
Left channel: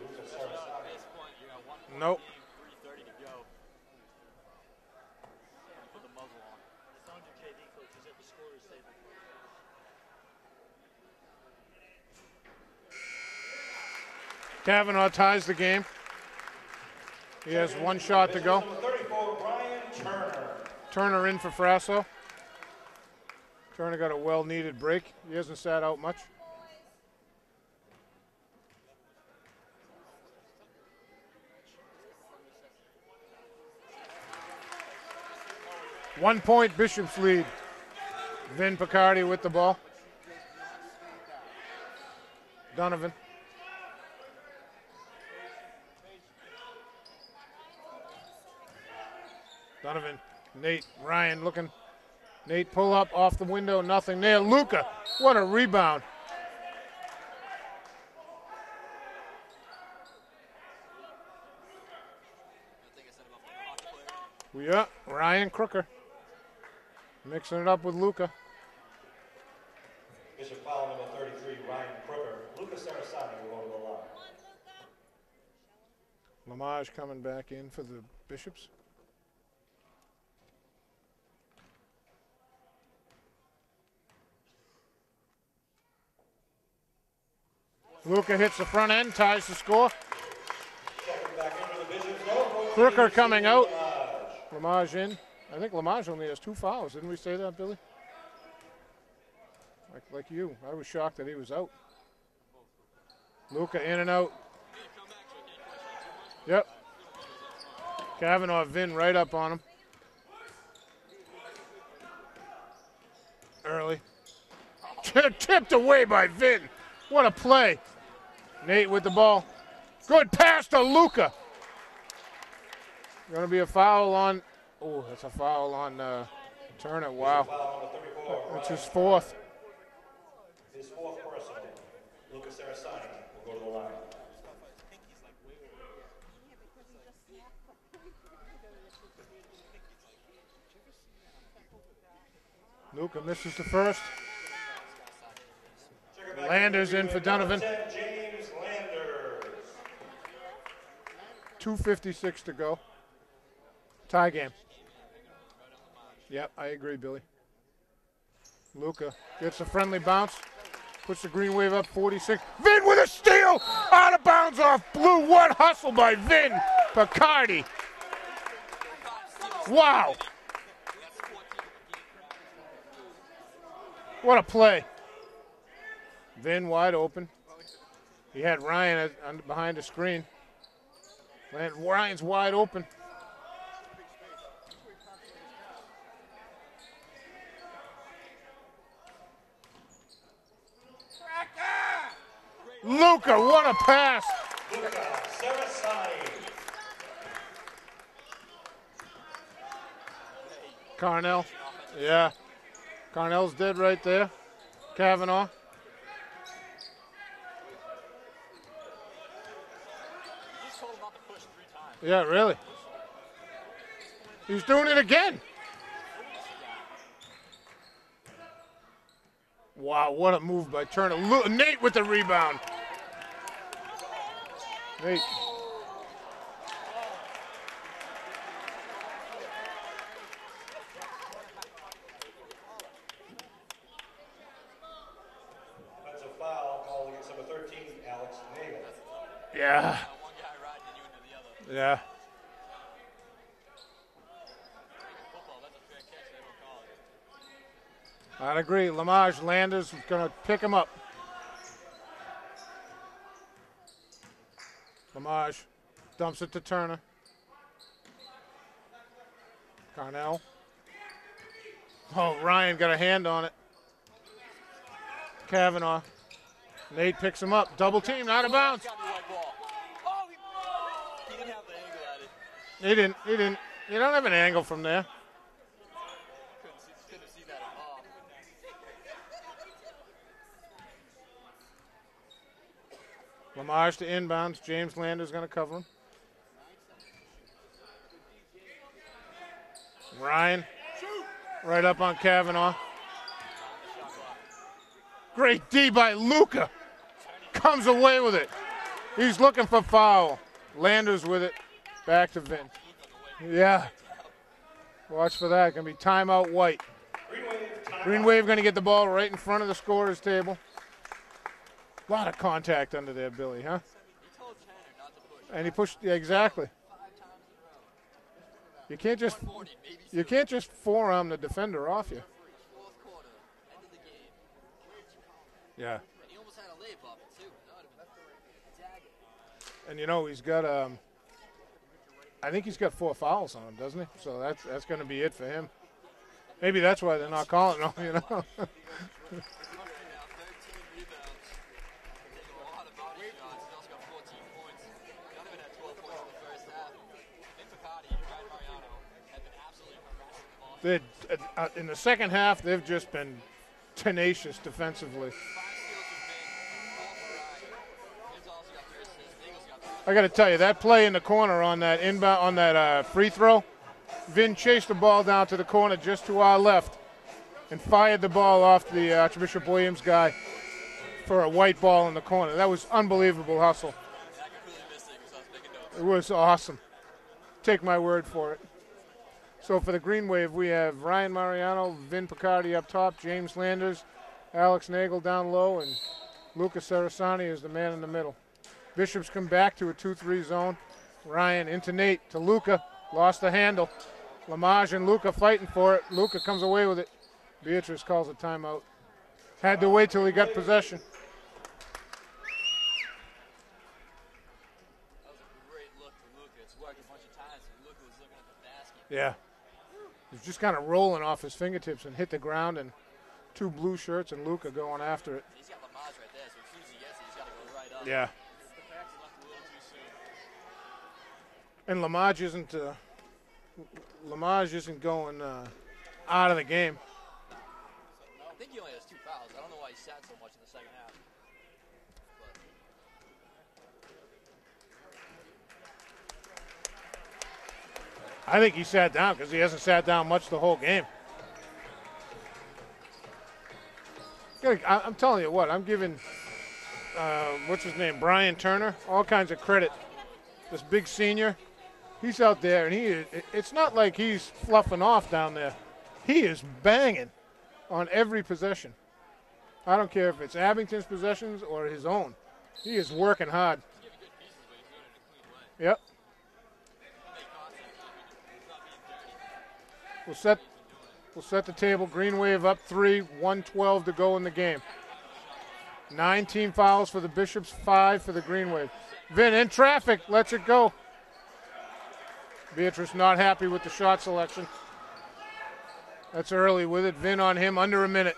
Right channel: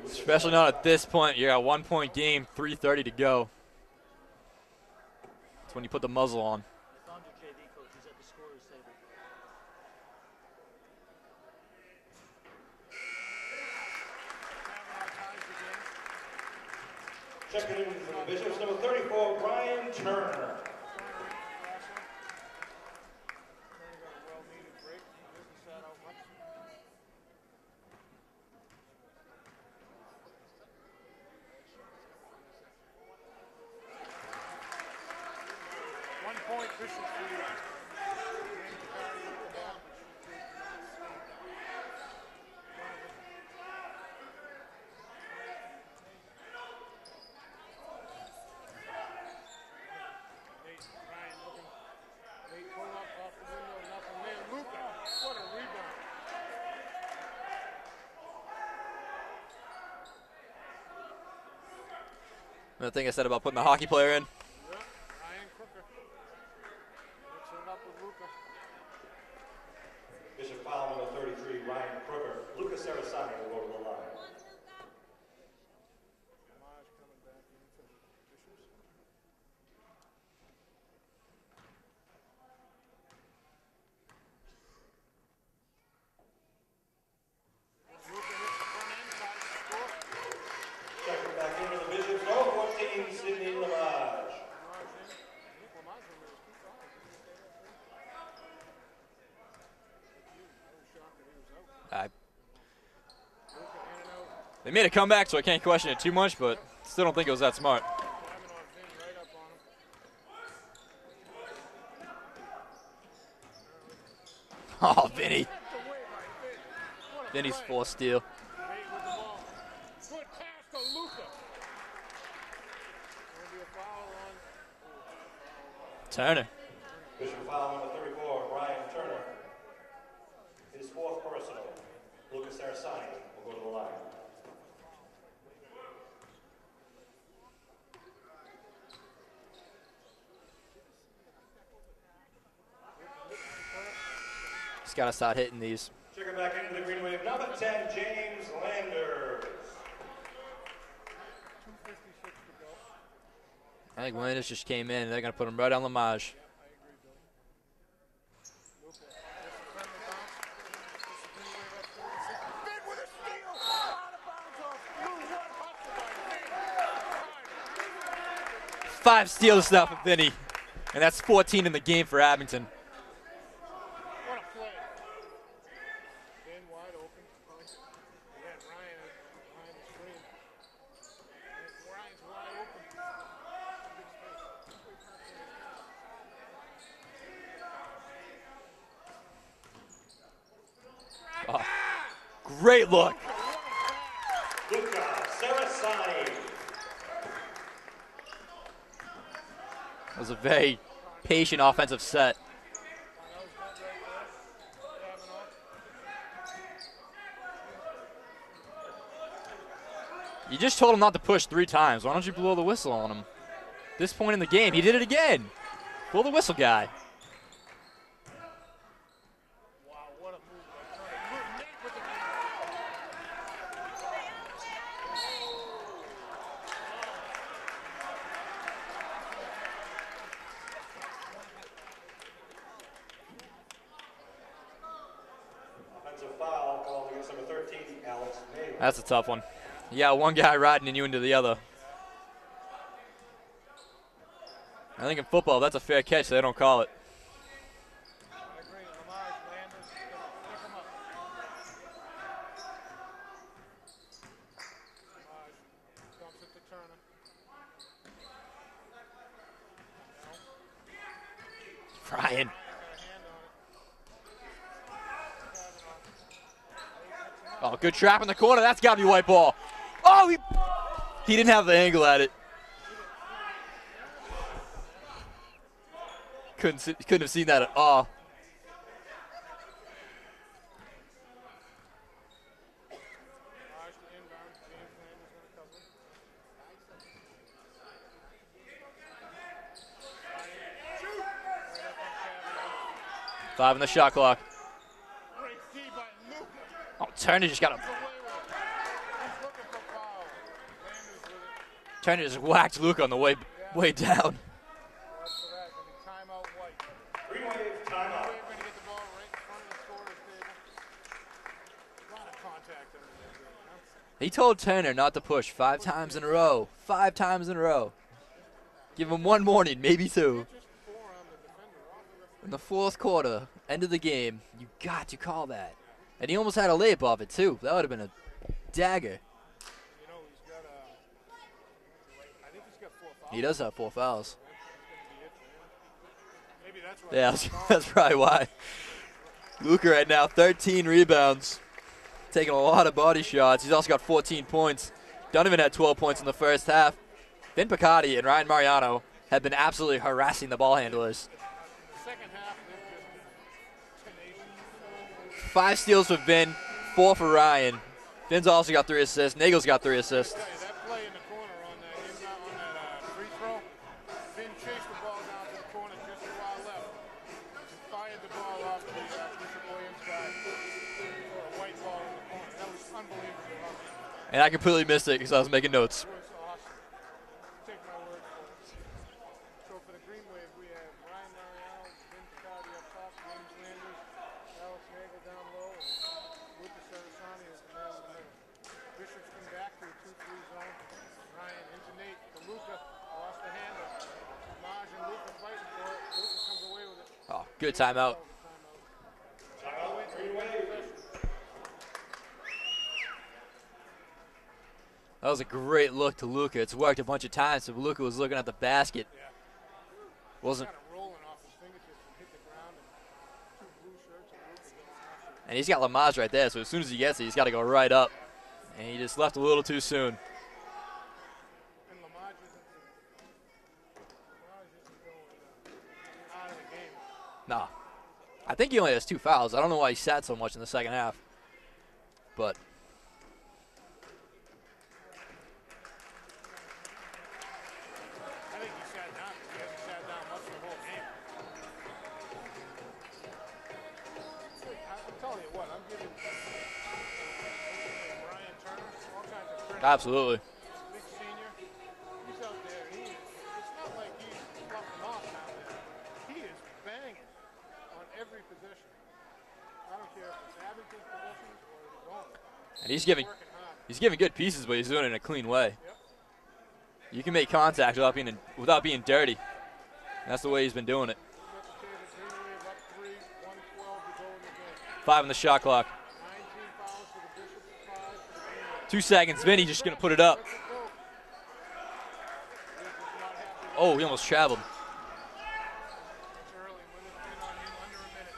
Especially not at this point. You're at 1-point game, 3:30 to go. That's when you put the muzzle on. Kavanaugh ties the game. He has 1 shot to go. Number 34, Ryan Turner. Turner in for Frasso. Turner got a well-needed break. He hasn't sat out much. One-point Bishop's lead. Vin Picardi with the ball. Donovan. Donovan. Nate. Ryan looking. Nate pull up off the window, nothing there. Luca, what a rebound. The thing I said about putting the hockey player in. Yeah, Ryan Crooker. Mixing it up with Luca. Bishop foul number 33, Ryan Crooker. Luca Sarasani will go to the line. Lamage coming back in for the Bishops. Luca hits the front end, ties the score. Crooker coming out. Lamage in. I think Lamage only has 2 fouls. Didn't we say that, Billy? Like you. I was shocked that he was out. Luca in and out. They made a comeback, so I can't question it too much, but still don't think it was that smart. Kavanaugh, Vin right up on him. Early. Oh, tipped away by Vin. What a play. Steal. Nate with the ball. Good pass to Luca. Going to be a foul on. Oh, that's a foul on Turner. Turner, wow. That's his 4th. His 4th personal. Lucas Sarasani will go to the line. Luca misses the first. He's got to start hitting these. Landers in for Donovan. 10, James Landers. 2:56 to go. I think Tie Landers game. just came in. They're going to put him right on Lamage. Yep, I agree, Billy. Luca gets a friendly bounce. Puts the Green Wave up 46. Vin with a steal! Out of bounds off blue. What hustle by Vin Picardi. 5 steals now Wow. for Vinny. And that's 14 in the game for Abington. What a play. Vin wide open. He had Ryan behind the screen. And Ryan's wide open. Oh, great look. Luca, what a pass. Luca Sarasani. It was a very Carnell. patient offensive Yeah. set. Carnell's dead right there. Kavanaugh. You just told him not to push 3 times. Why don't you blow the whistle on him? This point in the game, he did it again. Blow the whistle, guy. Wow, what a move by Turner. Nate with the rebound. Nate. Offensive foul called against number 13, Alex Nagel. That's a tough one. Yeah. Yeah, one guy riding you into the other. Yeah. I think in football, that's a fair catch. They don't call it. I'd agree. Lamage Landers is going to pick him up. Lamage dumps it to Turner. Carnell. Ryan got a hand on it. Kavanaugh. Nate picks him up. Good trap in the corner. That's got to be white ball. Oh, he didn't have the angle at it. He didn't. You don't have an angle from there. Couldn't have seen that at all. Lamage to inbounds. James Lander's going to cover him. Ryan right up on Kavanaugh. 5 in the shot clock. Great D by Luca. Oh, Turner just comes away with it. He's looking for foul. Landers with it. Turner just whacked Luca on the way down. Watch for that. Going to be timeout White. Green Wave going to get the ball right in front of the scorer's table. A lot of contact under there, Billy, huh? He told Turner not to push 5 times in a row. 5 times in a row. Give him one morning, maybe 2. You can't just forearm the defender off you. In the 4th quarter, end of the game, you got to call that. Yeah. And he almost had a layup off it, too. That would have been a dagger. And, you know, he's got, I think he's got 4 fouls. He does have 4 fouls. So that's going to be it for him. Maybe that's why they're not calling him. That's probably why. Luca right now, 13 rebounds. Taking a lot of body shots. He's also got 14 points. Donovan had 12 points in the first half. Vin Picardi and Ryan Mariano have been absolutely harassing the ball handlers. In the second half, they've just been tenacious defensively. 5 steals for Vin, 4 for Ryan. Vin's also got 3 assists. Nagel's got 3 assists. I got to tell you, that play in the corner on that inbound, on that free throw, Vin chased the ball down to the corner just to our left and fired the ball off the Archbishop Williams guy for a white ball in the corner. That was unbelievable hustle. And I completely missed it because I was making notes. It was awesome. Take my word for it. So for the Green Wave, we have Ryan Mariano, Vin Picardi up top, James Landers, Alex Nagel down low, and Luca Sarasani is the man in the middle. Bishops come back to a 2-3 zone. Ryan into Nate to Luca, lost the handle. Lamage and Luca fighting for it. Luca comes away with it. Oh, good Beatrice timeout. calls a timeout. Had to wait till he got possession. That was a great look to Luca. It's worked a bunch of times, so Luca was looking at the basket. Yeah. He's just kind of rolling off his fingertips and hit the ground, and 2 blue shirts and Luca going after it. And he's got Lamage right there, so as soon as he gets it, he's got to go right up. Yeah. And he just left a little too soon. And Lamage isn't going out of the game. Nah. I think he only has 2 fouls. I don't know why he sat so much in the second half. But I think he sat down because he hasn't sat down much the whole game. I'm telling you what, I'm giving, what's his name, Brian Turner, all kinds of credit. Absolutely. This big senior, he's out there, and it's not like he's fluffing off down there. He is banging on every possession. I don't care if it's Abington's possessions or his own. He's working hard. He's giving good pieces, but he's doing it in a clean way. Yep. You can make contact without being dirty. That's the way he's been doing it. We'll set the table. Green Wave up 3, 1:12 to go in the game. 5 on the shot clock. 19 fouls for the Bishops, 5 for the Green Wave. 2 seconds. Vin Vinny just gonna put it up. Lets it go. Beatrice not happy with the shot selection. That's early with it. Vin on him, under a minute.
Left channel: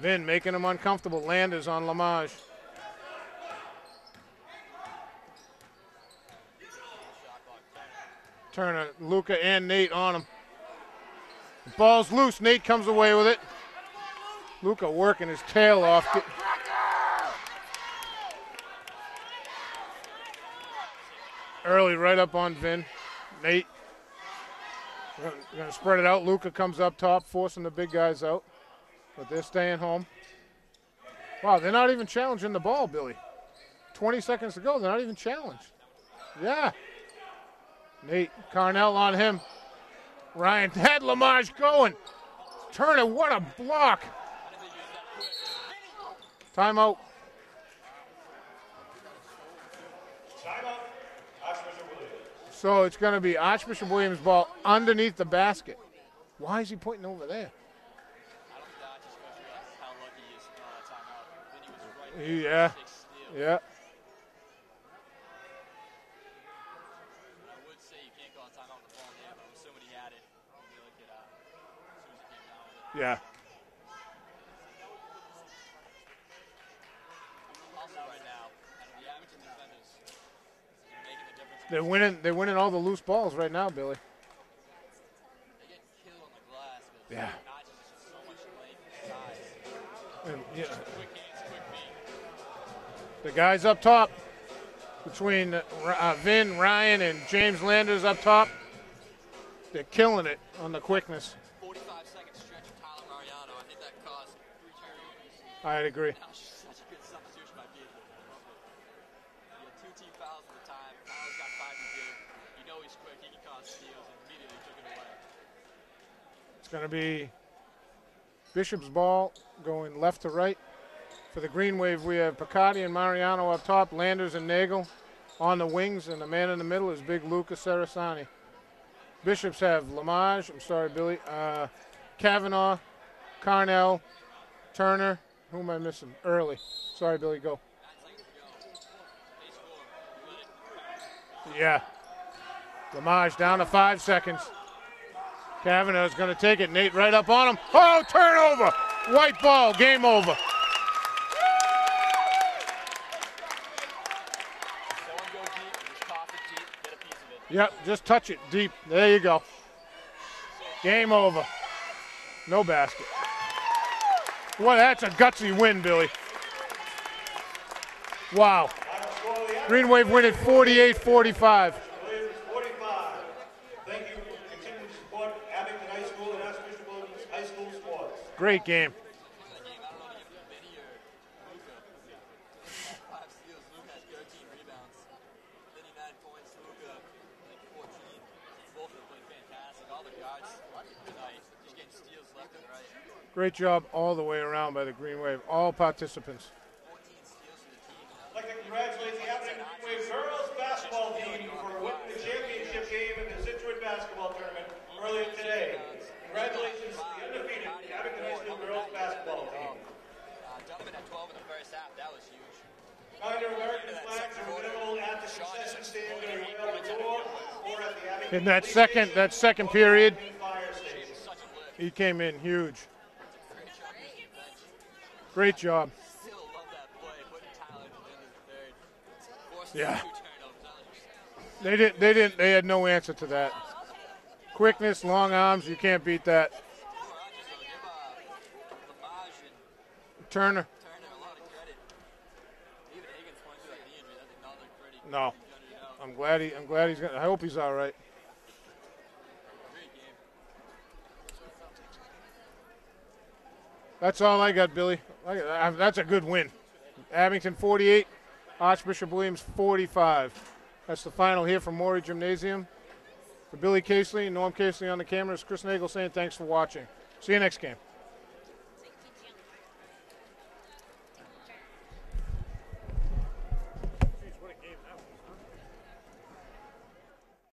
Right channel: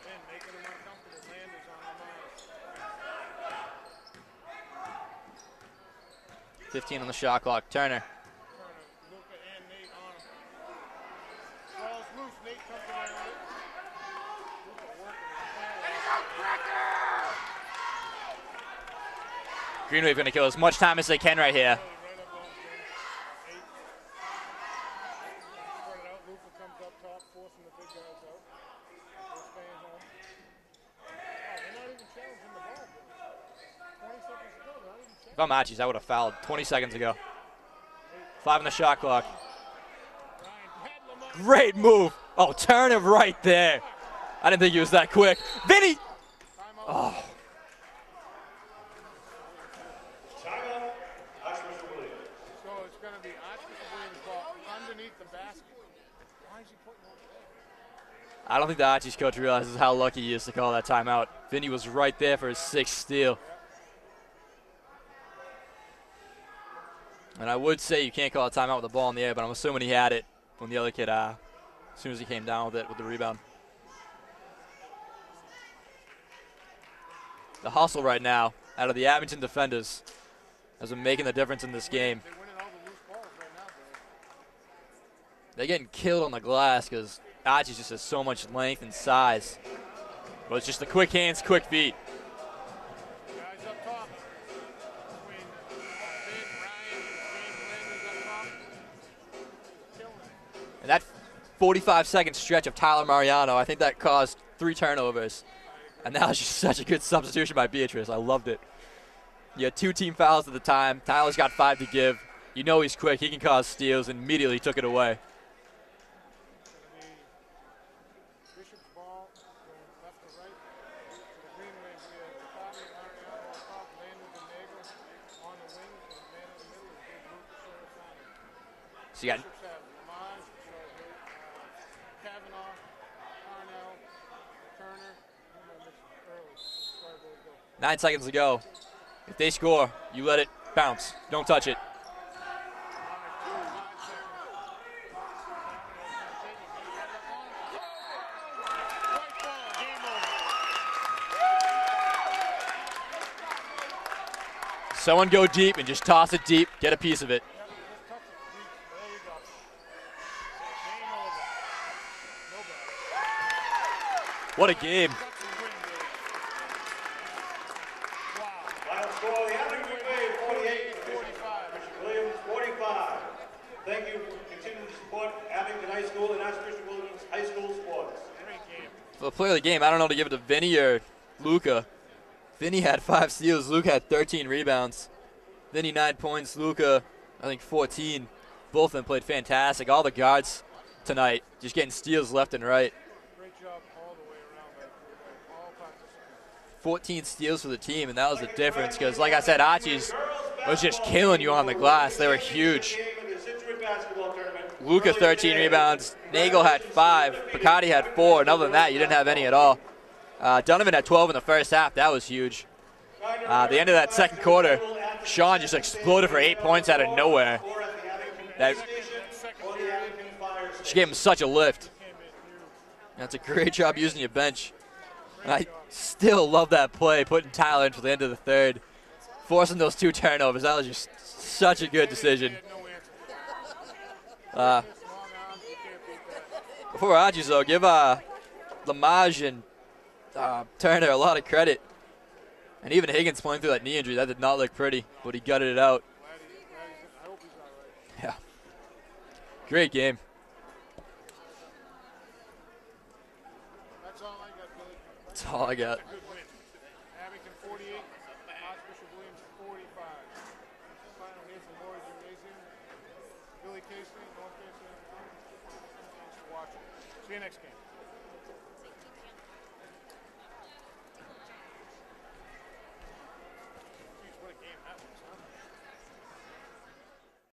Vin making him uncomfortable. Landers on Lamage. 15 on the shot clock. Turner, Luca and Nate on him. Ball's loose. Nate comes away with it. Luca working his tail off. Green Wave going to kill as much time as they can right here. Early right up on Vin. Nate. Going to spread it out. Luca comes up top, forcing the big guys out. But they're staying home. Wow, they're not even challenging the ball, Billy. 20 seconds to go, they're not even challenging. If I'm Archie's, I would have fouled 20 seconds ago. Nate, 5-minute shot on clock. him. Ryan had Lamar Great going. move. Oh, Turner right there. Block. I didn't think he was that quick. Vinny! Timeout. Timeout. Archbishop Williams. So it's going to be Archbishop Williams' ball underneath the basket. Why is he pointing over there? I don't think the Archie's coach realizes how lucky he is to call that timeout. Vinny was right there for a sixth steal. Yeah. And I would say you can't call a timeout with the ball in the air, but I'm assuming he had it when the other kid, as soon as he came down with it with the rebound. The hustle right now out of the Abington defenders has been making the difference in this game. They're winning all the loose balls right now, Billy. They're getting killed on the glass because Archie just has so much length and size. But it's just the quick hands, quick feet. The guys up top, between Vin, Ryan, and James Landers up top, they're killing it on the quickness. 45-second stretch of Tyler Mariano, I think that caused 3 turnovers. I'd agree. And that was just such a good substitution by Beatrice. I loved it. You had 2 team fouls at the time. Tyler's got 5 to give. You know he's quick. He can cause steals, and immediately took it away. It's going to be Bishop's ball going left to right. For the Green Wave, we have Picardi and Mariano up top, Landers and Nagel on the wings, and the man in the middle is big Luca Sarasani. So Bishops have Lamage, I'm sorry, Billy, Kavanaugh, Carnell, Turner. Who am I missing? Early. Sorry, Billy, go. 9 seconds to go. If they score, you let it bounce. Don't touch it. Lamage down to 5 seconds. Kavanaugh's going to take it. Nate right up on him. Oh, turnover. White ball. Game over. Someone go deep and just toss it deep. Get a piece of it. Yep, just touch it deep. There you go. Game over. No basket. What a game. That's a gutsy win, Billy. Wow. Green Wave win at 48-45. Williams 45. Thank you for continuing to support Abington High School and Archbishop Williams High School sports. Great game. For the player of the game, I don't know to give it to Vinny or Luca. Vinny had 5 steals. Luca had 13 rebounds. Vinny 9 points. Luca, I think 14. Both of them played fantastic. All the guards tonight just getting steals left and right. Great job all the way around by the Green Wave. All participants. 14 steals for the team, and that was the difference because, like I said, Archie's was just killing you on the glass. They were huge. Luca 13 rebounds. Nagel had 5. Picardi had 4. And other than that, you didn't have any at all. Donovan had 12 in the first half. That was huge. The end of that second quarter, Sean just exploded for 8 points out of nowhere. In that second period, she gave him such a lift. He came in huge. That's a great job using your bench. Great job. Still love that play, putting Tyler in for the end of the third, forcing those 2 turnovers. That was just such a good decision. They had no answer to that. Quickness, long arms, you can't beat that. Before Archie's, though, give Lamage and Turner a lot of credit. And even Higgins playing through that knee injury, that did not look pretty, but he gutted it out. I'm glad he's gonna, I hope he's all right. Yeah. Great game. That's all I got, Billy. That's a good win. Abington 48, Archbishop Williams 45. That's the final here from Maury Gymnasium. For Billy Casely and Norm Casely on the camera, it's Chris Nagel saying thanks for watching. See you next game.